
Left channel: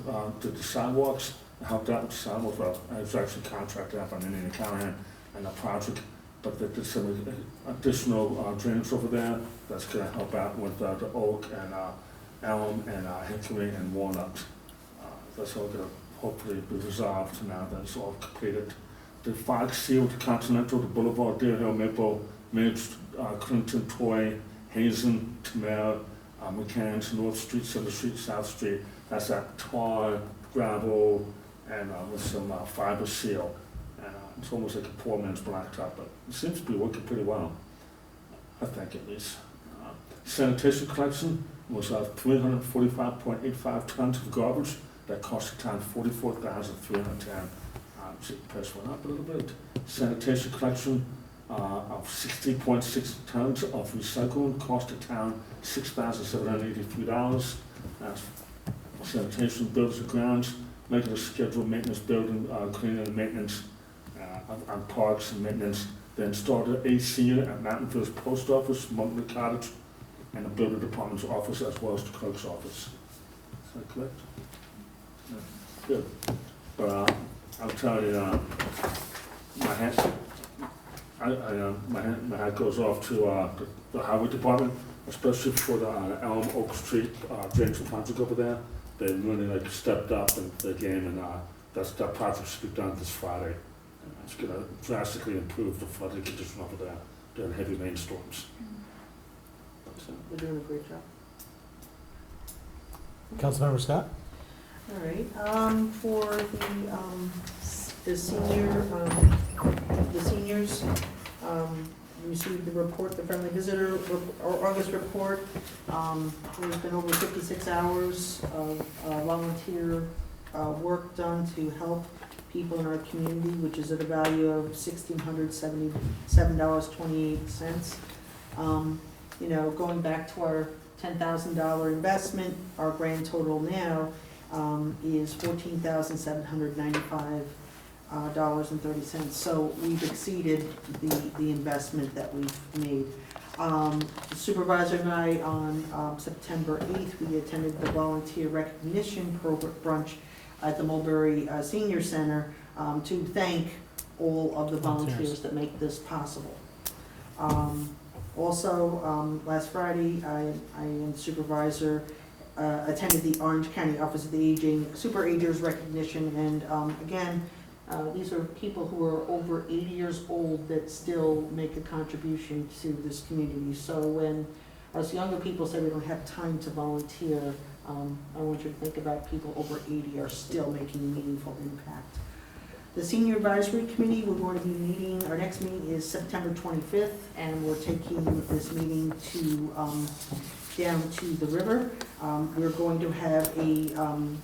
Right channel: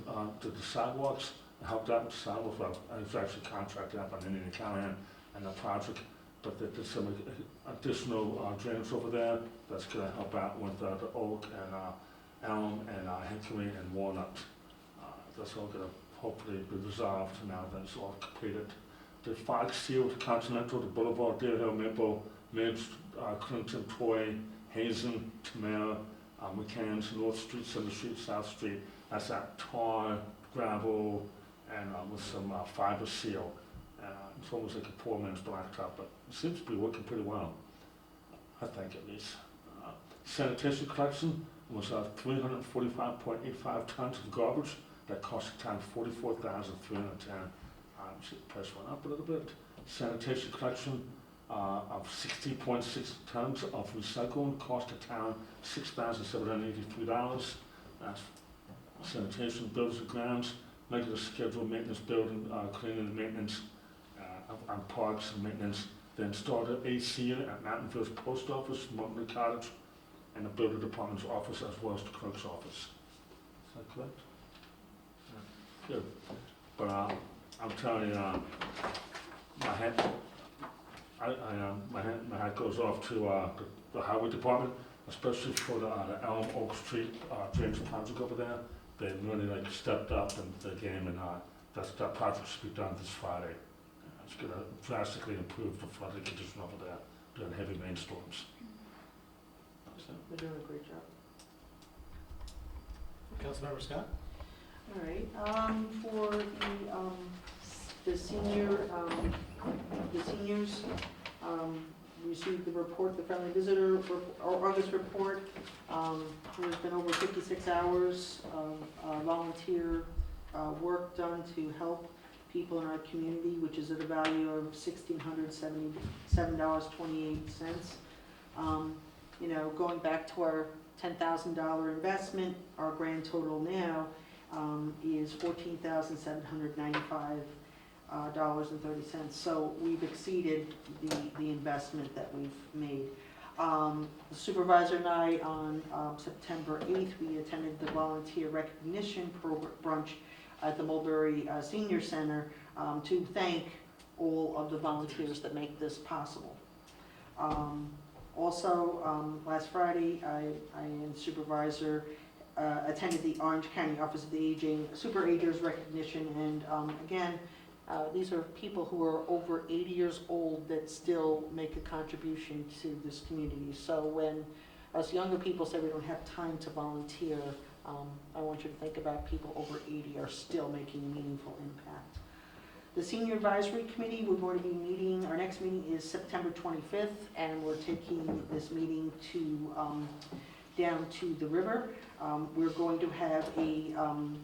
did the sidewalks, helped out with the sidewalks. Well, I was actually contracted out by Indian Callahan and the project, but they did some additional drainage over there that's gonna help out with the Oak and Elm and Hickory and Walnut. That's all gonna hopefully be resolved now that it's all completed. The Fox Sealed Continental, the Boulevard, Deer Hill, Maple, Midge, Clinton, Toy, Hazen, Tamara, McCann's, North Street, Center Street, South Street. That's that tar, gravel, and with some fiber seal. It's almost like a poor man's blacktop, but it seems to be working pretty well, I think at least. Sanitation collection was 345.85 tons of garbage. That cost the town $44,310. The price went up a little bit. Sanitation collection of 60.6 tons of recycling cost the town $6,783. That's sanitation, buildings and grounds, regular scheduled maintenance, building, cleaning and maintenance on parks and maintenance. They installed an AC unit at Mountain Village Post Office, Montgomery Cottage, and the building department's office as well as the clerk's office. Is that correct? Yeah. Good. But I'm telling you, my hat goes off to the highway department, especially for the Elm Oak Street drainage project over there. They really stepped up in the game and that project should be done this Friday. It's gonna drastically improve the flooding condition over there during heavy rainstorms. They're doing a great job. Councilmember Scott? All right, for the seniors, received the report, the friendly visitor, or August report. There's been over 56 hours of volunteer work done to help people in our community, which is at a value of $1,677.28. You know, going back to our $10,000 investment, our grand total now is $14,795.30. So we've exceeded the investment that we've made. The supervisor and I on September 8th, we attended the volunteer recognition brunch at the Mulberry Senior Center to thank all of the volunteers that make this possible. Also, last Friday, I and the supervisor attended the Orange County Office of the Aging Super Agers recognition, and again, these are people who are over 80 years old that still make a contribution to this community. So when us younger people say we don't have time to volunteer, I want you to think about people over 80 are still making a meaningful impact. The Senior Advisory Committee, we're going to be meeting, our next meeting is September 25th, and we're taking this meeting to down to the river. We're going to have a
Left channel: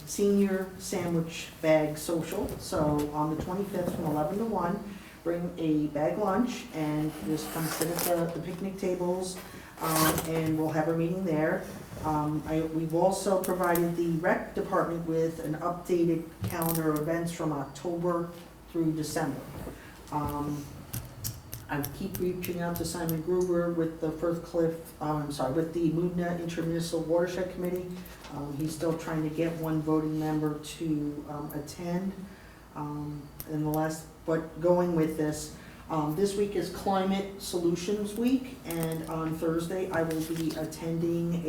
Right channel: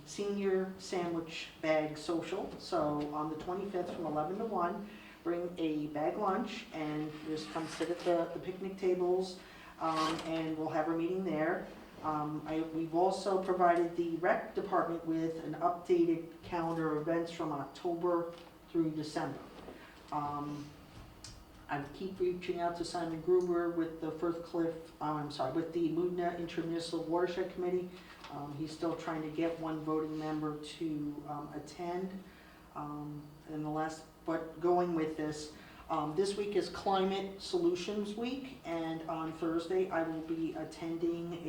senior sandwich bag social. So on the 25th from 11 to 1, bring a bag lunch and just come sit at the picnic tables, and we'll have a meeting there. We've also provided the rec department with an updated calendar of events from October through December. I keep reaching out to Simon Gruber with the with the Moodna Intermunicipal Watershed Committee. He's still trying to get one voting member to attend. But going with this, this week is Climate Solutions Week, and on Thursday I will be attending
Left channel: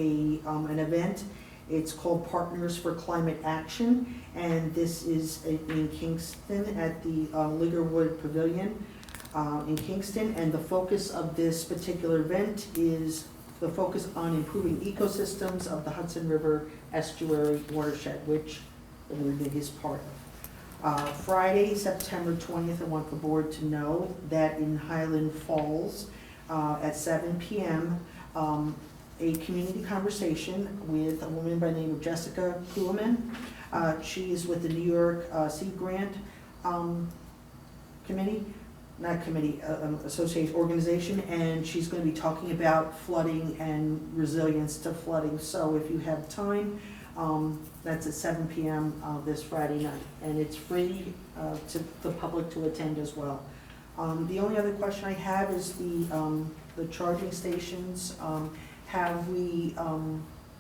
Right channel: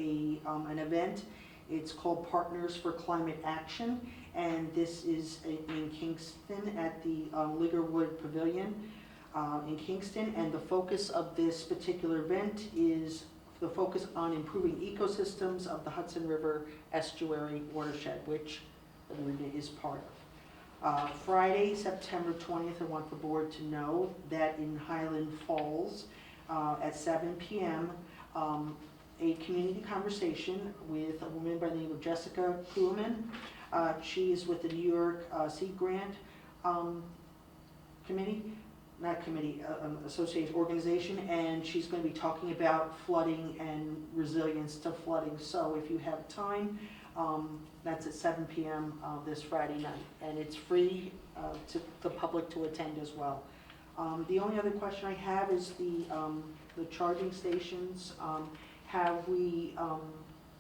an event. It's called Partners for Climate Action, and this is in Kingston at the Liggerwood Pavilion in Kingston. And the focus of this particular event is the focus on improving ecosystems of the Hudson River Estuary watershed, which the Moodna is part of. Friday, September 20th, I want the board to know that in Highland Falls at 7 p.m., a community conversation with a woman by the name of Jessica Kuhlman. She is with the New York Sea Grant association organization, and she's going to be talking about flooding and resilience to flooding. So if you have time, that's at 7 p.m. This Friday night, and it's free to the public to attend as well. The only other question I have is the charging stations. Have we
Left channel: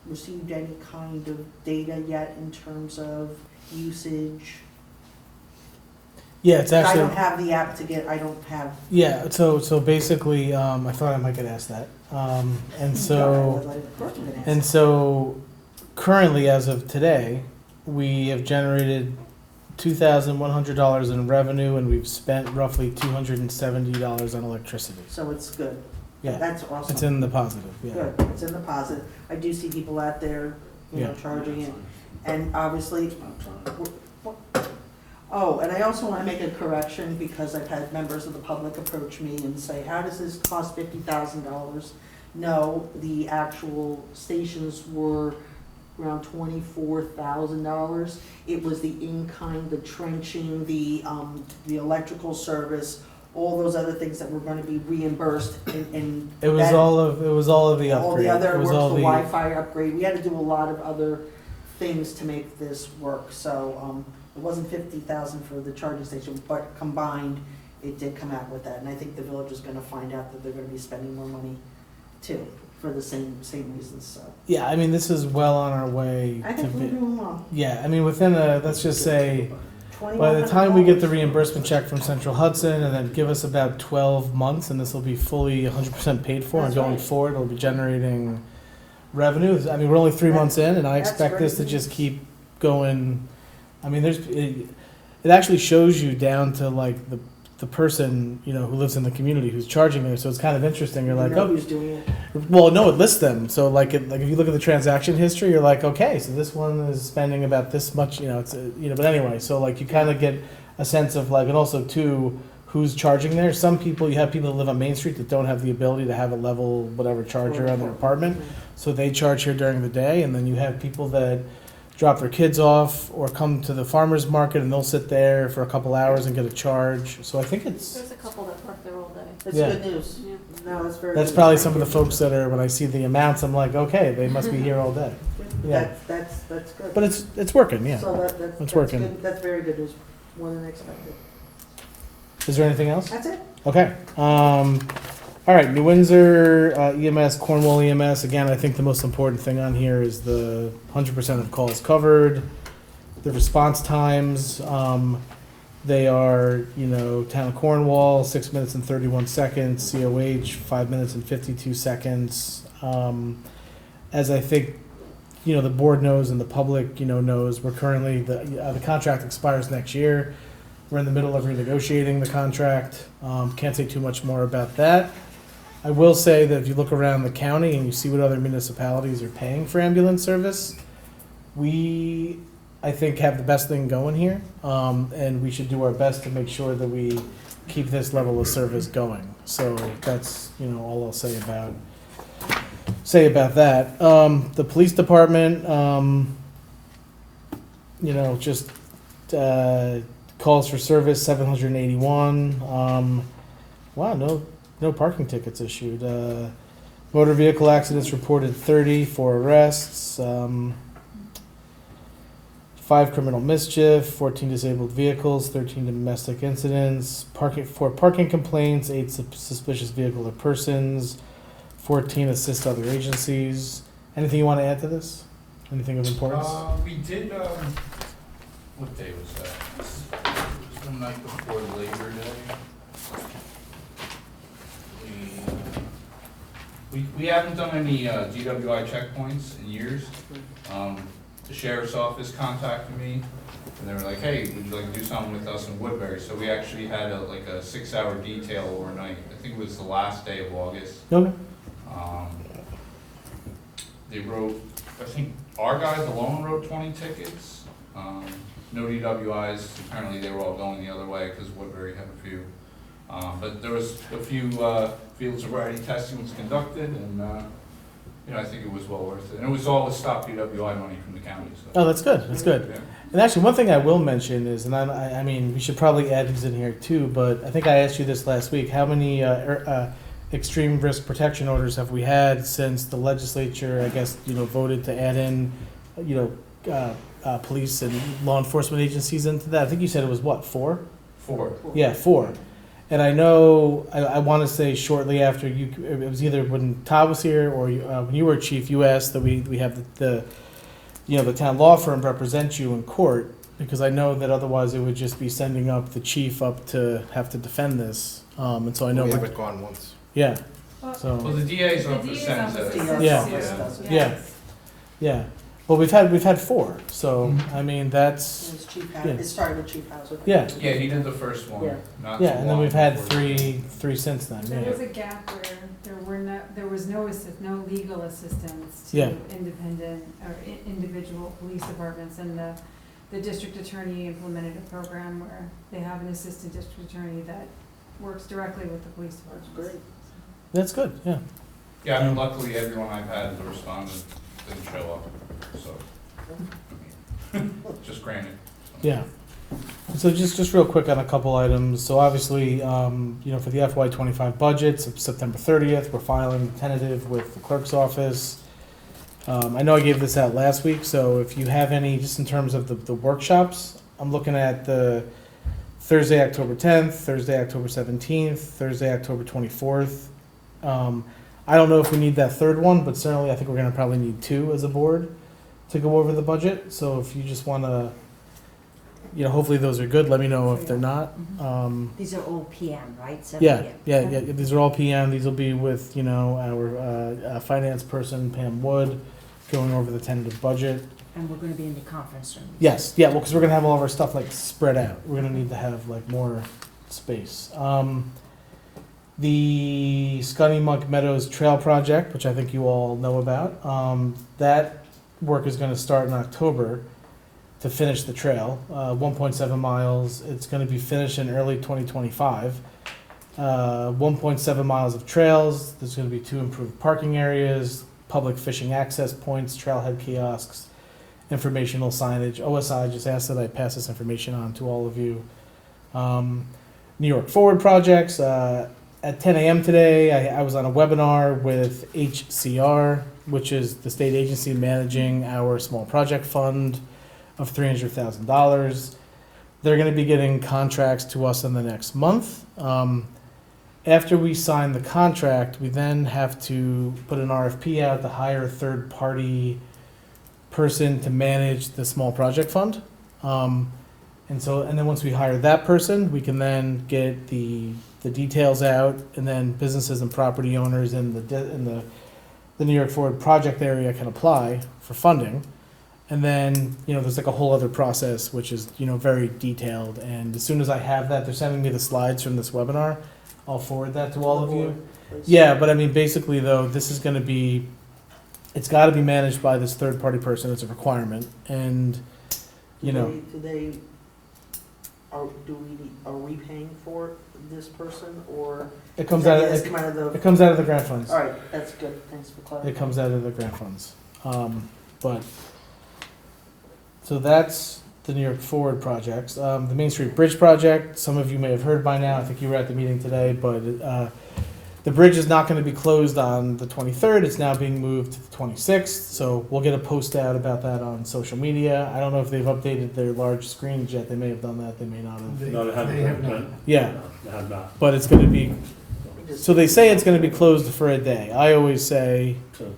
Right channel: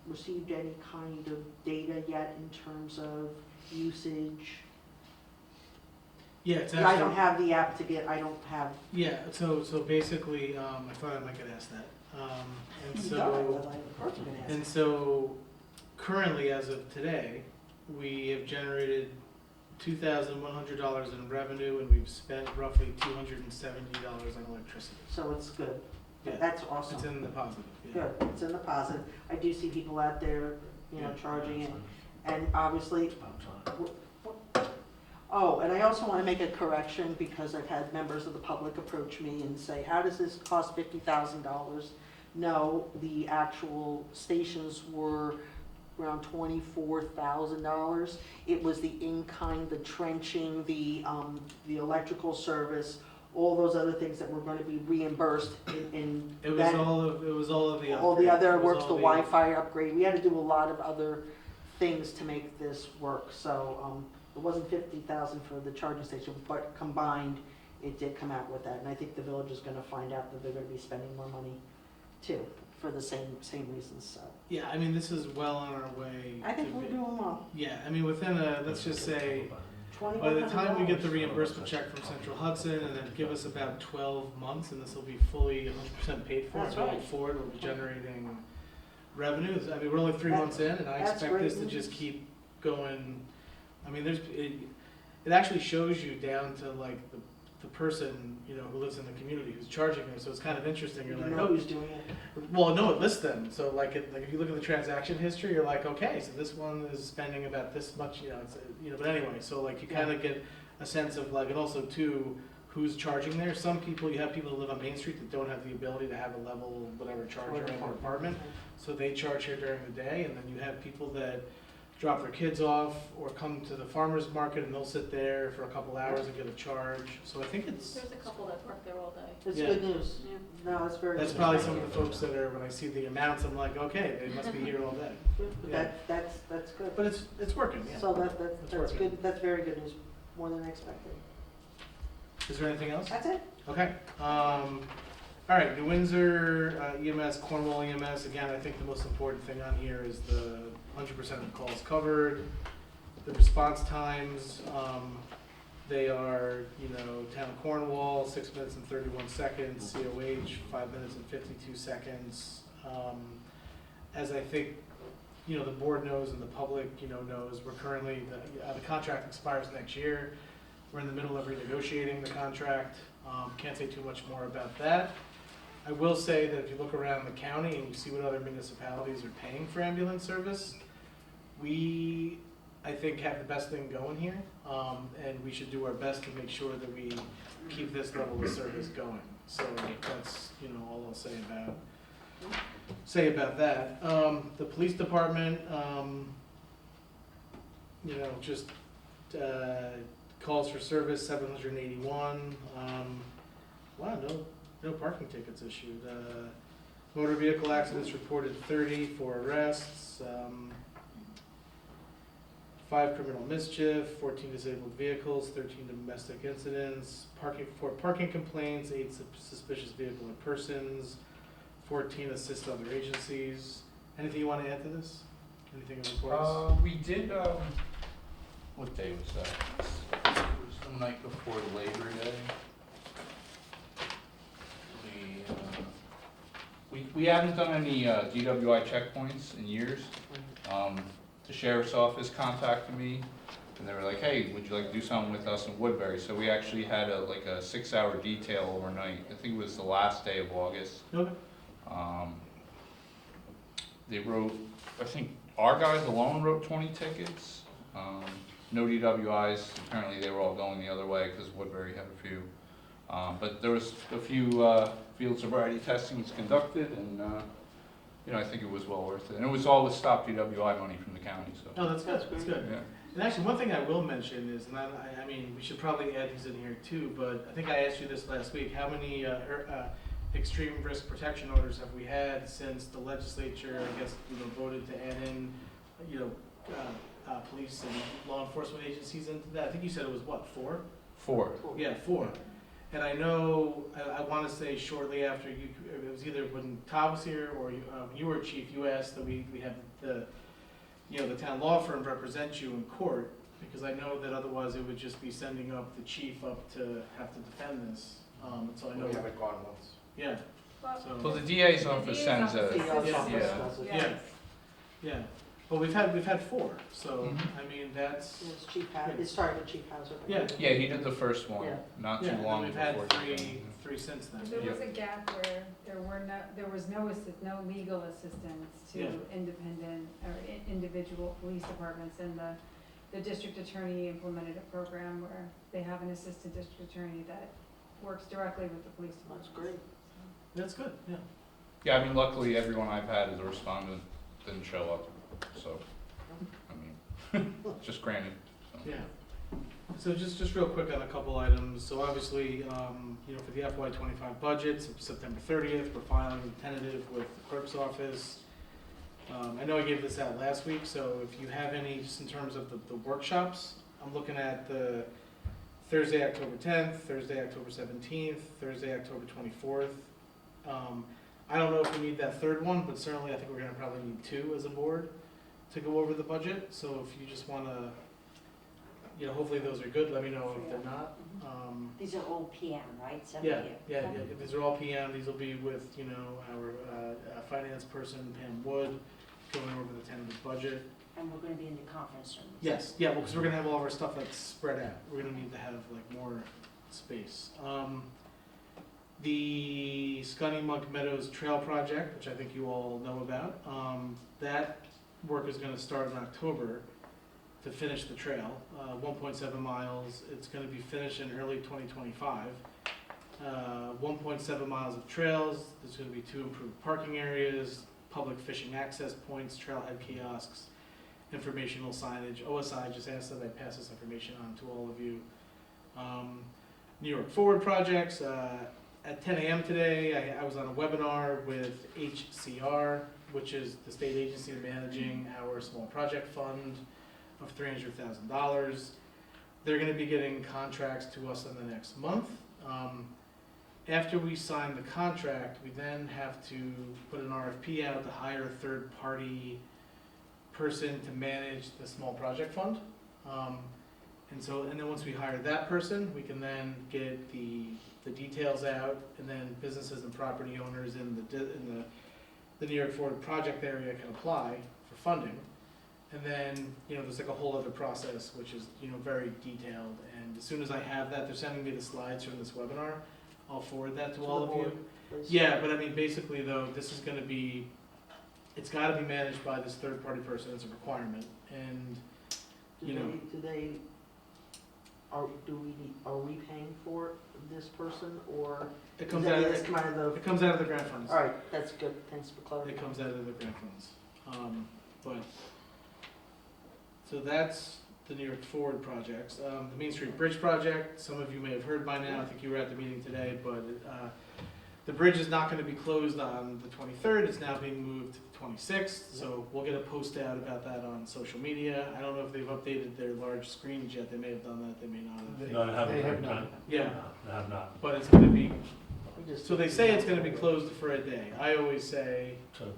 received any kind of data yet in terms of usage? Yeah, it's actually. I don't have the app to get, I don't have. Yeah, so basically, I thought I might get asked that. And so currently, as of today, we have generated $2,100 in revenue, and we've spent roughly $270 on electricity. So it's good. Yeah, That's awesome. it's in the positive. Yeah. Good, it's in the positive. I do see people out there, charging it, and obviously. Oh, and I also want to make a correction, because I've had members of the public approach me and say, how does this cost $50,000? No, the actual stations were around $24,000. It was the in-kind, the trenching, the electrical service, all those other things that were going to be reimbursed, and It was all of the upgrade. all the other It was work, all the Wi-Fi upgrade. We had to do a lot of other things to make this work. So it wasn't $50,000 for the charging station, but combined, it did come out with that. And I think the village is going to find out that they're going to be spending more money too, for the same reasons. So Yeah, I mean, this is well on our way. I think we're doing well. Yeah, I mean, within let's just say, by the time we get the reimbursement check from Central Hudson, and then give us about 12 months, and this will be fully 100% paid for, and going forward, it'll be generating revenue. I mean, we're only 3 months in, and I expect this to just keep going. I mean, it actually shows you down to like the person, you know, who lives in the community who's charging there. So it's kind of interesting. You're like, You know oh, who's doing it. well, no, it lists them. So like, like if you look at the transaction history, you're like, okay, so this one is spending about this much, you know. It's you know, but anyway, so like you kind of get a sense of like, and also too, who's charging there. Some people, you have people that live on Main Street that don't have the ability to have a level whatever charger on their apartment, so they charge here during the day, and then you have people that drop their kids off or come to the farmer's market and they'll sit there for a couple hours and get a charge. So I think it's There's a couple that work there all day. That's Yeah. good news. Yeah. No, that's very. that's good. probably Thank some of you. the folks that are, when I see the amounts, I'm like, okay, they must be here all day. Yeah. That's good. But it's working, yeah. So that's It's working. good. That's very good news, more than I expected. Is there anything else? That's it. Okay. All right, New Windsor EMS, Cornwall EMS. Again, I think the most important thing on here is the 100% of calls covered, the response times. They are, you know, Town of Cornwall, 6 minutes and 31 seconds. COH, 5 minutes and 52 seconds. As I think, you know, the board knows and the public, you know, knows, we're currently, the contract expires next year. We're in the middle of renegotiating the contract. Can't say too much more about that. I will say that if you look around the county and you see what other municipalities are paying for ambulance service, we, I think, have the best thing going here. And we should do our best to make sure that we keep this level of service going. So that's, you know, all I'll say about that. The police department, you know, just calls for service 781. Wow, no parking tickets issued. Motor vehicle accidents reported 30, 4 arrests, 5 criminal mischief, 14 disabled vehicles, 13 domestic incidents, 4 parking complaints, 8 suspicious vehicle or persons, 14 assist other agencies. Anything you want to add to this? Anything of importance? We did, what day was that? It was the night before Labor Day. We haven't done any DWI checkpoints in years. The sheriff's office contacted me, and they were like, hey, would you like to do something with us in Woodbury? So we actually had a 6-hour detail overnight. I think it was the last day of August. Okay. They wrote, I think our guys alone wrote 20 tickets. No DWIs. Apparently they were all going the other way because Woodbury had a few. But there was a few field sobriety testing was conducted, and you know, I think it was well worth it. And it was all with stop DWI money from the county. So. Oh, that's good. That's good. Yeah. And actually, one thing I will mention is, and I mean, we should probably add these in here too, but I think I asked you this last week. How many extreme risk protection orders have we had since the legislature, I guess, you know, voted to add in, you know, police and law enforcement agencies into that? I think you said it was what, 4? 4. Yeah, 4. And I know, I want to say shortly after you, it was either when Todd was here or when you were chief, you asked that we have the you know, the town law firm represent you in court, because I know that otherwise it would just be sending up the chief up to have to defend this. And so I know. We haven't gone once. Yeah. Well, So. the DA's office sends a. Yeah. Yeah. Well, we've had 4, so I mean that's. It's Chief Yeah. It started with Chief Hauser. Yeah. Yeah, he did the first one. Yeah. Not too Yeah, and then long we've had before. three since then. There Yeah. was a gap where there was no legal assistance to Yeah. independent or individual police departments, and the district attorney implemented a program where they have an assistant district attorney that works directly with the police department. That's great. That's good. Yeah. Yeah, I mean, luckily everyone I've had as a respondent didn't show up, so, I mean, just granted. So. Yeah. So just real quick on a couple items. So obviously, you know, for the FY25 budget, September 30th, we're filing tentative with the clerk's office. I know I gave this out last week, so if you have any, just in terms of the workshops, I'm looking at the Thursday, October 10th, Thursday, October 17th, Thursday, October 24th. I don't know if we need that third one, but certainly I think we're gonna probably need 2 as a board to go over the budget. So if you just wanna, you know, hopefully those are good. Let me know if they're not. These are all PM, right? 7 Yeah, PM. yeah. These are all PM. These will be with, you know, our finance person, Pam Wood, going over the tentative budget. And we're gonna be in the conference room. Yes, yeah, well, because we're gonna have all of our stuff like spread out. We're gonna need to have like more space. The Scunny Monk Meadows Trail Project, which I think you all know about, that work is gonna start in October to finish the trail, 1.7 miles. It's gonna be finished in early 2025. 1.7 miles of trails. There's gonna be 2 improved parking areas, public fishing access points, trailhead kiosks, informational signage. OSI just asked that I pass this information on to all of you. New York Forward projects. At 10 a.m. today, I was on a webinar with HCR, which is the state agency managing our small project fund of $300,000. They're going to be getting contracts to us in the next month. After we sign the contract, we then have to put an RFP out to hire a third-party person to manage the small project fund. And then once we hire that person, we can then get the details out, and then businesses and property owners in the New York Forward project area can apply for funding. And then, there's like a whole other process, which is, very detailed. And as soon as I have that, they're sending me the slides from this webinar. I'll forward that to all of you. Yeah, but I mean, basically though, this is gonna be, it's gotta be managed by this third-party person. It's a requirement. And, Are we paying for this person, or? it comes out of, it comes out of the grant funds. All right, that's good, thanks for clarifying. It comes out of the grant funds. So that's the New York Forward projects. The Main Street Bridge project, some of you may have heard by now, I think you were at the meeting today, but the bridge is not gonna be closed on the 23rd, it's now being moved to the 26th, so we'll get a post out about that on social media. I don't know if they've updated their large screens yet, they may have done that, they may not have. No, they haven't. not. Yeah, They have not. but it's gonna be, so they say it's gonna be closed for a day. I always say, So,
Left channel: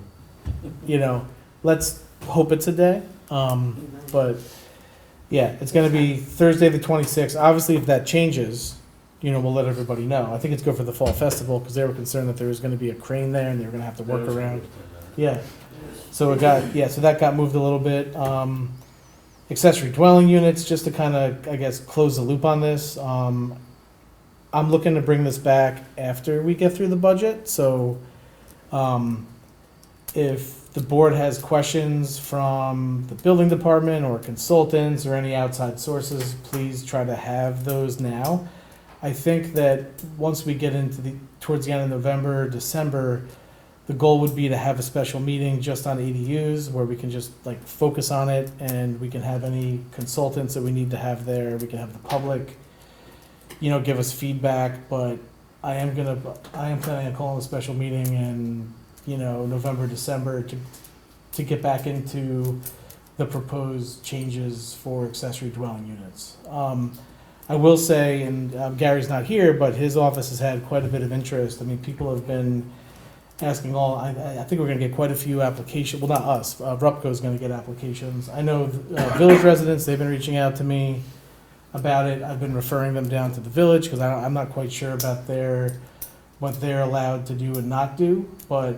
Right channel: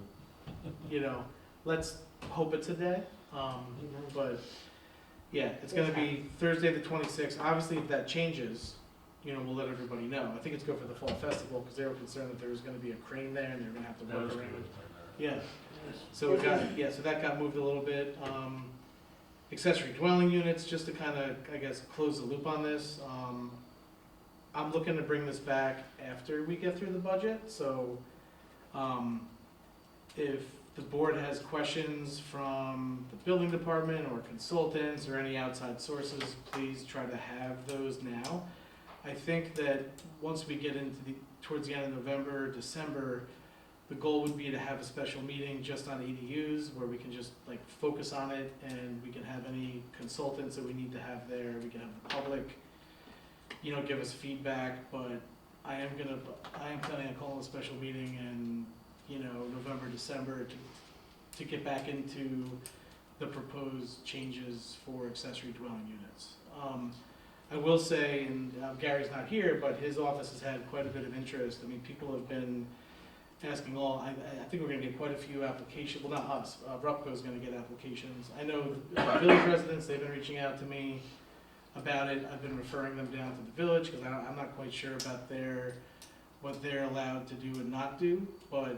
let's hope it's a day. But yeah, it's gonna be Thursday the 26th. Obviously, if that changes, we'll let everybody know. I think it's good for the fall festival because they were concerned that there was gonna be a crane there and they were gonna have to work around. Yeah. So so that got moved a little bit. Accessory dwelling units, just to kind of, I guess, close the loop on this. I'm looking to bring this back after we get through the budget. So, if the board has questions from the building department or consultants or any outside sources, please try to have those now. I think that once we get into towards the end of November, December, the goal would be to have a special meeting just on ADUs where we can just like focus on it, and we can have any consultants that we need to have there. We can have the public, give us feedback, but I am planning on calling a special meeting in November, December to get back into the proposed changes for accessory dwelling units. I will say, and Gary's not here, but his office has had quite a bit of interest. I mean, people have been asking I think we're gonna get quite a few applications, well, not us, Rupco's gonna get applications. I know village residents, they've been reaching out to me about it. I've been referring them down to the village, because I'm not quite sure about what they're allowed to do and not do, but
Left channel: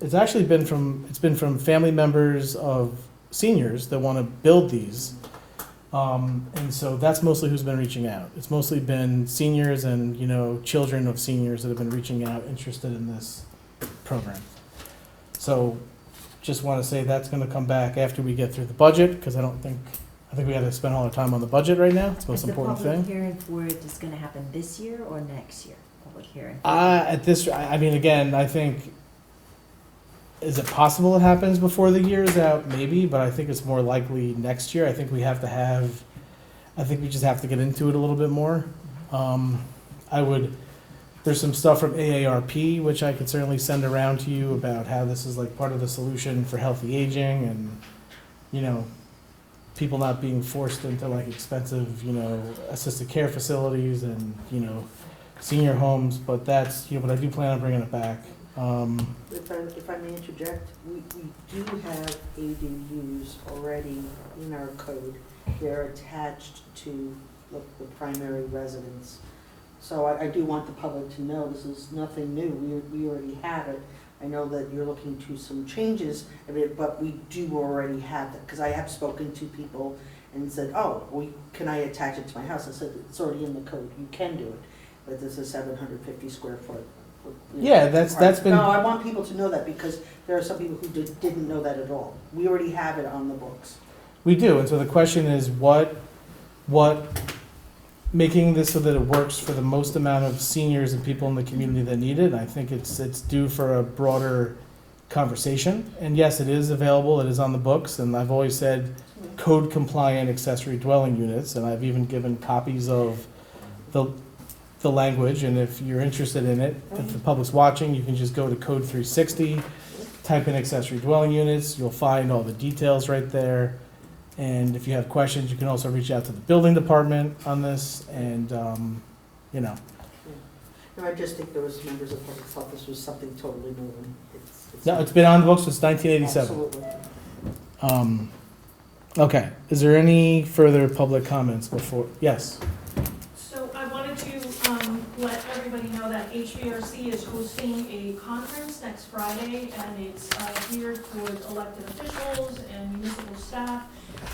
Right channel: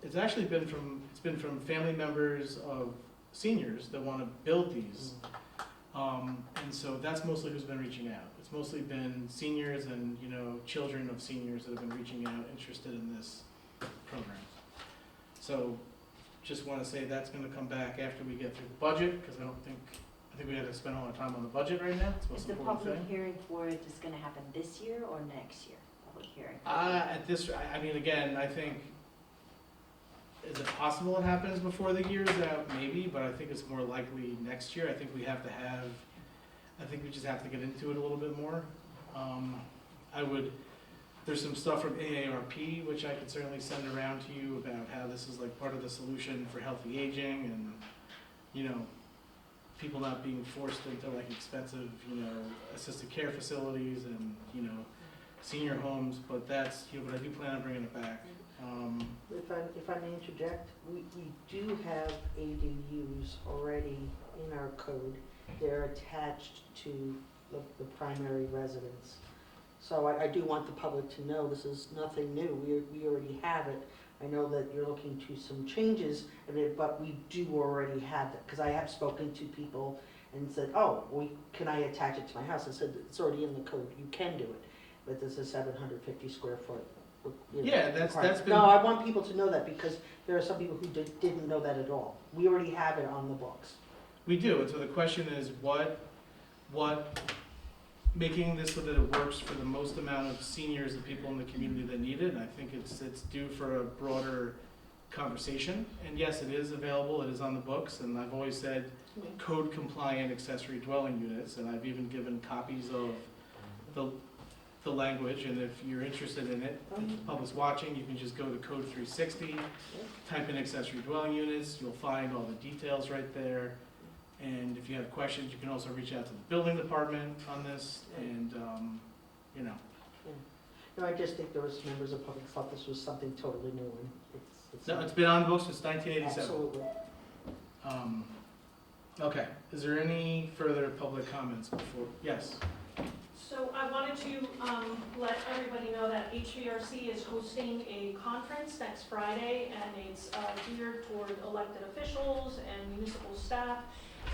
it's actually been from family members of seniors that want to build these, and so that's mostly who's been reaching out. It's mostly been seniors and children of seniors that have been reaching out, interested in this program. So just want to say that's going to come back after we get through the budget, because I think we got to spend all our time on the budget right now. It's the most important thing. Is the public hearing for it is gonna happen this year or next year? Public hearing? I mean, again, I think, is it possible it happens before the year's out? Maybe, but I think it's more likely next year. I think we just have to get into it a little bit more. There's some stuff from AARP, which I could certainly send around to you about how this is like part of the solution for healthy aging and, people not being forced into like expensive, assisted care facilities and, senior homes, but that's, but I do plan on bringing it back. If I may interject, we do have ADUs already in our code. They're attached to the primary residence. So I do want the public to know this is nothing new. We already have it. I know that you're looking to some changes, but we do already have it. Because I have spoken to people and said, oh, can I attach it to my house? I said, it's already in the code. You can do it. But this is 750 square foot. Yeah, that's been. No, I want people to know that because there are some people who didn't know that at all. We already have it on the books. We do, and so the question is what making this so that it works for the most amount of seniors and people in the community that need it. I think it's due for a broader conversation. And yes, it is available, it is on the books, and I've always said code compliant accessory dwelling units, and I've even given copies of the language, and if you're interested in it, if the public's watching, you can just go to Code 360, type in accessory dwelling units, you'll find all the details right there. And if you have questions, you can also reach out to the building department on this, and, you know. No, I just think there was members of the public thought this was something totally new. No, it's been on the books since 1987. Absolutely. Okay, is there any further public comments before, yes? So I wanted to let everybody know that HVRC is hosting a conference next Friday, and it's geared towards elected officials and municipal staff.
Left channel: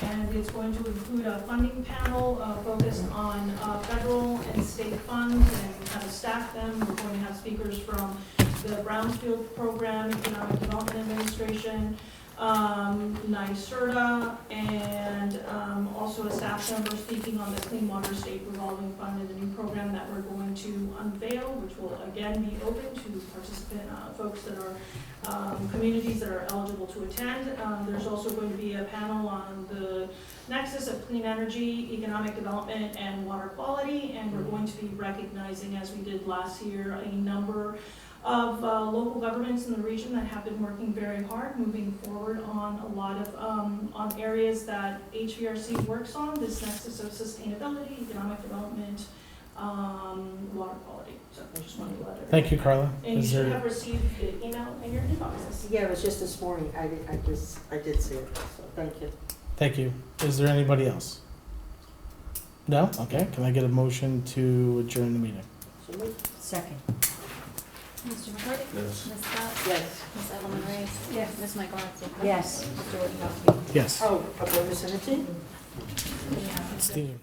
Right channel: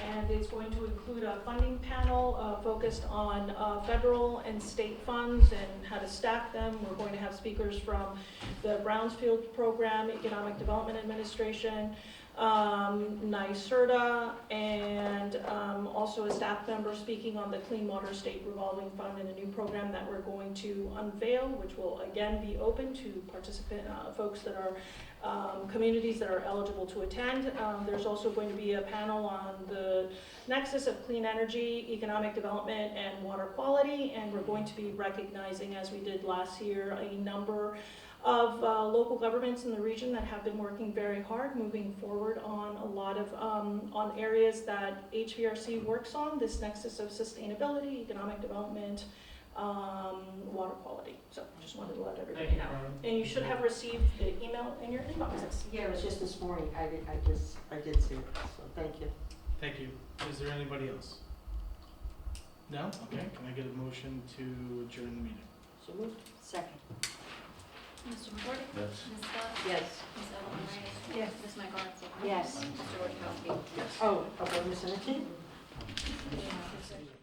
And it's going to include a funding panel focused on federal and state funds and how to staff them. We're going to have speakers from the Brownsfield Program, Economic Development Administration, NYSERDA, and also a staff member speaking on the Clean Water State Revolving Fund and the new program that we're going to unveil, which will again be open to participant folks that are communities that are eligible to attend. There's also going to be a panel on the nexus of clean energy, economic development, and water quality, and we're going to be recognizing, as we did last year, a number of local governments in the region that have been working very hard, moving forward on a lot of on areas that HVRC works on, this nexus of sustainability, economic development, water quality. So I just wanted to let everybody. Thank you, Carla. And you Is should there- have received the email in your inboxes. Yeah, it was just this morning. I did see it, so thank you. Thank you. Is there anybody else? No? Okay, can I get a motion to adjourn the meeting? So moved. Second. Mr. McCarty? Yes. Ms. Scott? Yes. Ms. Edelman Reyes? Yes. Ms. Michaelozzi? Yes. Mr. Wojciechowski? Yes. Oh, a bonus in it? Yeah. Steve.